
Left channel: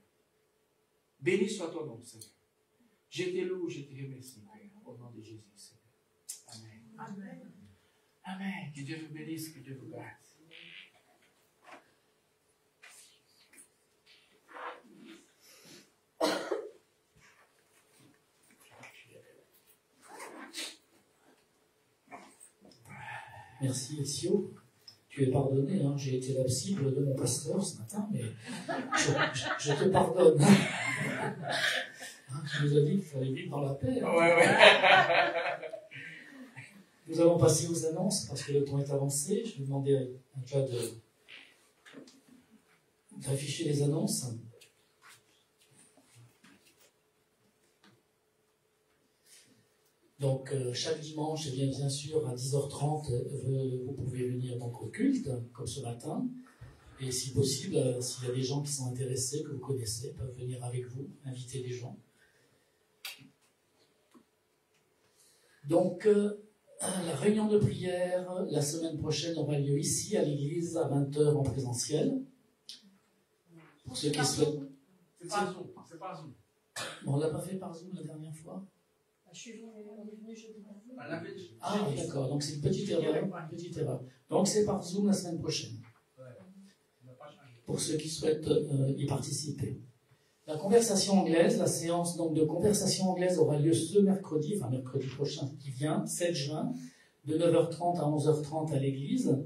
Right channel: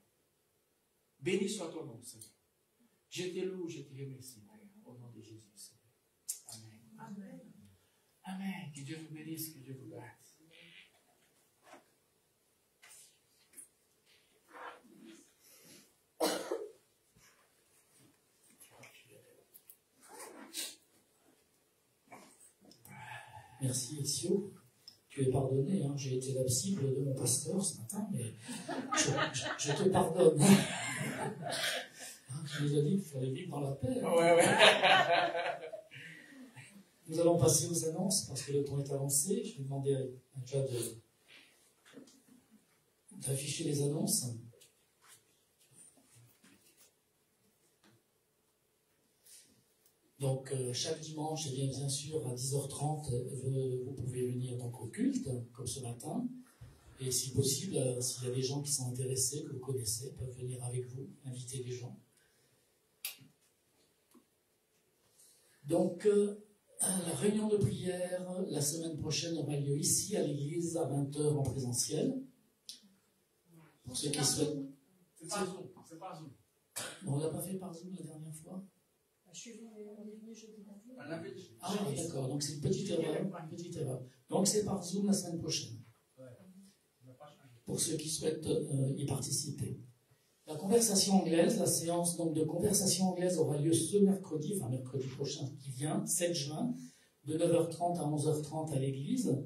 Béni soit ton nom, Seigneur. Je te loue, je te remercie, Père, au nom de Jésus, Seigneur. Amen. Amen. Amen. Que Dieu vous bénisse, que Dieu vous garde. Merci, Essio. Tu es pardonné, hein. J'ai été la cible de mon pasteur ce matin, mais je te pardonne. Hein, tu nous as dit qu'il fallait vivre dans la paix. Hein. Ouais. Nous allons passer aux annonces parce que le temps est avancé. Je vais demander à Claude d'afficher les annonces. Donc, chaque dimanche, et bien sûr, à 10h30, vous pouvez venir donc au culte, comme ce matin. Et si possible, s'il y a des gens qui sont intéressés, que vous connaissez, peuvent venir avec vous, inviter les gens. Donc, la réunion de prière, la semaine prochaine, aura lieu ici, à l'église, à 20h en présentiel. Pour ceux qui souhaitent... C'est pas Zoom. Bon, on ne l'a pas fait par Zoom la dernière fois? Je suis venue, on est venu jeudi matin. Ah, d'accord, donc c'est une petite erreur. Donc c'est par Zoom la semaine prochaine. Pour ceux qui souhaitent y participer. La conversation anglaise, la séance donc, de conversation anglaise aura lieu ce mercredi, enfin mercredi prochain qui vient, 7 juin, de 9h30 à 11h30 à l'église.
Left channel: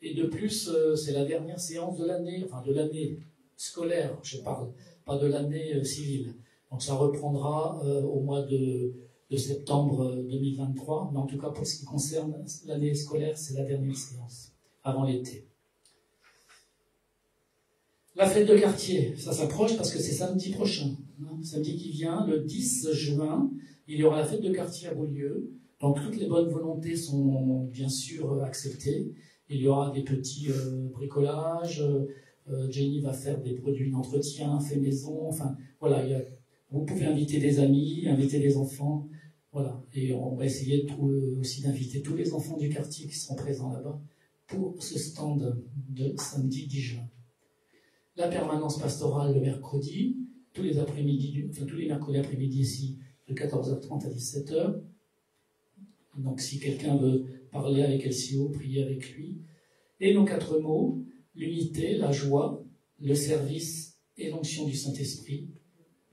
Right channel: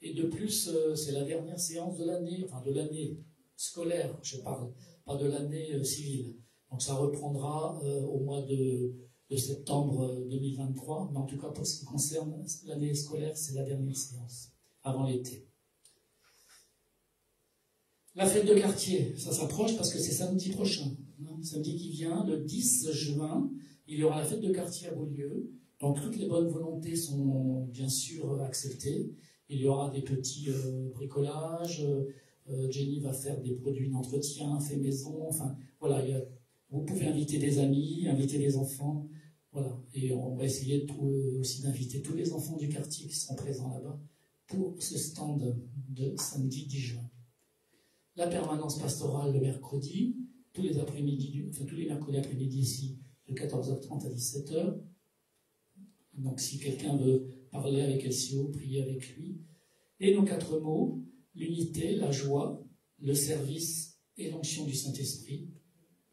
Et de plus, c'est la dernière séance de l'année, enfin de l'année scolaire, je parle, pas de l'année civile. Donc ça reprendra au mois de septembre 2023, mais en tout cas pour ce qui concerne l'année scolaire, c'est la dernière séance, avant l'été. La fête de quartier, ça s'approche parce que c'est samedi prochain, hein, samedi qui vient, le 10 juin, il y aura la fête de quartier à Beaulieu, donc toutes les bonnes volontés sont bien sûr acceptées, il y aura des petits bricolages, Jenny va faire des produits d'entretien, fait maison, enfin voilà, vous pouvez inviter des amis, inviter des enfants. Voilà, et on va essayer aussi d'inviter tous les enfants du quartier qui seront présents là-bas pour ce stand de samedi 10 juin. La permanence pastorale le mercredi, tous les mercredis après-midi ici, de 14h30 à 17h. Donc si quelqu'un veut parler avec LCO, prier avec lui. Et nos 4 mots, l'unité, la joie, le service et l'onction du Saint-Esprit.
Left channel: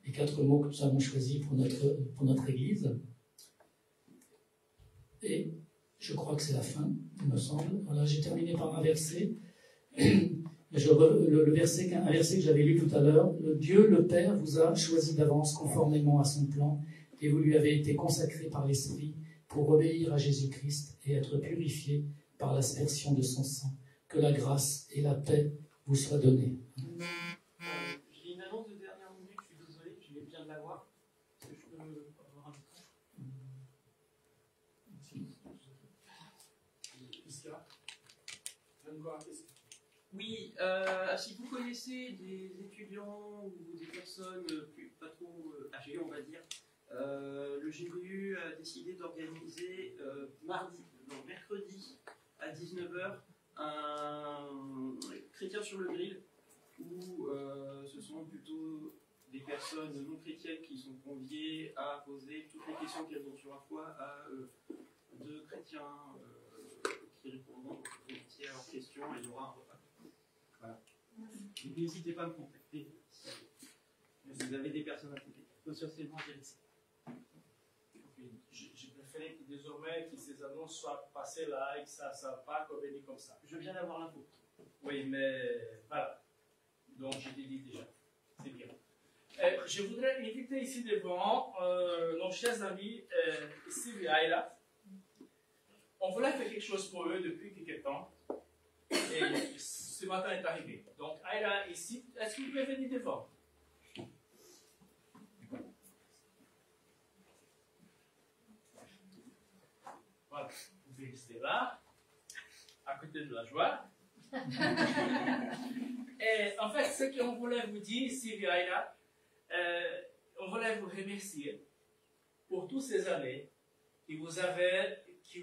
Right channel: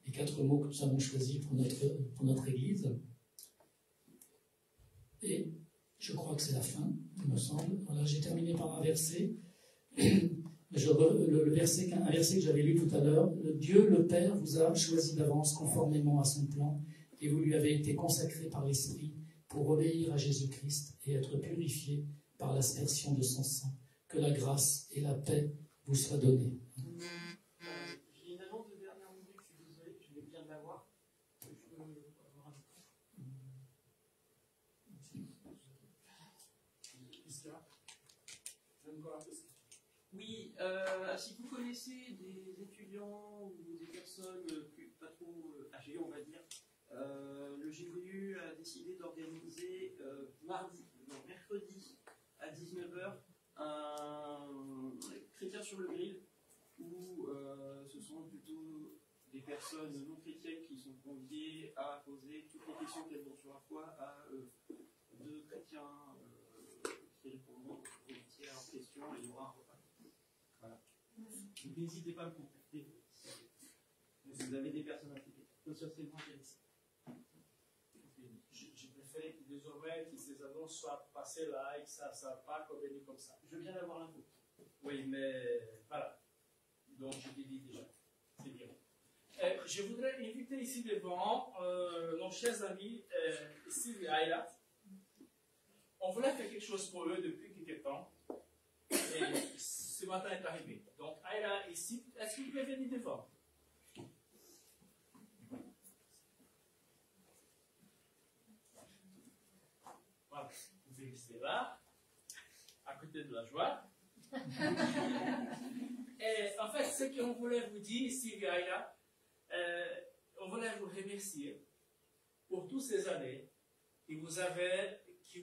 Les 4 mots que nous avons choisis pour notre Église. Et je crois que c'est la fin, il me semble. Voilà, j'ai terminé par un verset. Un verset que j'avais lu tout à l'heure. Dieu, le Père, vous a choisi d'avance conformément à son plan et vous lui avez été consacré par l'Esprit pour obéir à Jésus-Christ et être purifié par l'aspersion de son sang. Que la grâce et la paix vous soient données. J'ai une annonce de dernière minute, je suis désolé, je viens de l'avoir. Est-ce que je peux avoir un micro? Oui, si vous connaissez des étudiants ou des personnes pas trop âgées, on va dire, le GBU a décidé d'organiser mercredi à 19h un chrétien sur le grill où ce sont plutôt des personnes non chrétiennes qui sont conviées à poser toutes les questions qu'elles ont sur la foi à deux chrétiens qui répondront à leurs questions et il y aura un repas. Voilà. Donc n'hésitez pas à me contacter si vous avez des personnes à contacter potentiellement intéressées. Je préférais que désormais que ces annonces soient passées là et que ça ne soit pas convenu comme ça. Je viens d'avoir l'info. Oui, mais voilà. Donc je t'ai dit déjà. C'est bien. Je voudrais inviter ici devant nos chers amis Steve et Ayla. On voulait faire quelque chose pour eux depuis quelques temps. Et ce matin est arrivé. Donc Ayla ici, est-ce que vous pouvez venir devant? Voilà, vous pouvez rester là, à côté de la joie. Et en fait, ce qu'on voulait vous dire, Sylvia et là, on voulait vous remercier pour toutes ces années que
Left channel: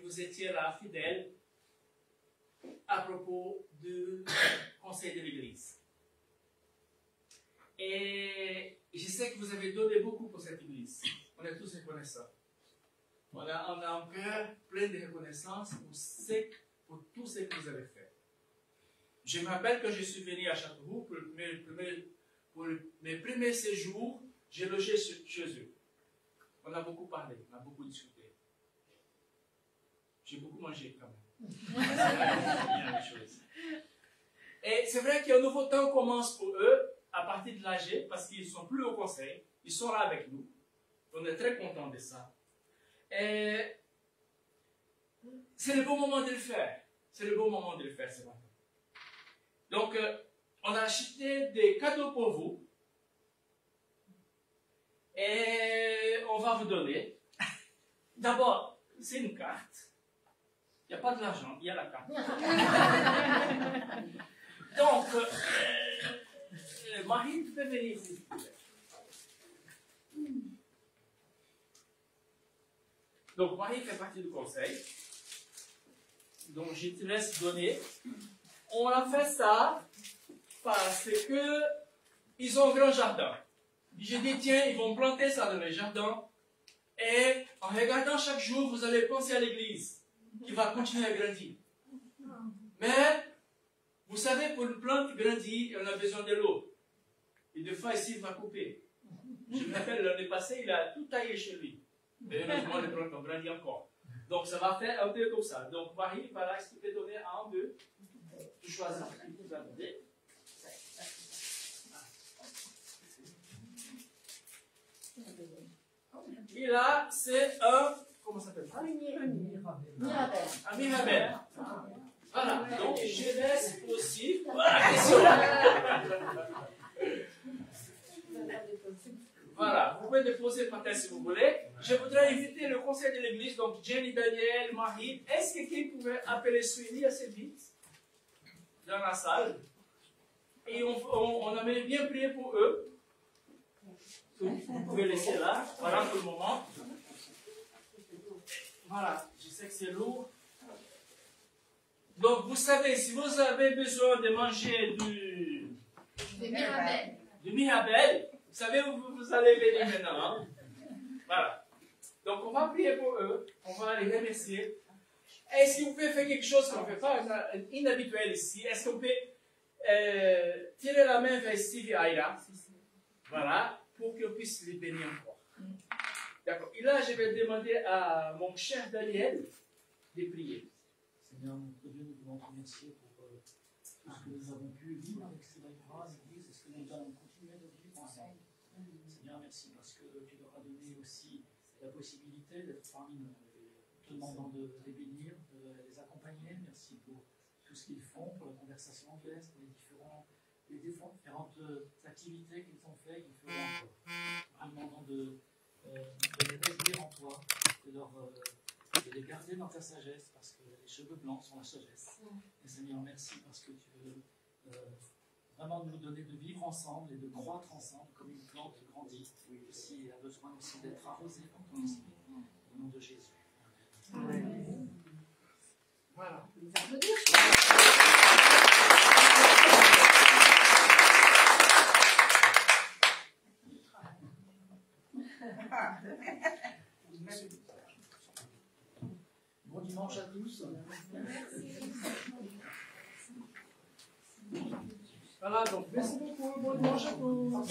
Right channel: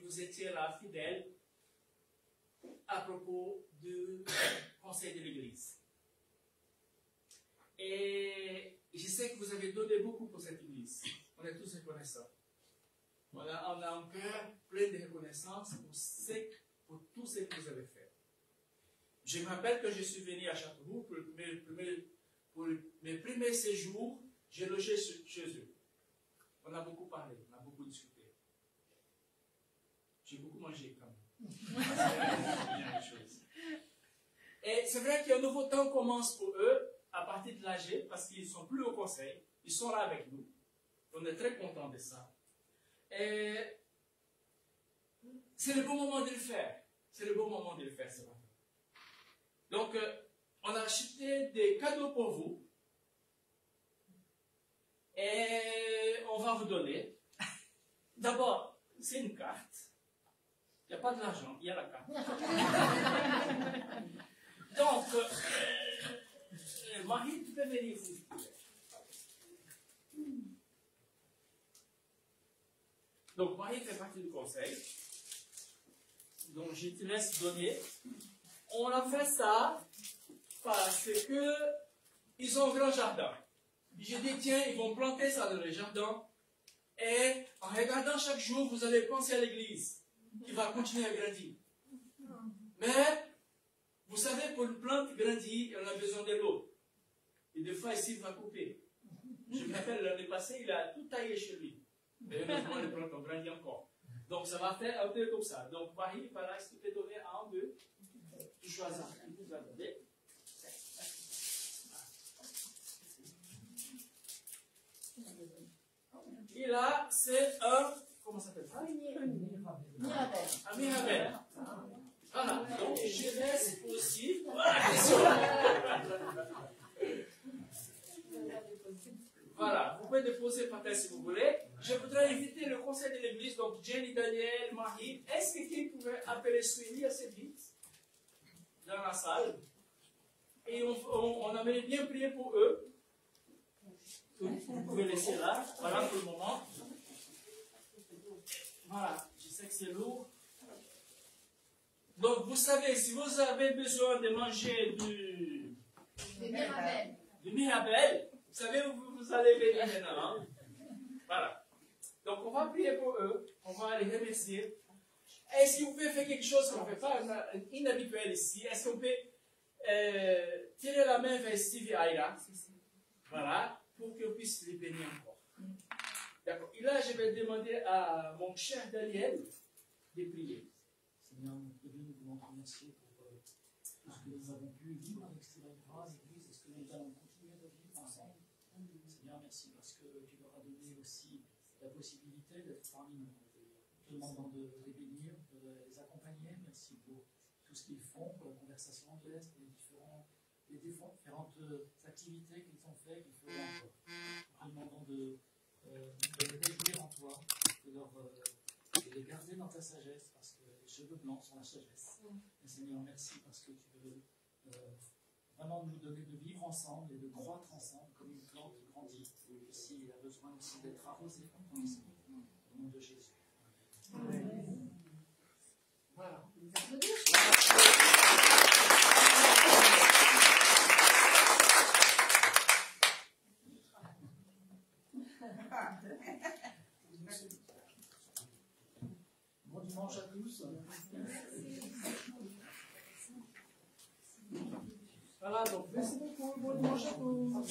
vous étiez là fidèles à propos du conseil de l'Église. Et je sais que vous avez donné beaucoup pour cette Église. On est tous reconnaissants. On a un cœur plein de reconnaissance pour tout ce que vous avez fait. Je me rappelle que je suis venu à Châteauroux pour mes premiers séjours, j'ai logé chez eux. On a beaucoup parlé, on a beaucoup discuté. J'ai beaucoup mangé quand même. C'est bien la chose. Et c'est vrai qu'un nouveau temps commence pour eux à partir de l'âge, parce qu'ils ne sont plus au conseil, ils sont là avec nous. On est très contents de ça. Et c'est le bon moment de le faire. C'est le bon moment de le faire ce matin. Donc, on a acheté des cadeaux pour vous. Et on va vous donner. D'abord, c'est une carte. Il n'y a pas de l'argent, il y a la carte. Donc, Marie, tu peux venir ici. Donc, Marie fait partie du conseil. Donc, je te laisse donner. On a fait ça parce que ils ont un grand jardin. J'ai dit, tiens, ils vont planter ça dans le jardin. Et en regardant chaque jour, vous allez penser à l'église qui va continuer à grandir. Mais, vous savez, pour une plante grandir, elle a besoin de l'eau. Et des fois, ici, il va couper. Je me rappelle, l'année passée, il a tout taillé chez lui. Mais heureusement, les plantes ont grandi encore. Donc, ça va faire un peu comme ça. Donc, Marie, voilà, si tu peux donner un, deux. Tu choisis ce que tu vas donner. Et là, c'est un, comment ça s'appelle? Un mirabelle. Voilà, donc je laisse aussi. Voilà, vous pouvez déposer par terre si vous voulez. Je voudrais inviter le conseil de l'église, donc Jenny, Daniel, Marie. Est-ce que quelqu'un pouvait appeler Suivi assez vite dans la salle? Et on aimerait bien prier pour eux. Vous pouvez laisser là, voilà pour le moment. Voilà, je sais que c'est lourd. Donc, vous savez, si vous avez besoin de manger du mirabelle, vous savez où vous allez venir maintenant. Hein? Voilà. Donc, on va prier pour eux. On va les remercier. Est-ce que vous pouvez faire quelque chose qu'on ne fait pas inhabituel ici? Est-ce qu'on peut tirer la main vers Steve et Aïra? Voilà. Pour qu'on puisse les bénir encore. D'accord. Et là, je vais demander à mon cher Daniel de prier. Seigneur, notre Dieu, nous voulons te remercier pour tout ce que nous avons pu vivre avec ces bras, l'Église, et ce que nous allons continuer de vivre ensemble. Seigneur, merci parce que tu leur as donné aussi la possibilité d'être parmi nous. Nous te demandons de les bénir, de les accompagner. Merci pour tout ce qu'ils font, pour la conversation anglaise, pour les différentes activités qu'ils ont fait et qu'ils feront encore. Nous demandons de les réjouir en toi, de les garder dans ta sagesse, parce que les cheveux blancs sont la sagesse. Et Seigneur, merci parce que tu veux vraiment nous donner de vivre ensemble et de croître ensemble comme une plante qui grandit, qui aussi a besoin aussi d'être arrosée par ton esprit. Au nom de Jésus. Amen. Voilà. Bon dimanche à tous. Voilà, donc merci beaucoup. Bon dimanche à tous.